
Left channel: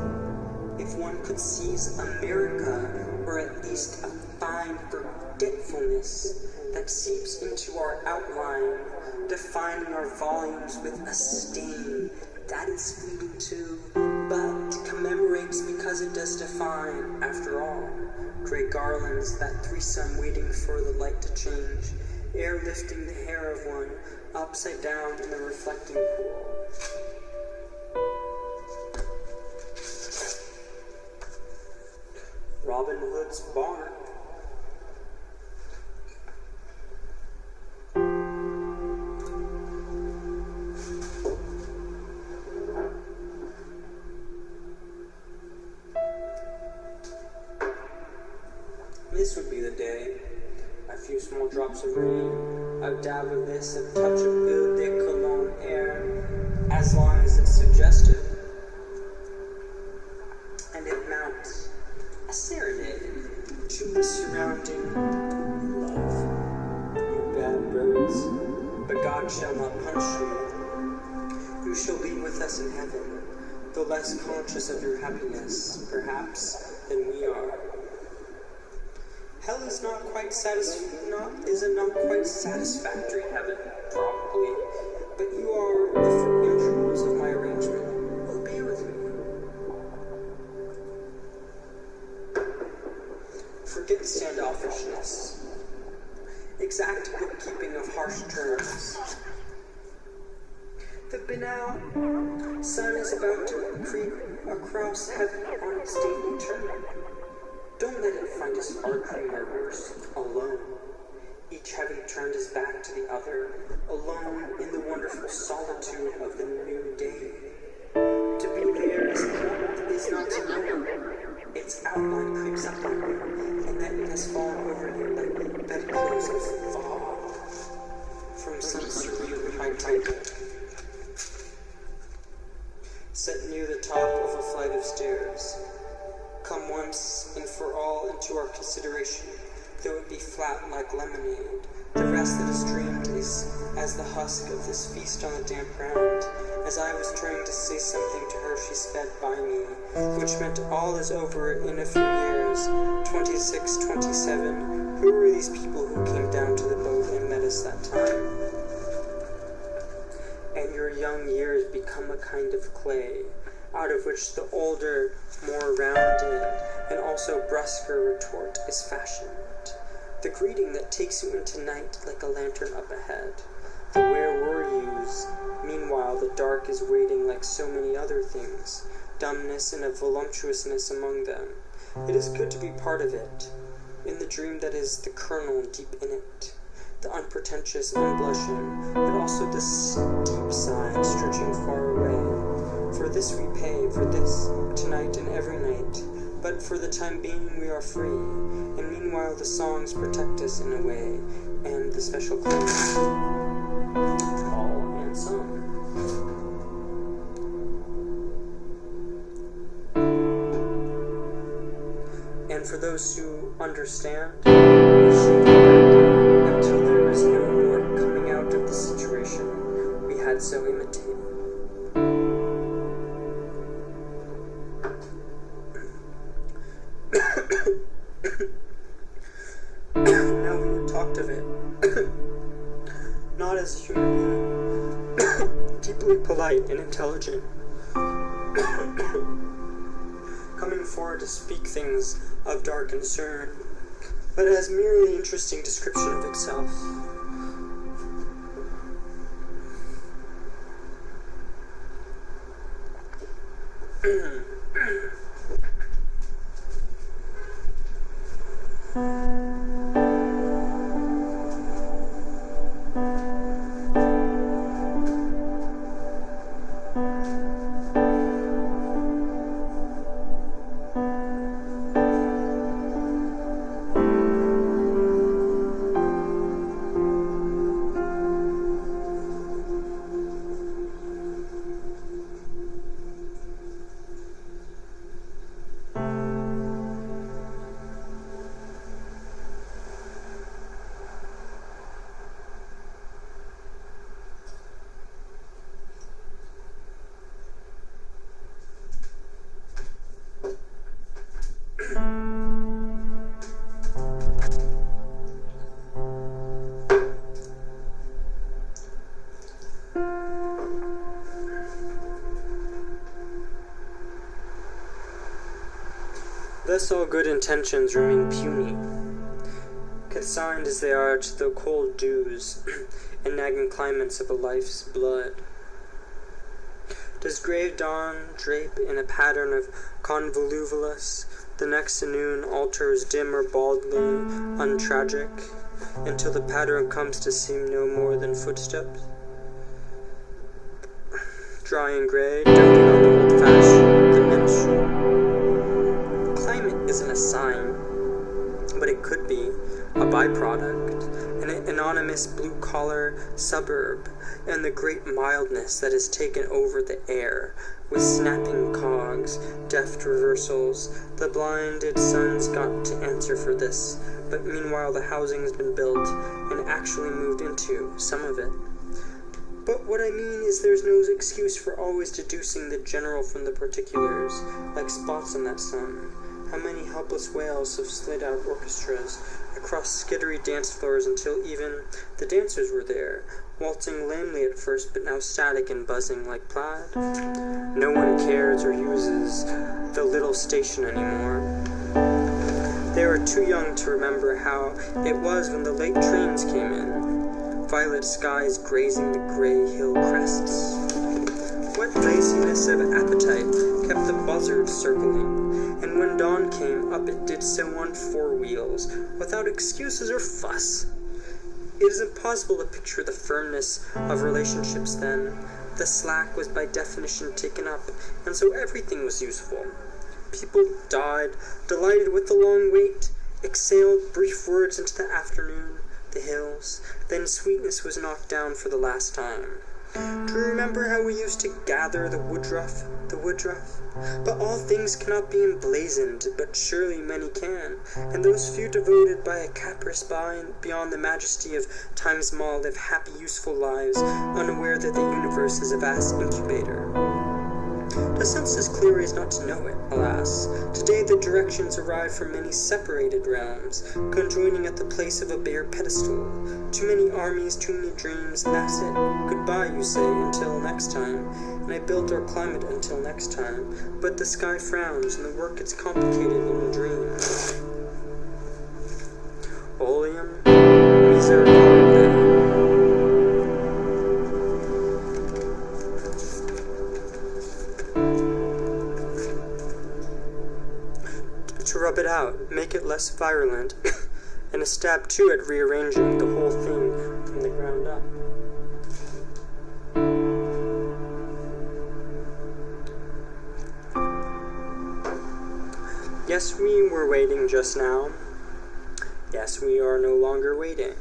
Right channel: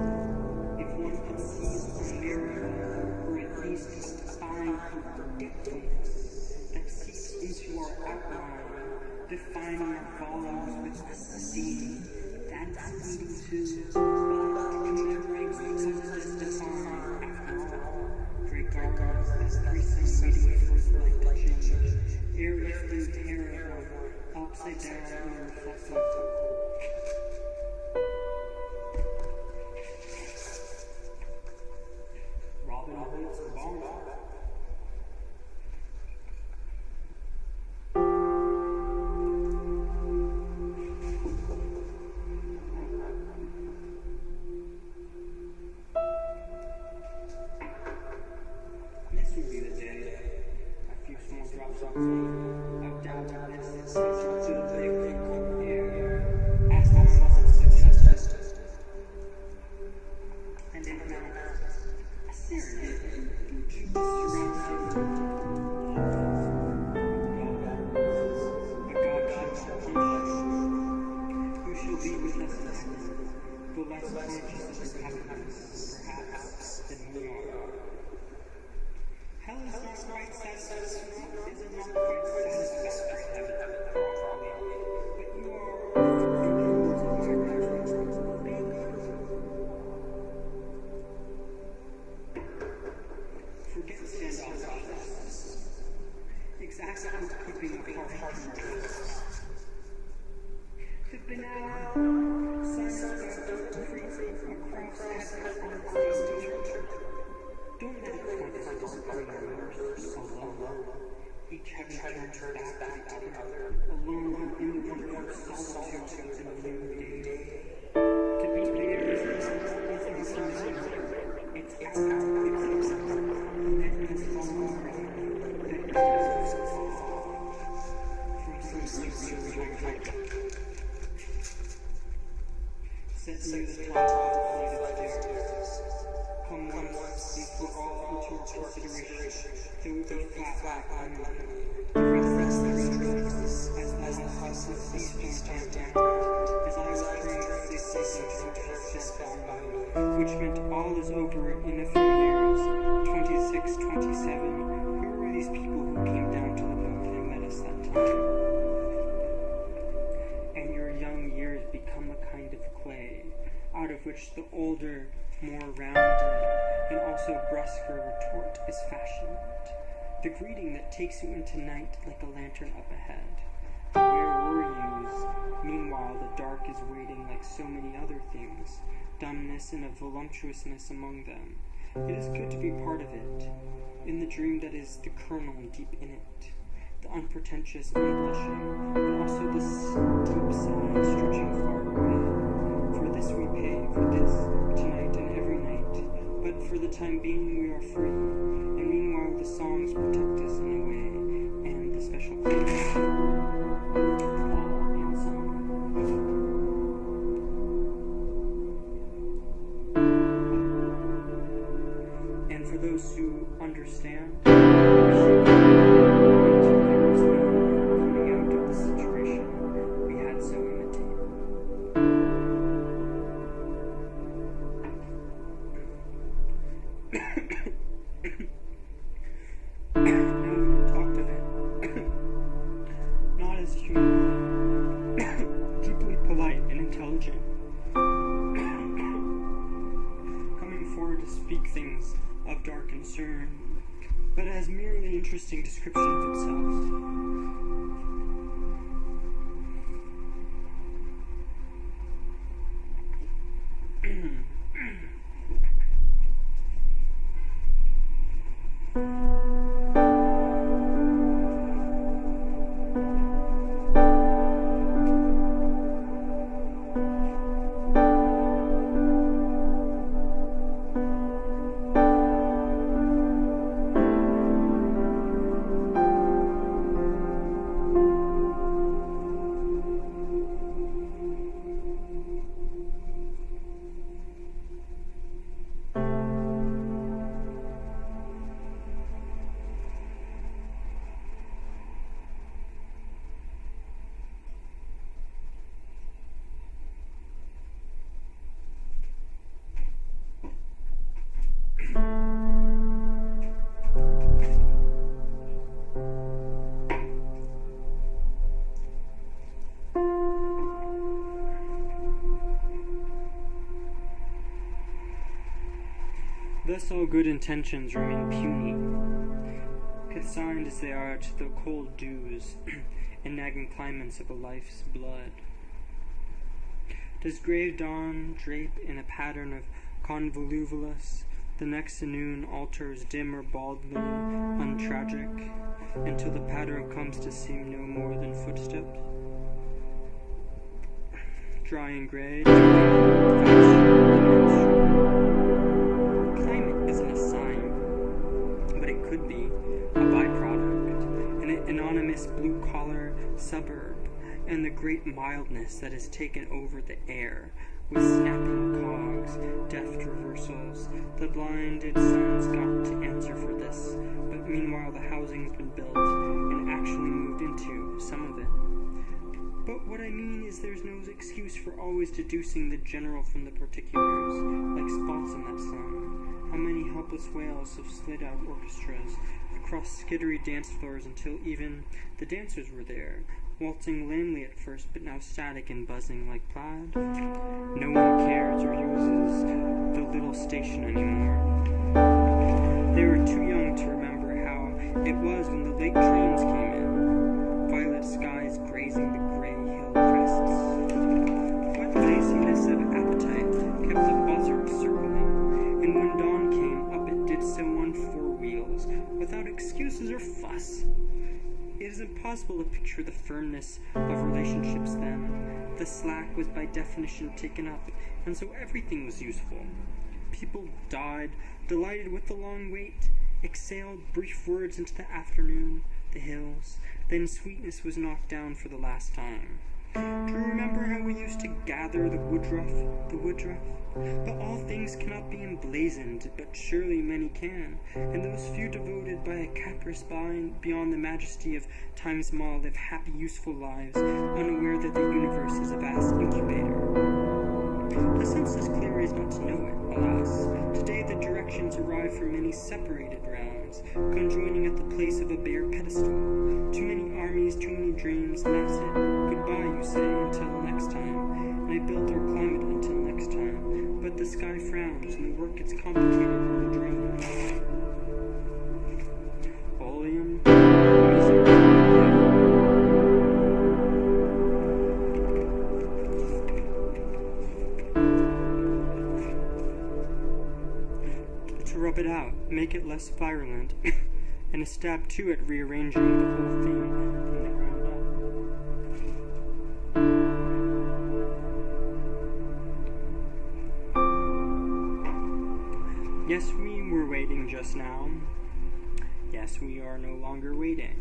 If one could seize America, or at least a fine forgetfulness that seeps into our outline, defining our volumes with a stain that is fleeting too, but commemorates because it does define, after all. Gray garlands, that threesome waiting for the light to change, airlifting the hair of one upside down in the reflecting pool. Robin Hood's barn. few small drops of rain, a dab of this, a touch of the cologne air, as long as it's suggested. And it mounts a serenade to the surrounding love. You bad birds, but God shall not punish you. You shall be with us in heaven, though less conscious of your happiness, perhaps, than we are. Hell is not quite not quite satisfactory heaven, probably, but you are the forbidden rules of my arrangement will be with you. Forget standoffishness, exact bookkeeping of harsh terms. The banal sun is about to creep across heaven on its daily turn. Don't let it find us arguing our worst alone, each having turned his back to the other, alone in the wonderful solitude of the new day. To be there is not to know. Its outline creeps up on him, and that it has fallen over him like that comes of fog from some surreal high tide. Set near the top of a flight of stairs. Come once and for all into our consideration, though it be flat like lemonade. The rest that is streamed is as the husk of this feast on a damp ground. As I was trying to say something to her, she sped by me, which meant all is over in a few years. 26, 27. Who were these people who came down to the boat and met us that time? And your young years become a kind of clay, out of which the older, more rounded, and also brusquer retort is fashioned. The greeting that takes you into night like a lantern up ahead. The where were yous. Meanwhile, the dark is waiting like so many other things, dumbness and a voluptuousness among them. It is good to be part of it, in the dream that is the kernel deep in it. The unpretentious, unblushing, but also the deep side stretching far away. For this we pay, for this, tonight and every night. But for the time being we are free, and meanwhile the songs protect us in a way, and the special claims, all and some. And for those who understand, we should until there is no more coming out of the situation we had so imitated. Now we have talked of it, not as a human being, deeply polite and intelligent, coming forward to speak things of dark concern, but as merely interesting description of itself. Thus all good intentions remain puny, consigned as they are to the cold dews and nagging climates of a life's blood. Does grave dawn drape in a pattern of convolvulus, the next noon altars dim or baldly untragic, until the pattern comes to seem no more than footsteps? Dry and gray, doting on the old-fashioned, the menstrual. Climate isn't a sign, but it could be a byproduct, anonymous blue-collar suburb, and the great mildness that has taken over the air, with snapping cogs, deft reversals. The blinded sun's got to answer for this, but meanwhile the housing's been built, and actually moved into, some of it. But what I mean is there's no excuse for always deducing the general from the particulars, like spots on that sun. How many helpless wails have slid out orchestras across skittery dance floors until even the dancers were there, waltzing lamely at first, but now static and buzzing like plaid. No one cares or uses the little station anymore. They were too young to remember how it was when the late trains came in, violet skies grazing the gray hill crests. What laziness of appetite kept the buzzards circling, and when dawn came up it did so on four wheels, without excuses or fuss. It is impossible to picture the firmness of relationships then. The slack was by definition taken up, and so everything was useful. People died, delighted with the long wait, exhaled brief words into the afternoon, the hills, then sweetness was knocked down for the last time. Do you remember how we used to gather the woodruff? But all things cannot be emblazoned, but surely many can, and those few devoted by a caprice beyond the majesty of time small live happy, useful lives, unaware that the universe is a vast incubator. The sense is clear is not to know it, alas. Today the directions arrive from many separated realms, conjoining at the place of a bare pedestal. Too many armies, too many dreams, and that's it. Goodbye, you say, until next time. And I built our climate until next time. But the sky frowns, and the work gets complicated in a dream. Oleum misericordiae. To rub it out, make it less virulent, and a stab to it rearranging the whole thing from the ground up. Yes, we were waiting just now. Yes, we are no longer waiting.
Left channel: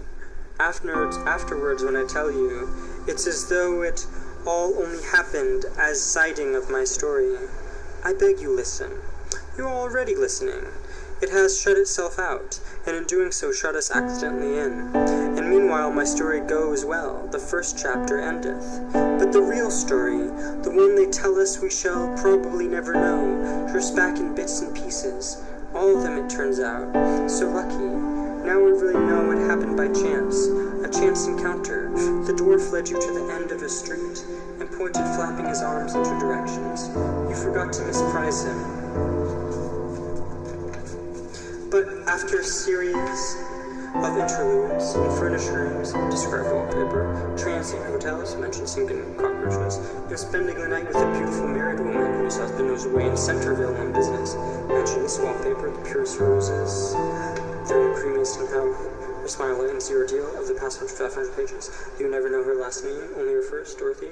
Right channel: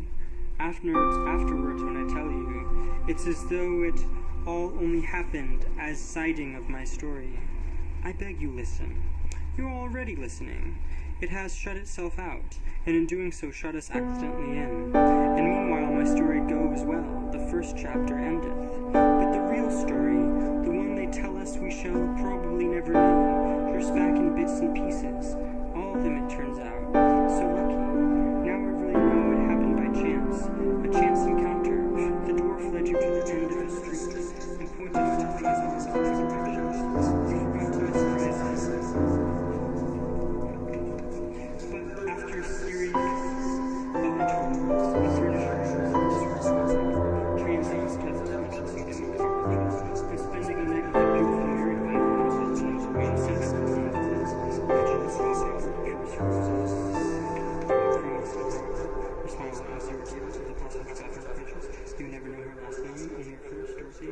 Afterwards, when I tell you, it's as though it all only happened as citing of my story. I beg you listen. You are already listening. It has shut itself out, and in doing so shut us accidentally in. And meanwhile my story goes well, the first chapter endeth. But the real story, the one they tell us we shall probably never know, drifts back in bits and pieces. All of them, it turns out. So lucky. Now we really know what happened by chance. A chance encounter. The dwarf led you to the end of a street, and pointed flapping his arms in two directions. You forgot to misprise him. But after a series of interludes in furnished rooms, described wallpaper, transient hotels, mentioned sinking cockroaches, and spending the night with a beautiful married woman whose husband was away in Centerville on business, mentioned this wallpaper, the purest roses, the only cremason how her smile lightens your deal of the past 500 pages. You never know her last name, only her first, Dorothy.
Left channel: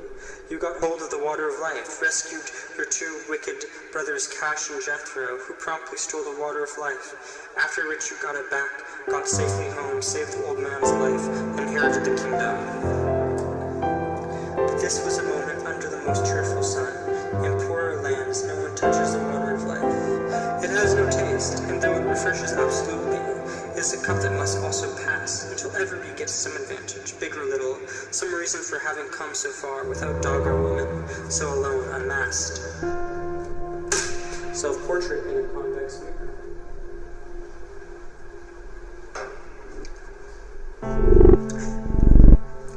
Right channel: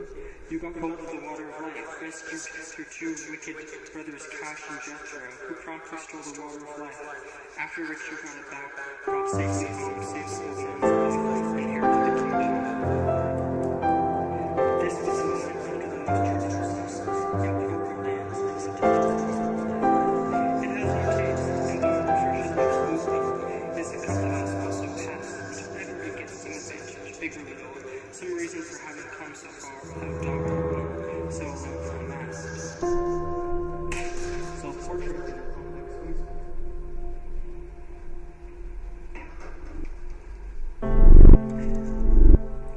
You got hold of the water of life, rescued your two wicked brothers Cash and Jethro, who promptly stole the water of life. After which you got it back, got safely home, saved the old man's life, inherited the kingdom. But this was a moment under the most cheerful sun. In poorer lands, no one touches the water of life. It has no taste, and though it refreshes absolutely, it is a cup that must also pass, until everybody gets some advantage, big or little, some reason for having come so far without dog or woman, so alone, unmasked. Self-portrait in a convex mirror.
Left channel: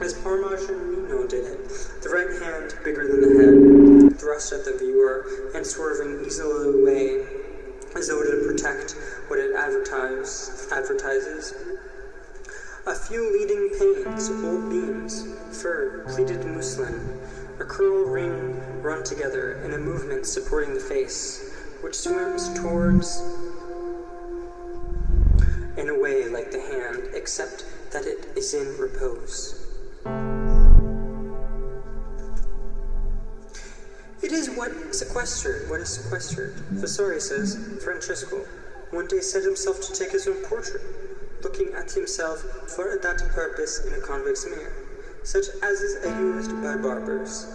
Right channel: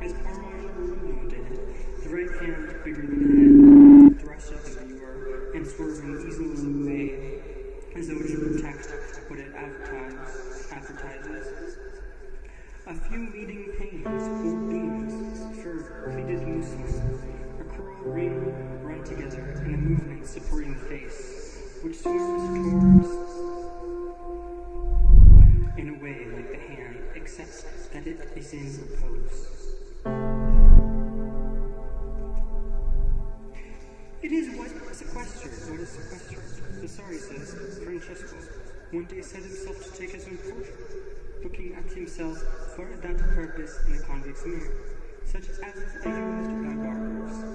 As Parmigianino did it, the right hand bigger than the head, thrust at the viewer, and swerving easily away, as though to protect what it advertises. A few leading panes, old beams, fur, pleated muslin, a curl ring run together in a movement supporting the face, which swims towards in a way like the hand, except that it is in repose. It is what is sequestered. Vasari says, Francesco one day set himself to take his own portrait. looking at himself for that purpose in a convex mirror, such as is used by barbers.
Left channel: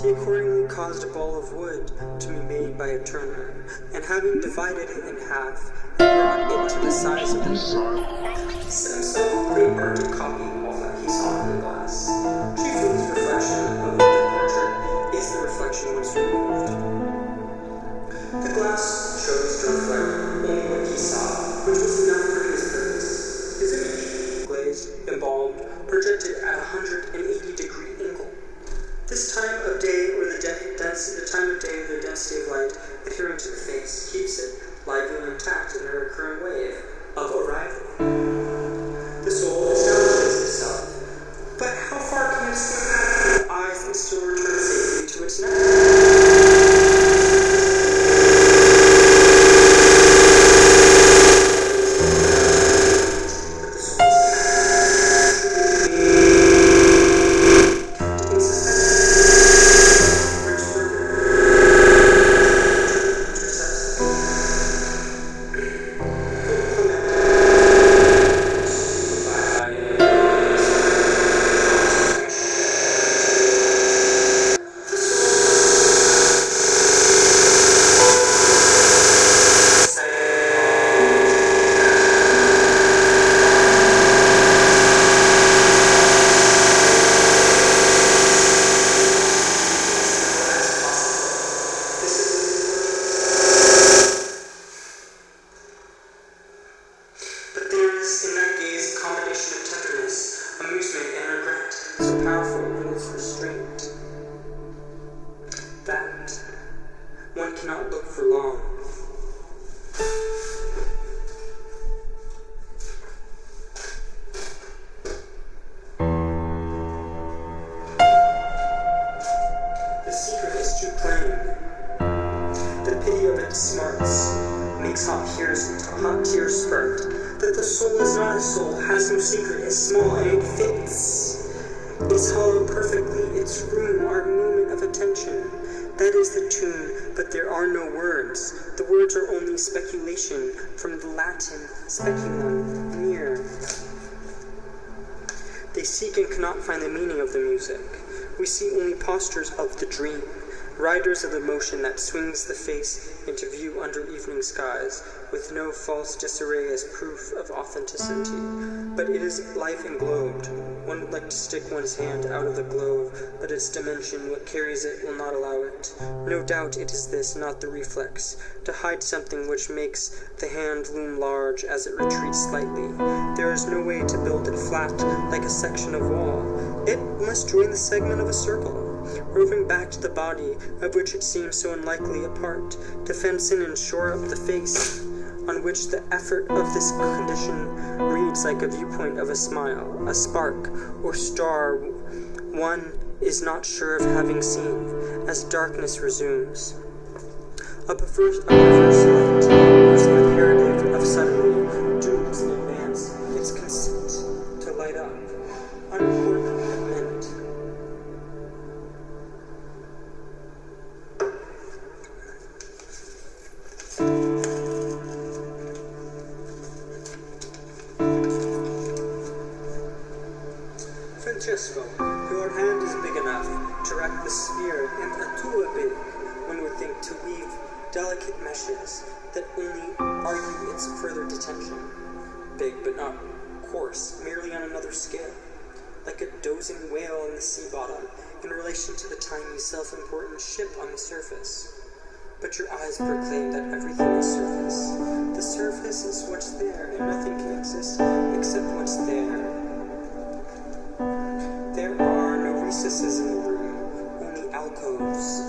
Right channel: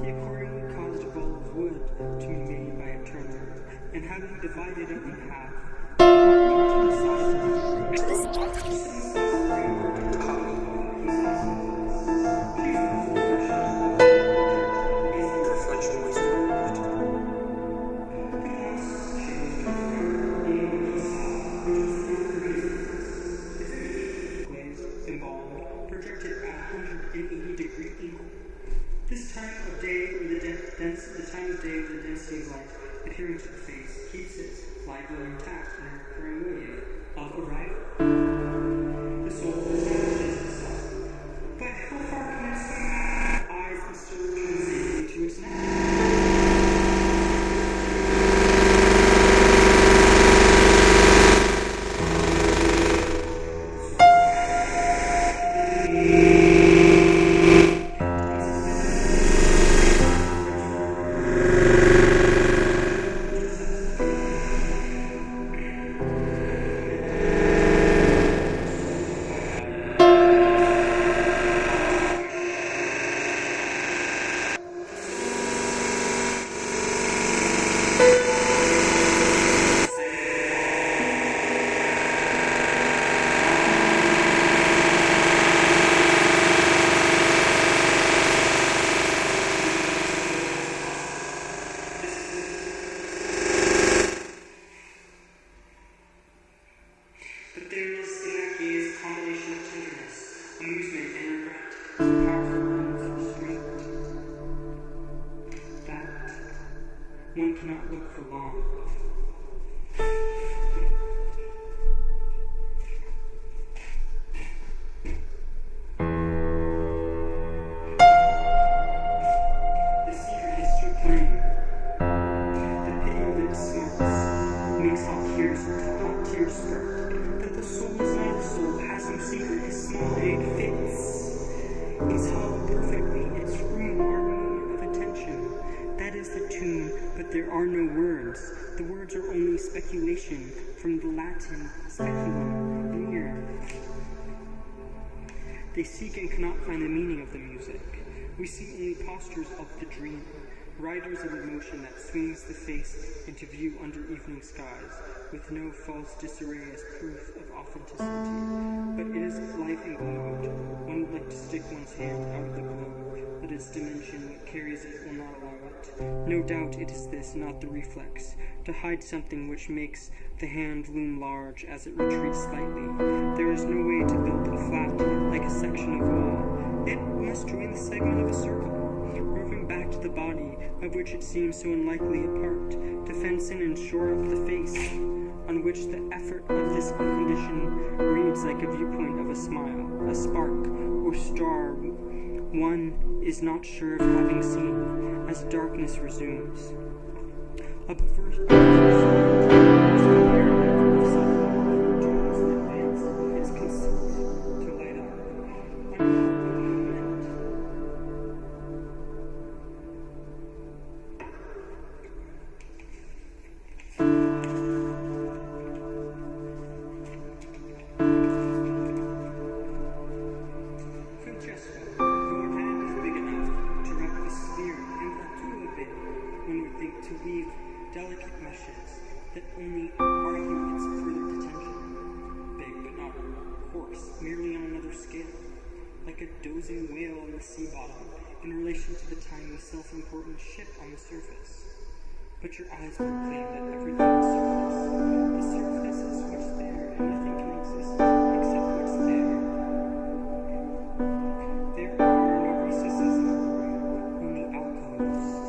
He accordingly caused a ball of wood to be made by a turner, and having divided it in half, brought it to the size of the mirror. He set himself great art to copy all that he saw in the glass. Chiefly his reflection of the portrait is the reflection was removed. The glass chose to reflect only what he saw, which was enough for his purpose. His image, glazed, embalmed, projected at a 180-degree angle. This time of day or the time of day or the density of light adhering to the face keeps it lively and intact in a recurring wave of arrival. The soul establishes itself, but how far can it swim out from the eyes and still return safely to its nest? One cannot look for long. The secret is too plain. The pity of its smarts makes hot tears spurt. That the soul is not a soul, has no secret, is small and it fits. It's hollow perfectly, its room our moment of attention. That is the tune, but there are no words. The words are only speculation, from the Latin speculum, mere. They seek and cannot find the meaning of the music. We see only postures of the dream, riders of the motion that swings the face into view under evening skies, with no false disarray as proof of authenticity. But it is life englobed. One would like to stick one's hand out of the globe, but its dimension, what carries it, will not allow it. No doubt it is this, not the reflex, to hide something which makes the hand loom large as it retreats slightly. There is no way to build it flat, like a section of wall. It must join the segment of a circle, roving back to the body, of which it seems so unlikely a part, to fence in and shore up the face, on which the effort of this condition reads like a viewpoint of a smile, a spark, or star one is not sure of having seen, as darkness resumes. A perverse light, most imperative of suddenly, dreams in advance its consent to light up, unimportant but meant. Francesco, your hand is big enough to rack the sphere, and a too big, one would think, to weave delicate meshes that only argue its further detention. Big but not coarse, merely on another scale, like a dozing whale in the sea bottom in relation to the tiny self-important ship on the surface. But your eyes proclaim that everything is surface. The surface is what's there, and nothing can exist except what's there. There are no recesses in the room, only alcoves.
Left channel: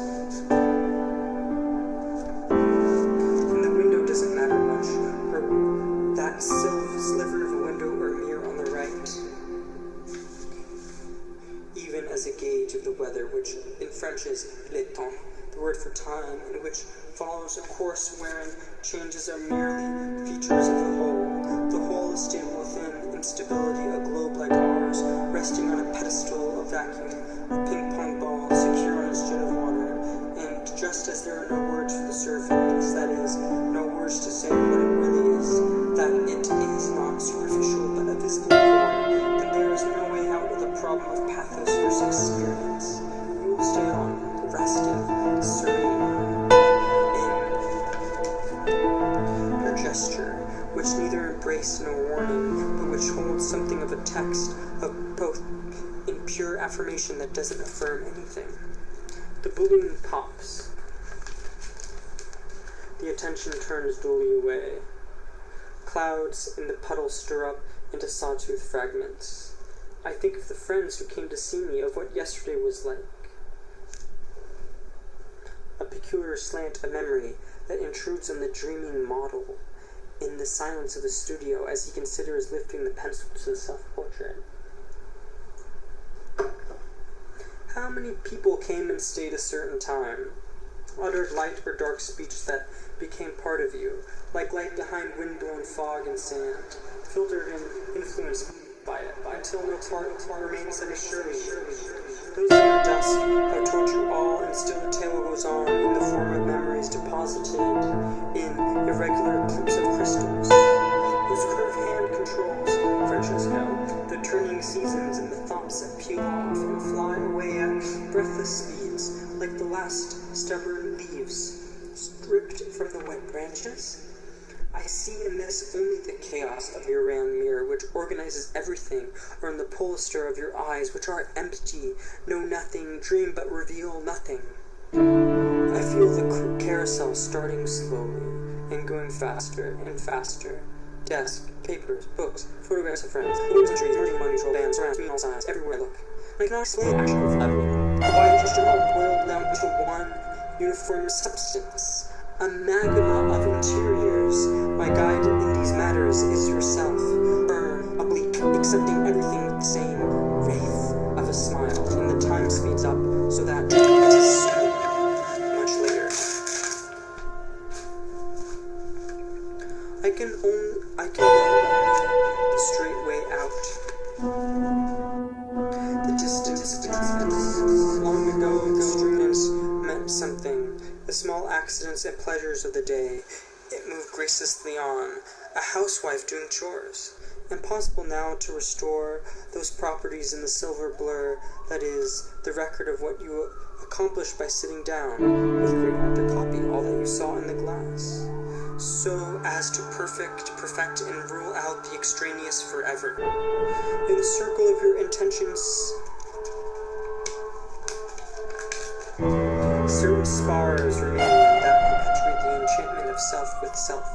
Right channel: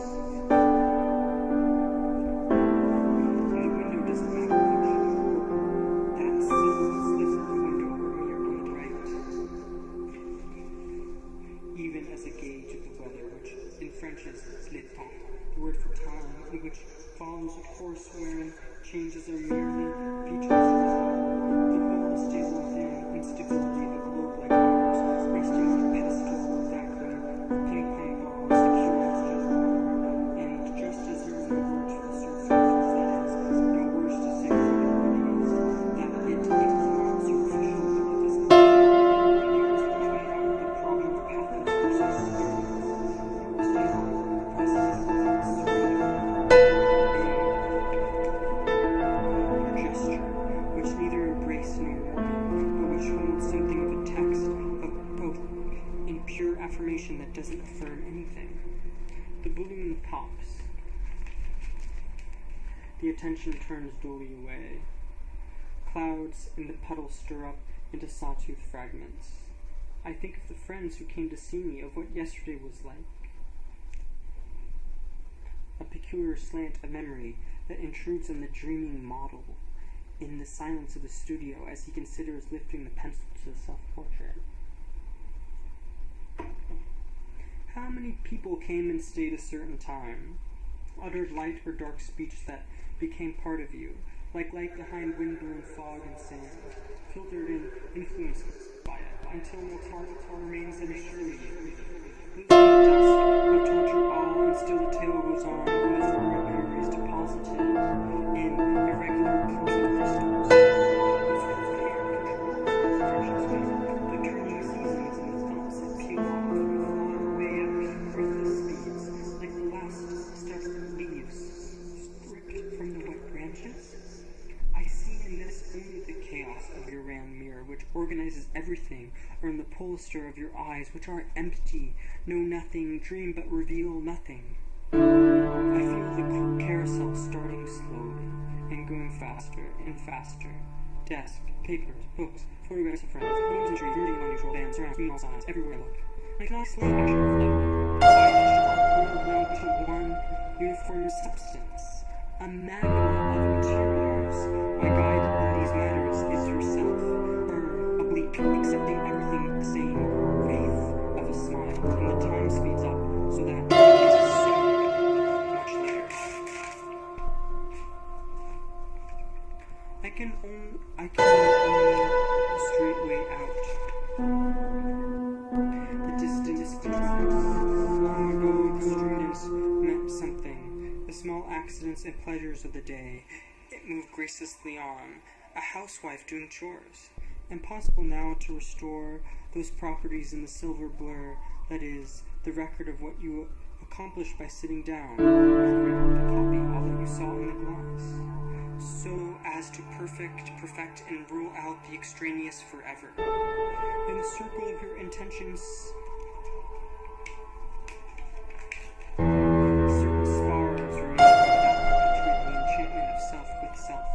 And the window doesn't matter much, or that sliver of a window or mirror on the right. Even as a gauge of the weather, which in French is le temps, the word for time, and which follows a course wherein changes are merely features of the whole. The whole is stable within instability, a globe like ours, resting on a pedestal of vacuum, a ping-pong ball secure on its jet of water, and just as there are no words for the surface, that is, no words to say what it really is, that it is not superficial quote, in pure affirmation that doesn't affirm anything. The balloon pops. The attention turns dully away. Clouds in the puddle stir up into sawtooth fragments. I think of the friends who came to see me, of what yesterday was like. A peculiar slant of memory that intrudes on the dreaming model in the silence of the studio as he considers lifting the pencil to the self-portrait. How many people came and stayed a certain time, uttered light or dark speech that became part of you, like light behind wind-blown fog and sand, filtered and influenced by it, until no part remains unassuredly. Those in the dusk have told you all, and still the tale goes on in the form of memories deposited in irregular clumps of crystals, whose curved hand controls, Francesco, the turning seasons and the thoughts that peel off and fly away at breathless speeds, like the last stubborn leaves stripped from the wet branches. I see in this only the chaos of your round mirror, which organizes everything, or in the polyster of your eyes, which are empty, know nothing, dream but reveal nothing. I feel the carousel starting slowly, and going faster and faster. Desk, papers, books, photographs of friends, balloons and trees, merging unusual bands surround me all sides, everywhere I look. I cannot explain the action of fluttering. Why just all boiled down to one uniform substance? A magma of interiors. My guide in these matters is yourself, firm, oblique, accepting everything with the same wraith of a smile, and the time speeds up so that it is soon, much later. I can only the straight way out. The distance. Long ago, the students meant something. The small accidents and pleasures of the day. It moved graciously on, a housewife doing chores. Impossible now to restore those properties in the silver blur that is the record of what you accomplished by sitting down with great art to copy all that you saw in the glass, so as to perfect and rule out the extraneous forever. In the circle of your intentions, certain spars remain that perpetuate the enchantment of self with self.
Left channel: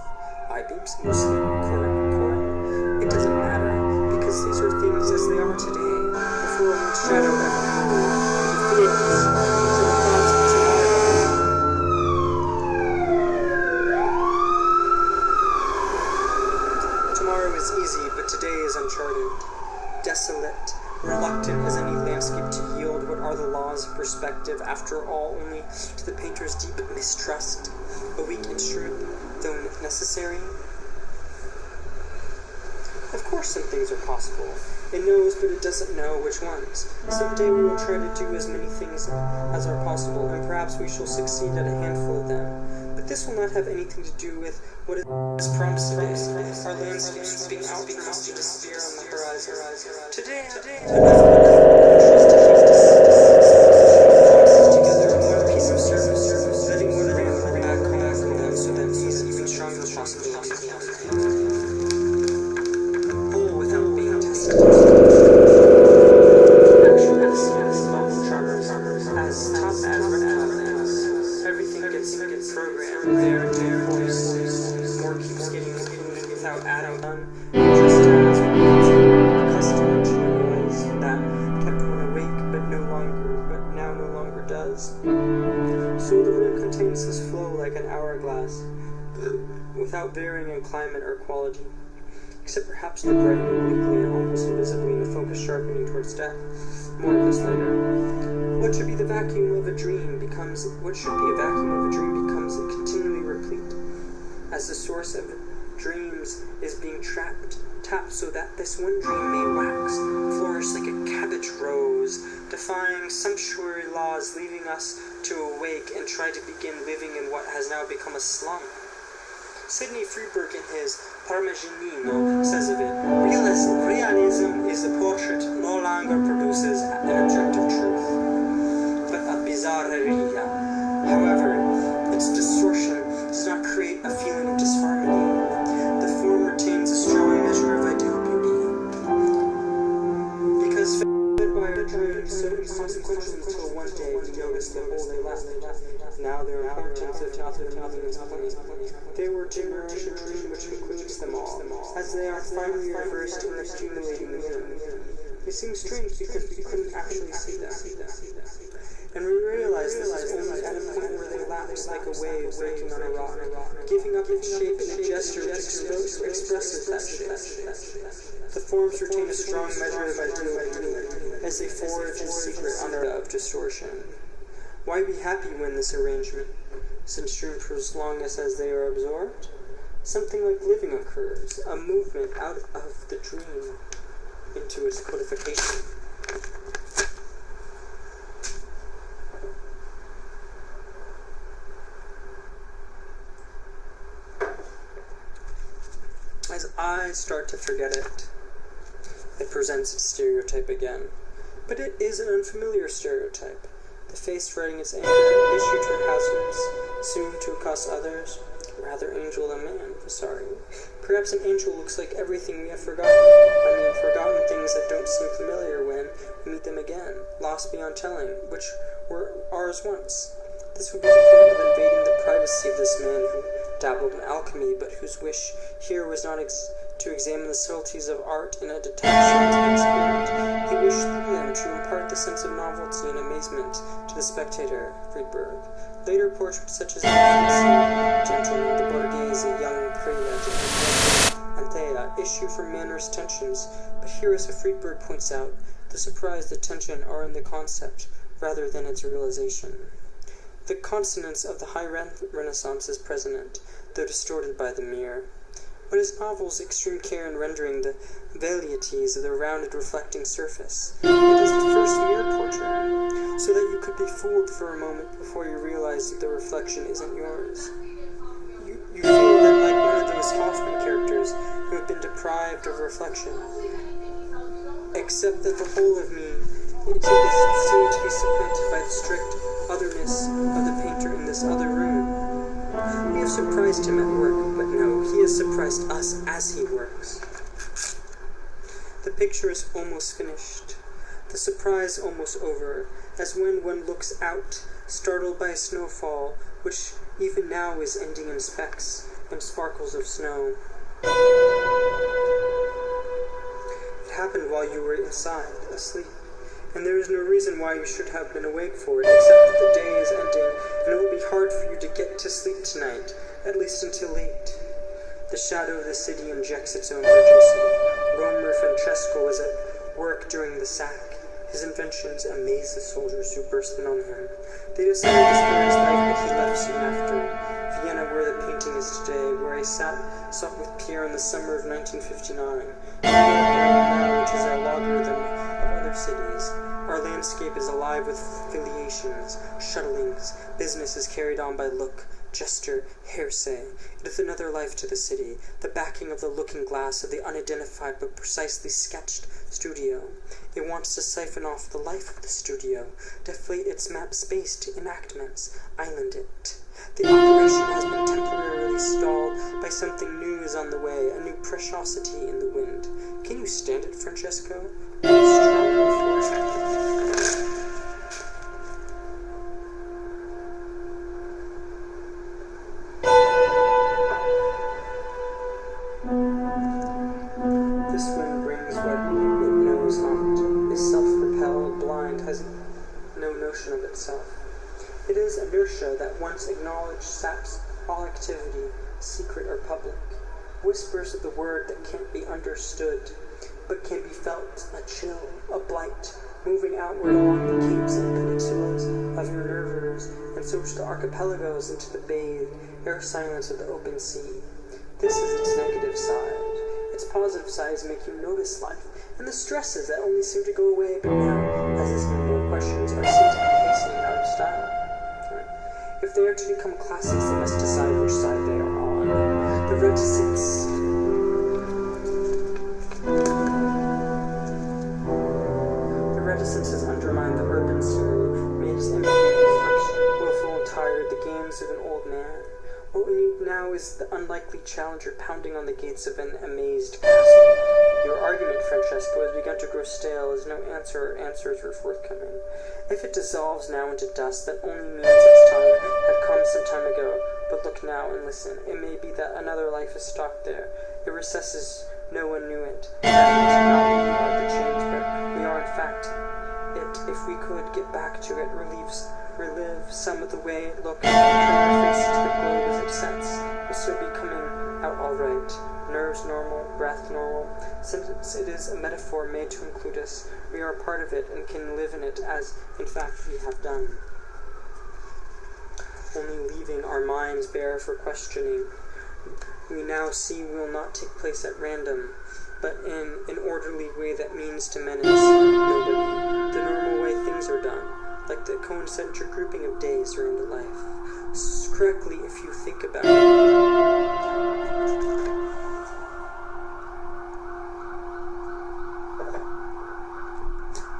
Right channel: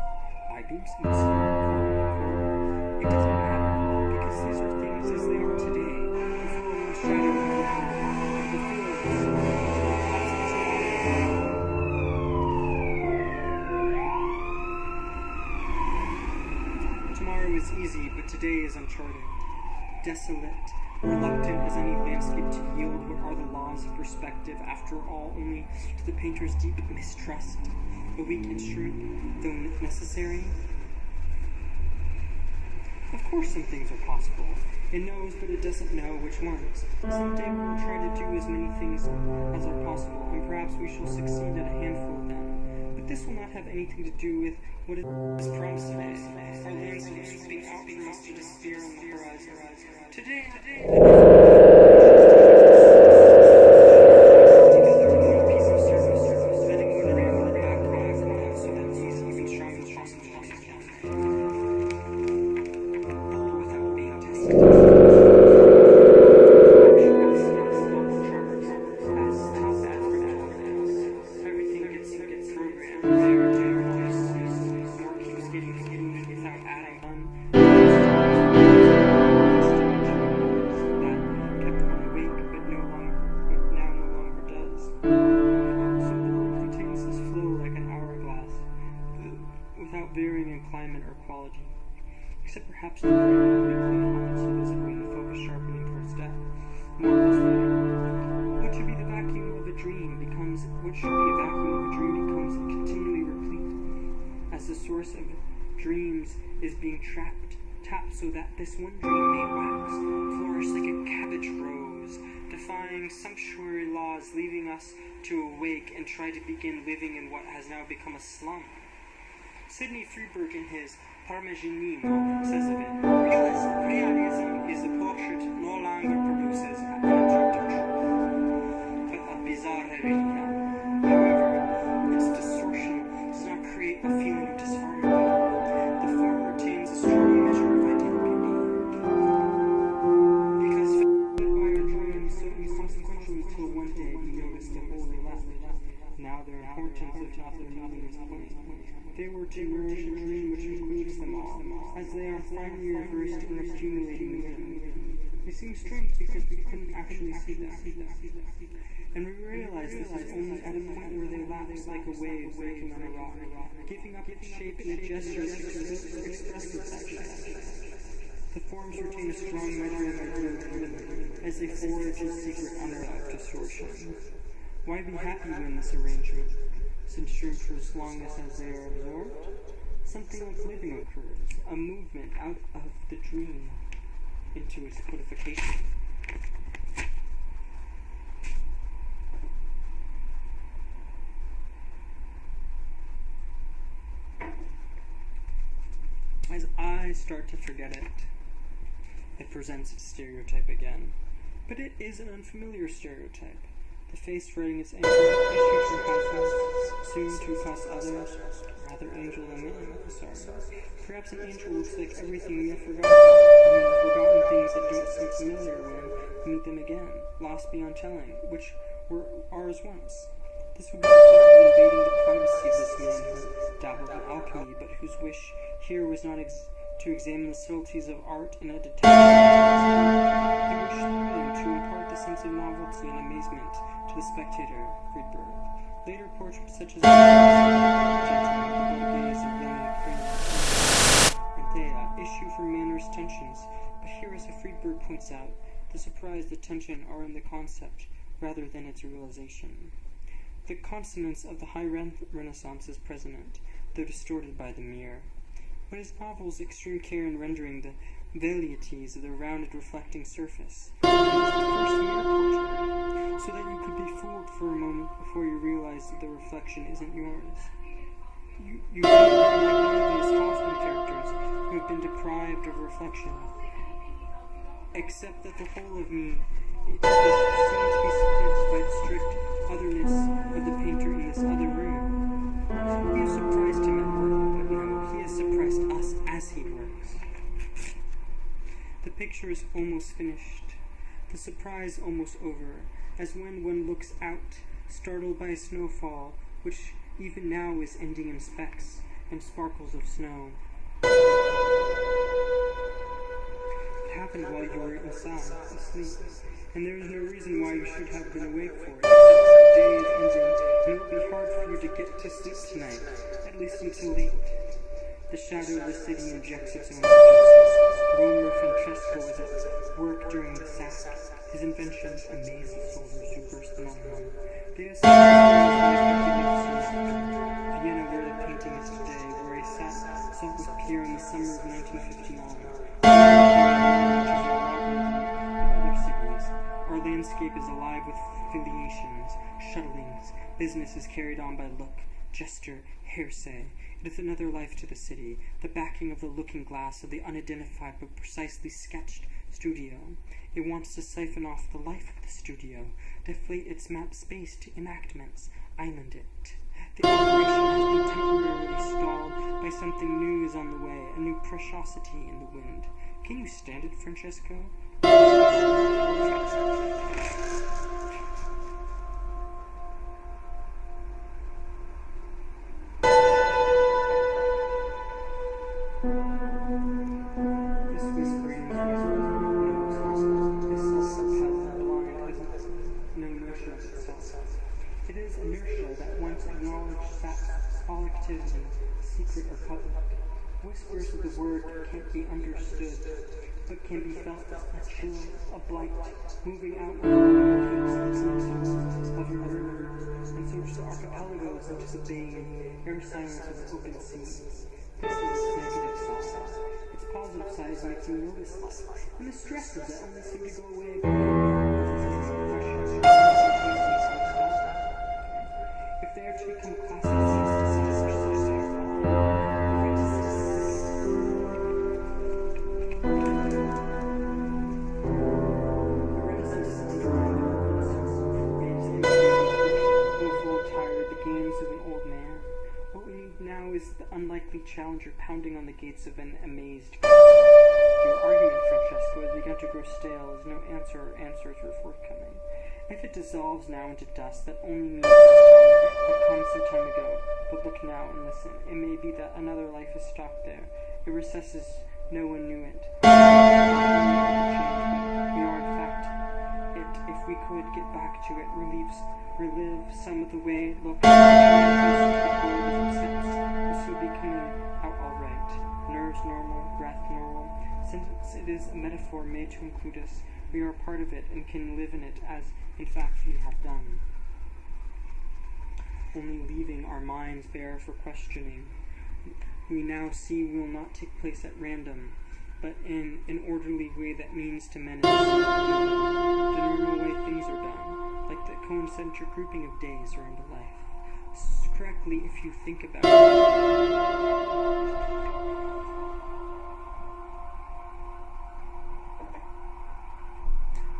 I-beams, mostly current. It doesn't matter, because these are things as they are today, before a shadow ever moved. Tomorrow is easy, but today is uncharted. Desolate, reluctant as any landscape to yield what are the laws of perspective, after all, only to the painter's deep mistrust, a weak instrument, though necessary. Of course some things are possible. It knows, but it doesn't know which ones. Someday we will try to do as many things as are possible, and perhaps we shall succeed at a handful of them. But this will not have anything to do with what is promised today. Our landscape sweeping out from us to disappear on the horizon. Today, together in one piece of service, letting one ram back home so that these even stronger possibilities. Whole without being tested. Action charmers, as tough as everything gets programmed. There, voice, more keeps getting included without adding on. Just as accustomed to a noise that kept one awake, but now no longer does. So the room contains this flow like an hourglass, without varying in climate or quality, except perhaps to brighten obliquely and almost invisibly in the focus sharpening towards death. More of this later. What should be the vacuum of a dream becomes continually replete, as the source of dreams is being tapped so that this one dream may wax, flourish like a cabbage rose, defying sumptuary laws, leaving us to awake and try to begin living in what has now become a slum. Sidney Freeberg in his Parmigianino says of it, realism is a portrait no longer produces an objective truth, but a bizarreria. However, its distortion does not create a feeling of disharmony. The form retains a strong measure of ideal beauty, because now their importance of other meanings plain. They were to nourish a dream which includes them all, as they are finally reversed in accumulating within. They seem strange because we couldn't actually see them. And we realize this is only at a point where they lapse like a wave breaking on a rock, giving up its shape in a gesture which expresses that shape. The forms retain a strong measure of ideality as they forge in secret under of distortion. Why be happy when this arrangement, since dreams for as long as they are absorbed? Something like living occurs, a movement out of the dream into its codification. As I start to forget it, it presents its stereotype again. But it is an unfamiliar stereotype. The face writing its anger, issued to households, soon to accost others. Rather angel than man, sorry. Perhaps an angel looks like everything we have forgotten. Forgotten things that don't seem familiar when we meet them again, lost beyond telling, which were ours once. This would be the point of invading the privacy of this man who dabbled in alchemy, but whose wish here was not to examine the subtleties of art in a detached spirit. He wished through them to impart the sense of novelty and amazement to the spectator, Friedberg. Later portraits such as the gentleman, the Borghese, a young prelate, and Thea issue from manners tensions, but here, as Friedberg points out, the surprise, the tension are in the concept rather than its realization. The consonance of the high Renaissance is present, though distorted by the mirror. But his novel's extreme care in rendering the velleities of the rounded reflecting surface. It is the first mirror portrait, so that you could be fooled for a moment before you realize that the reflection isn't yours. You feel then like one of those Hoffman characters who have been deprived of reflection. Except that the whole of me is seen to be supplanted by the strict otherness of the painter in this other room. We have surprised him at work, but no, he has surprised us as he works. The picture is almost finished, the surprise almost over, as when one looks out, startled by a snowfall, which even now is ending in specks and sparkles of snow. It happened while you were inside, asleep, and there is no reason why you should have been awake for it, except that the day is ending, and it will be hard for you to get to sleep tonight, at least until late. The shadow of the city injects its own urgency. Romer Francesco was at work during the sack. His inventions amazed the soldiers who burst in on him. They decided to spare his life, but he left soon after. Vienna, where the painting is today, where he sought with Pierre in the summer of 1959. Which is our logarithm of other cities. Our landscape is alive with affiliations, shuttlings. Business is carried on by look, gesture, hearsay. It is another life to the city, the backing of the looking glass of the unidentified but precisely sketched studio. It wants to siphon off the life of the studio, deflate its map space to enactments, island it. The operation has been temporarily stalled by something new is on the way, a new preciosity in the wind. Can you stand it, Francesco? Are you strong enough for it? This wind brings what it knows not, is self-propelled, blind, has no notion of itself. It is inertia that once acknowledged saps all activity, secret or public, whispers of the word that can't be understood, but can be felt, a chill, a blight, moving outward along the capes and peninsulas of your nervers, and so to the archipelagos into the bathed, air silence of the open sea. This is its negative side. Its positive sides make you notice life, and the stresses that only seem to go away but now, as these beautiful questions are seen to be hastening out of style. If they are to become classics, they must decide which side they are on. The reticence has undermined the urban scene, made its ambiguity willful and tired, the games of an old man. What we need now is the unlikely challenger pounding on the gates of an amazed castle. Your argument, Francesco, has begun to grow stale as no answer or answers were forthcoming. If it dissolves now into dust, that only means its time had come some time ago, but look now and listen. It may be that another life is stocked there. It recesses, no one knew it. Not we are the change, but we are in fact it. If we could get back to it, relive some of the way it looked, turn our faces to the globe as it sets, will still be coming out all right. Nerves normal, breath normal. Since it is a metaphor made to include us, we are a part of it and can live in it as, in fact, we have done. Only leaving our minds bare for questioning. We now see will not take place at random, but in an orderly way that means to menace nobody. The normal way things are done, like the concentric grouping of days around a life. Correctly if you think about it.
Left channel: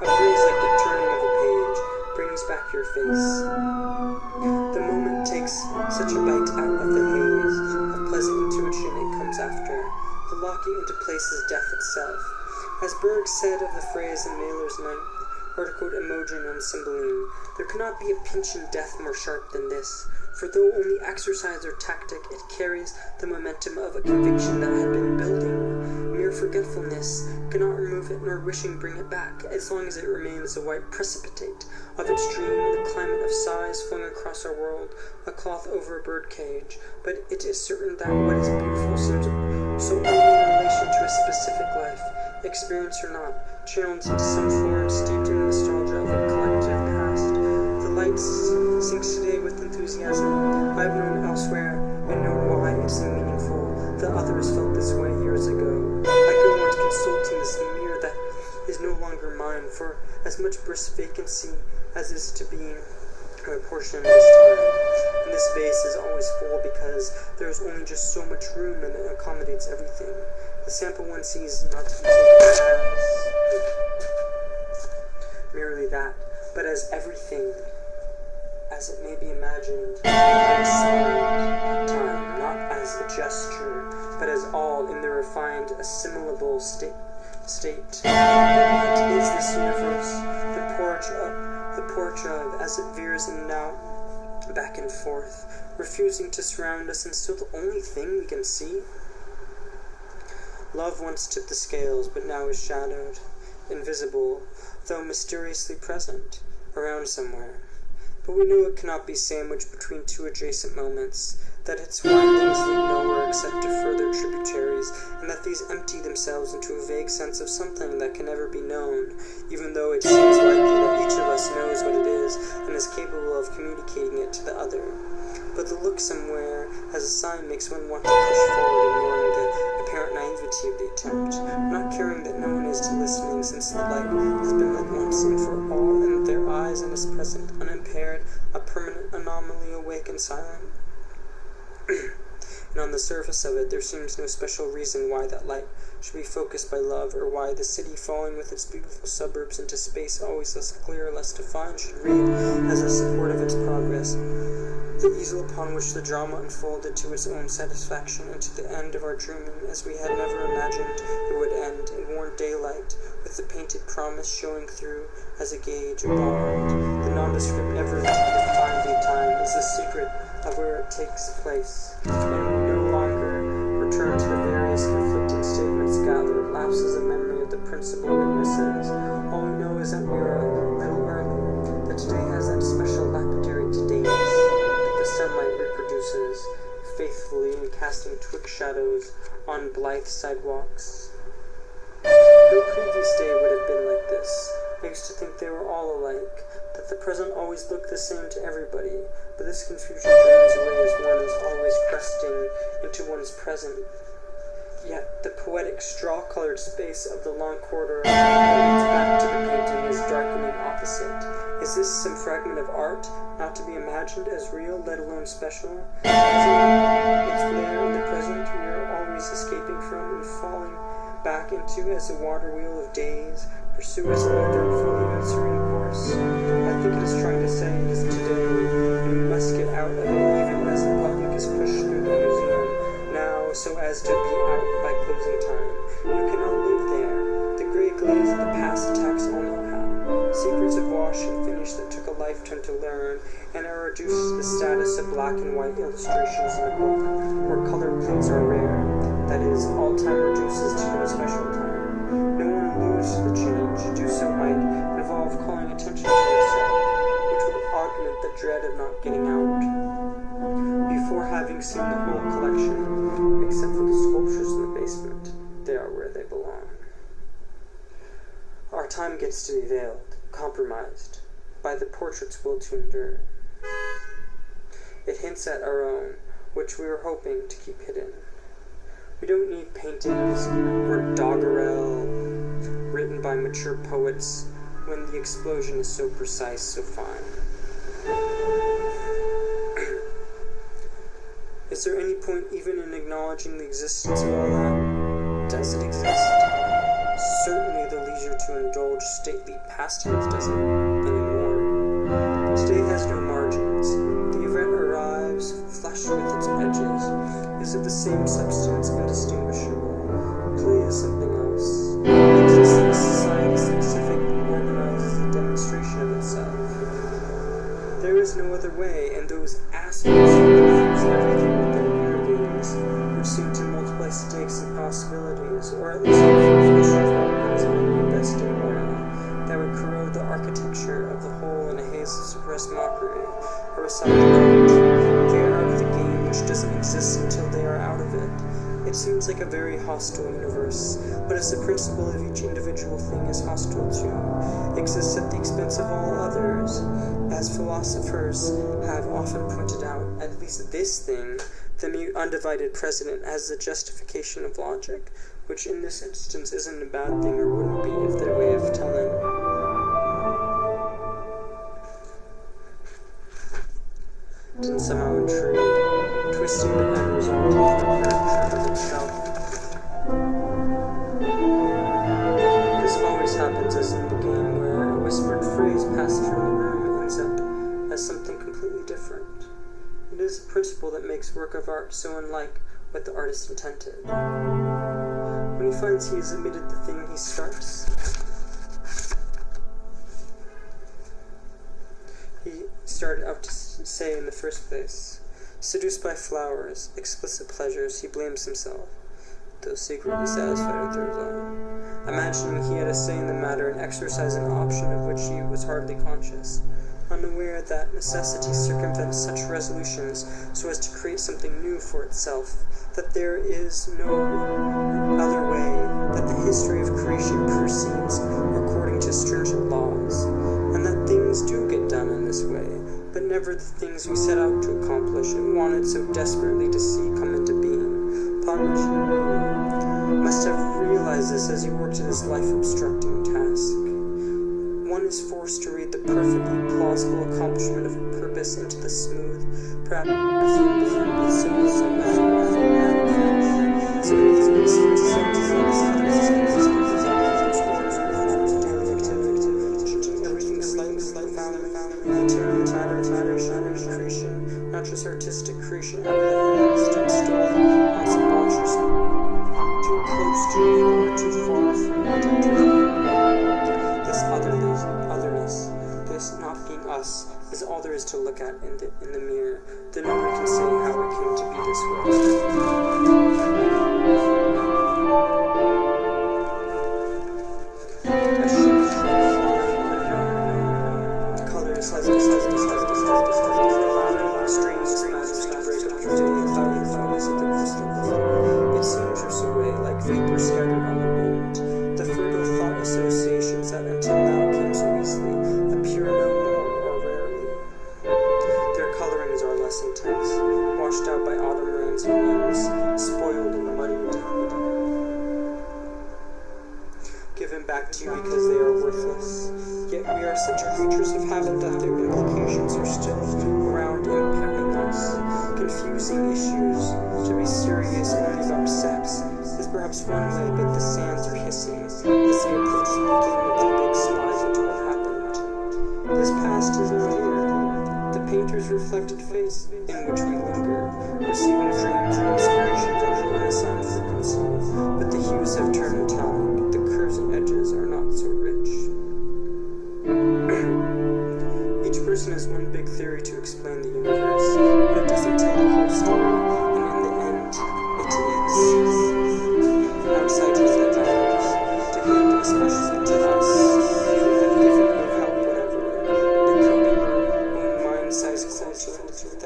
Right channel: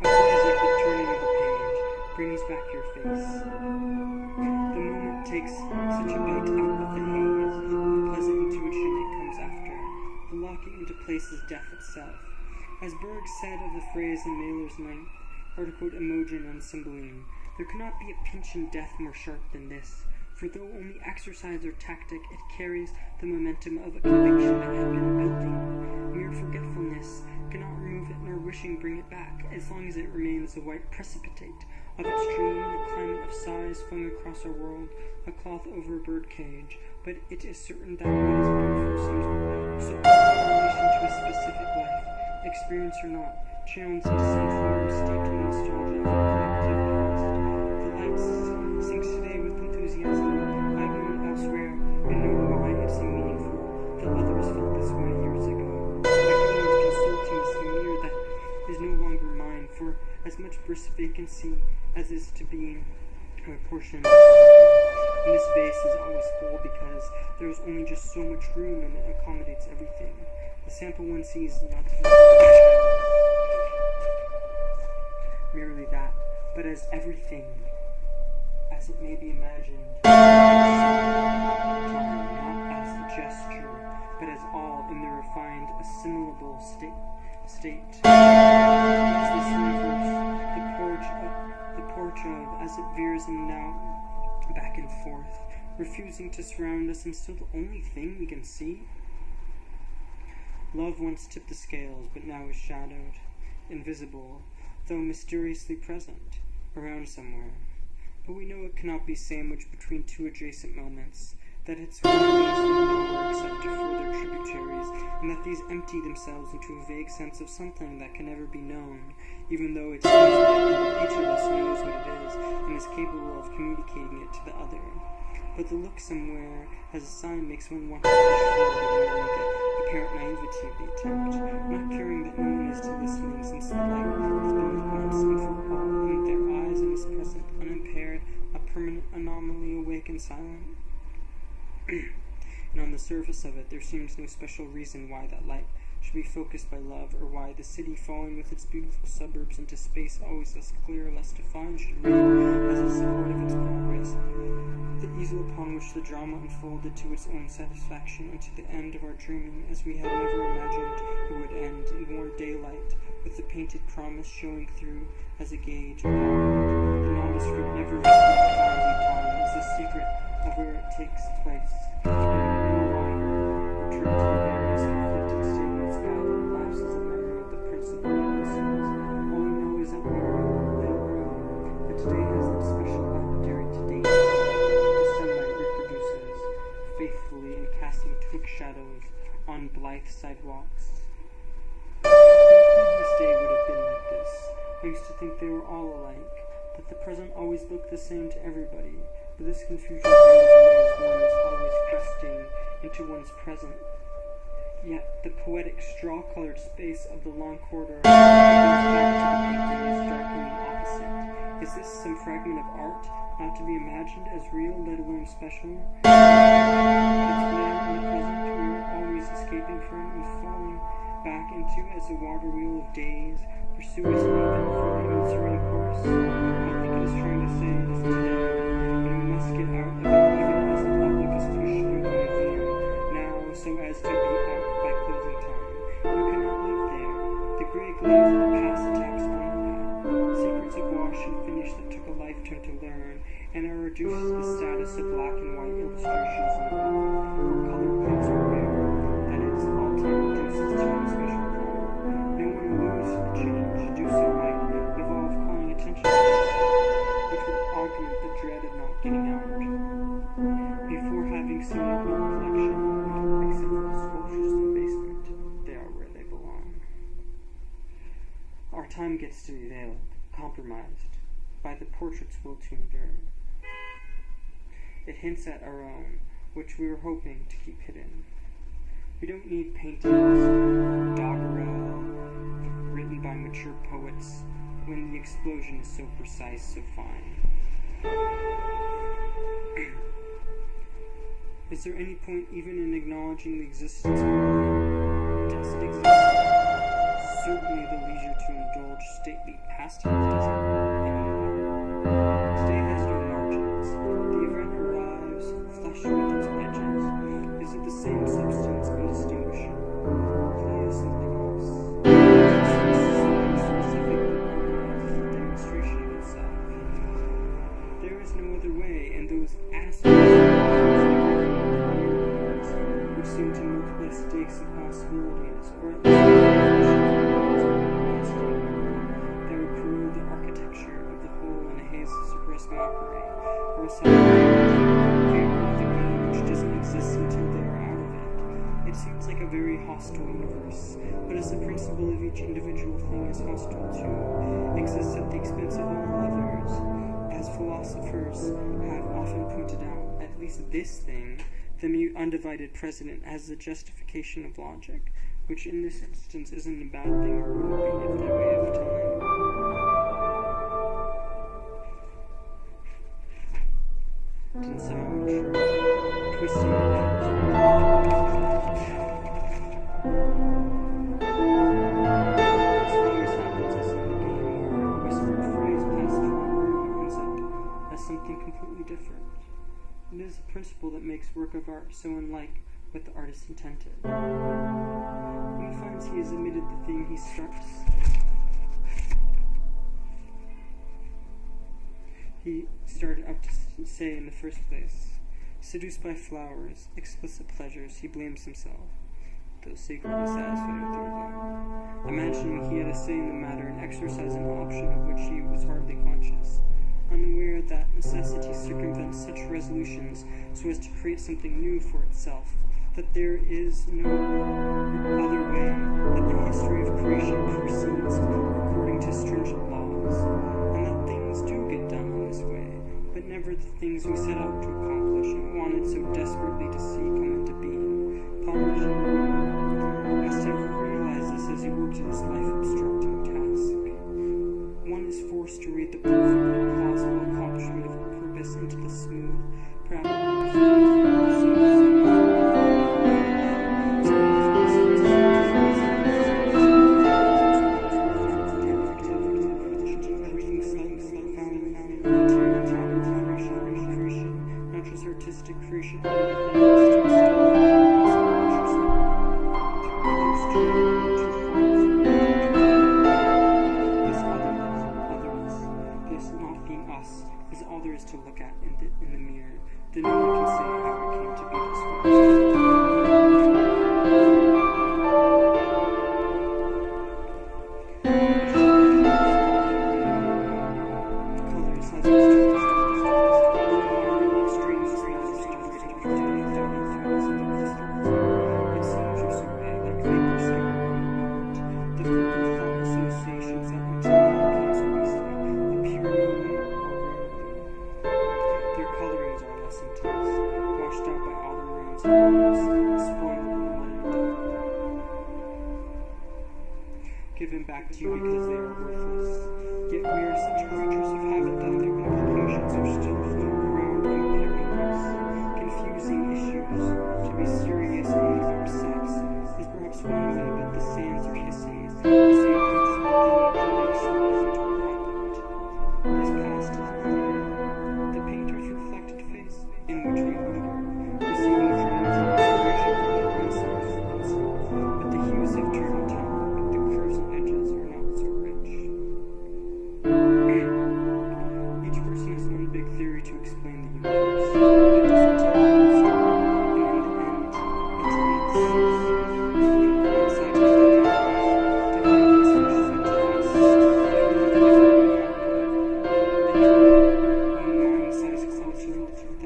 A phrase like the turning of a page brings back your face. The moment takes such a bite out of the haze, a pleasant intuition it comes after. The locking into place is death itself. As Berg said of the phrase in Mailer's ninth article Imogen on Cymbeline, there cannot be a pinch in death more sharp than this, for though only exercise or tactic, it carries the momentum of a conviction that had been building. Mere forgetfulness cannot remove it, nor wishing bring it back, as long as it remains a white precipitate of its dream, the climate of sighs flung across our world, a cloth over a birdcage. But it is certain that what is beautiful seems so only in relation to a specific life, experience or not, channeled into some form steeped in the nostalgia of a collective past. The light sinks today with enthusiasm I've known elsewhere, and know why it's meaningful. The others felt this way years ago. I go on consulting this mirror that is no longer mine, for as much brisk vacancy as is to be a portion of this time. And this vase is always full because there is only just so much room and it accommodates everything. The sample one sees is not to be taken as merely that, but as everything, as it may be imagined, inside time, not as a gesture, but as all in the refined, assimilable state. What is this universe? The porch of, as it veers in and out, back and forth, refusing to surround us, and still the only thing we can see? Love once tipped the scales, but now is shadowed, invisible, though mysteriously present, around somewhere. But we know it cannot be sandwiched between two adjacent moments, that its windings lead nowhere except to further tributaries, and that these empty themselves into a vague sense of something that can never be known, even though it seems likely that each of us knows what it is and is capable of communicating it to the other. But the look somewhere as a sign makes one want to push forward, ignoring the apparent naivety of the attempt, not caring that no one is to listening, since the light has been lit once and for all in their eyes and is present, unimpaired, a permanent anomaly, awake and silent. And on the surface of it there seems no special reason why that light should be focused by love, or why the city falling with its beautiful suburbs into space always less clear, less defined, should read as a support of its progress, the easel upon which the drama unfolded to its own satisfaction, and to the end of our dreaming, as we had never imagined it would end, in warm daylight, with the painted promise showing through as a gauge, a bond. The nondescript, never defined lead time is the secret of where it takes place, and we no longer return to the various conflicting statements gathered, lapses of memory of the principal witnesses. All we know is that we are a little earlier, that today has that special lapidary todayness that the sunlight reproduces faithfully in casting twixt shadows on blithe sidewalks. No previous day would have been like this. I used to think they were all alike, that the present always looked the same to everybody, but this confusion drains away as one is always cresting into one's present. Yet the poetic straw-colored space of the long corridor that leads back to the painting is darkening opposite. Is this some fragment of art, not to be imagined as real, let alone special? It's there in the present we are always escaping from and falling back into as a water wheel of days, pursue its uneventful, even serene course. I think it is trying to say it is today, and we must get out of it even as the public is pushed through the museum now, so as to be out by closing time. You cannot live there. The gray glaze of the past attacks all know-how. secrets of wash and finish that took a lifetime to learn, and are reduced to the status of black and white illustrations in a book, where color plates are rare. That is, all time reduces to no special time. No one alludes to the change. To do so might involve calling attention to itself, which would augment the dread of not getting out. Before having seen the whole collection, except for the sculptures in the basement, they are where they belong. Our time gets to be veiled, compromised, by the portrait's will to endure. It hints at our own, which we were hoping to keep hidden. We don't need paintings or doggerel written by mature poets when the explosion is so precise, so fine. Is there any point even in acknowledging the existence of all that? Does it exist? Certainly the leisure to indulge stately pastimes doesn't anymore. Today has no margins. The event arrives, flush with its edges, is of the same substance, indistinguishable. Play is something else. It exists society specific and organizes a demonstration of itself. There is no other way, and those assholes who confuse everything with their mirror games are soon to multiply stakes and possibilities, or at least issues of best in aura that would corrode the architecture of the whole in a haze of suppressed mockery, or a side debate. They are out of the game, which doesn't exist until they are out of it. It seems like a very hostile universe, but as the principle of each individual thing is hostile too, exists at the expense of all others. As philosophers have often pointed out, at least this thing, the mute undivided precedent, has the justification of logic, which in this instance isn't a bad thing, or wouldn't be if their way of telling. Didn't somehow intrude, twisting the letters of the This always happens as in the game, where a whispered phrase passes from the room ends up as something completely different. It is a principle that makes work of art so unlike what the artist intended. When he finds he has omitted the thing he started out to say in the first place. Seduced by flowers, explicit pleasures, he blames himself, though secretly satisfied with the result. Imagining he had a say in the matter and exercise an option of which he was hardly conscious, unaware that necessity circumvents such resolutions so as to create something new for itself, that there is no other way, that the history of creation proceeds according to stringent laws, and that things do get done in this way, but never the things we set out to accomplish and wanted so desperately to see come into being. Parmesan must have realized this as he worked at his life-obstructing task. One is forced to read the perfectly plausible accomplishment of a purpose into the smooth, perhaps everything slightly found creation, not just artistic creation, stood still, not subconsciously, too close to it or too far from it. This otherness, this not being us, is all there is to look at in the mirror, though no one can say how it came to be this way. It seems drifts away like vapor scattered on the wind. The fertile thought associations that until now came so easily appear no more or rarely. Their colorings are less intense, washed out by autumn rains and winds, spoiled in the muddy deep. Given back to you because they are worthless. Yet we are such creatures of habit that their implications are still around impairing us. Confusing issues. To be serious only about sex is perhaps one way, but the sands are hissing as they approach the beginning of the big slide into what happened. This past is not here. The painter's reflected face in which we linger, receiving dreams and inspiration from the Renaissance frequency, but the hues have turned metallic. The curves and edges are not so rich.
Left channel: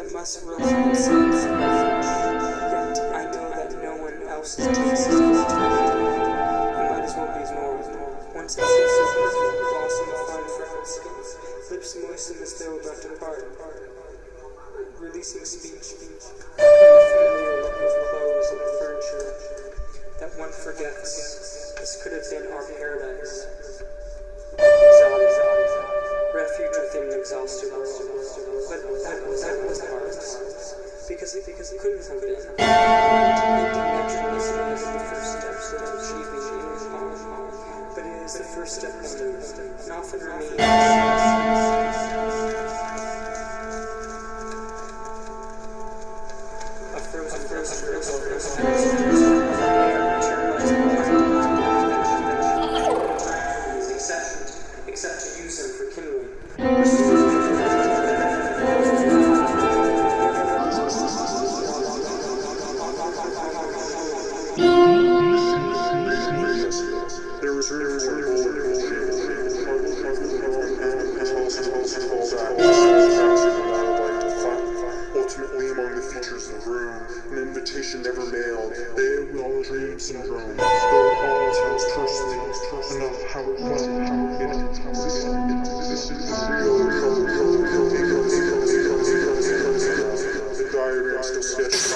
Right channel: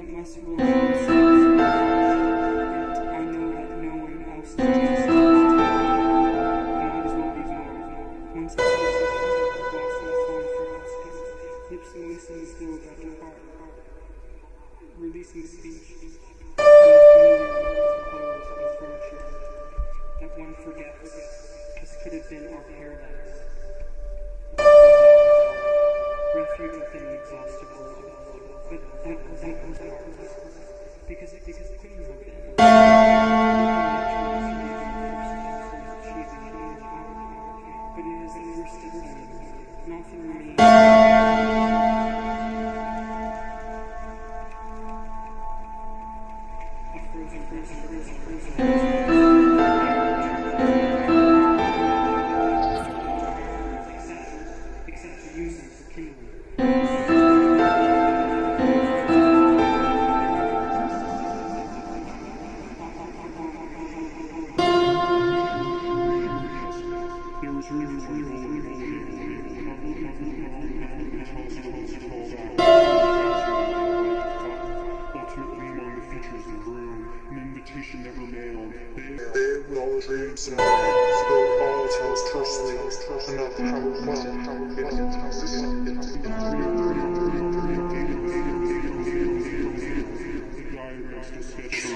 that must really make sense. Yet I know that no one else is doing it. I might as well be more. Once the sense of perfect blossom of fine fragrance, lips moisten as though about to part, releasing speech, and the familiar look of clothes and furniture that one forgets. This could have been our paradise. Refuge within an exhausted world. But that was hard. Because it couldn't have been. Ending naturalism is the first step toward achieving inner calm. But it is the first step and often remains. A frozen except to use them for kindling. There was room for ultimately among the features of the room, an invitation never mailed. They all dreamed syndrome. The diagram still sketched.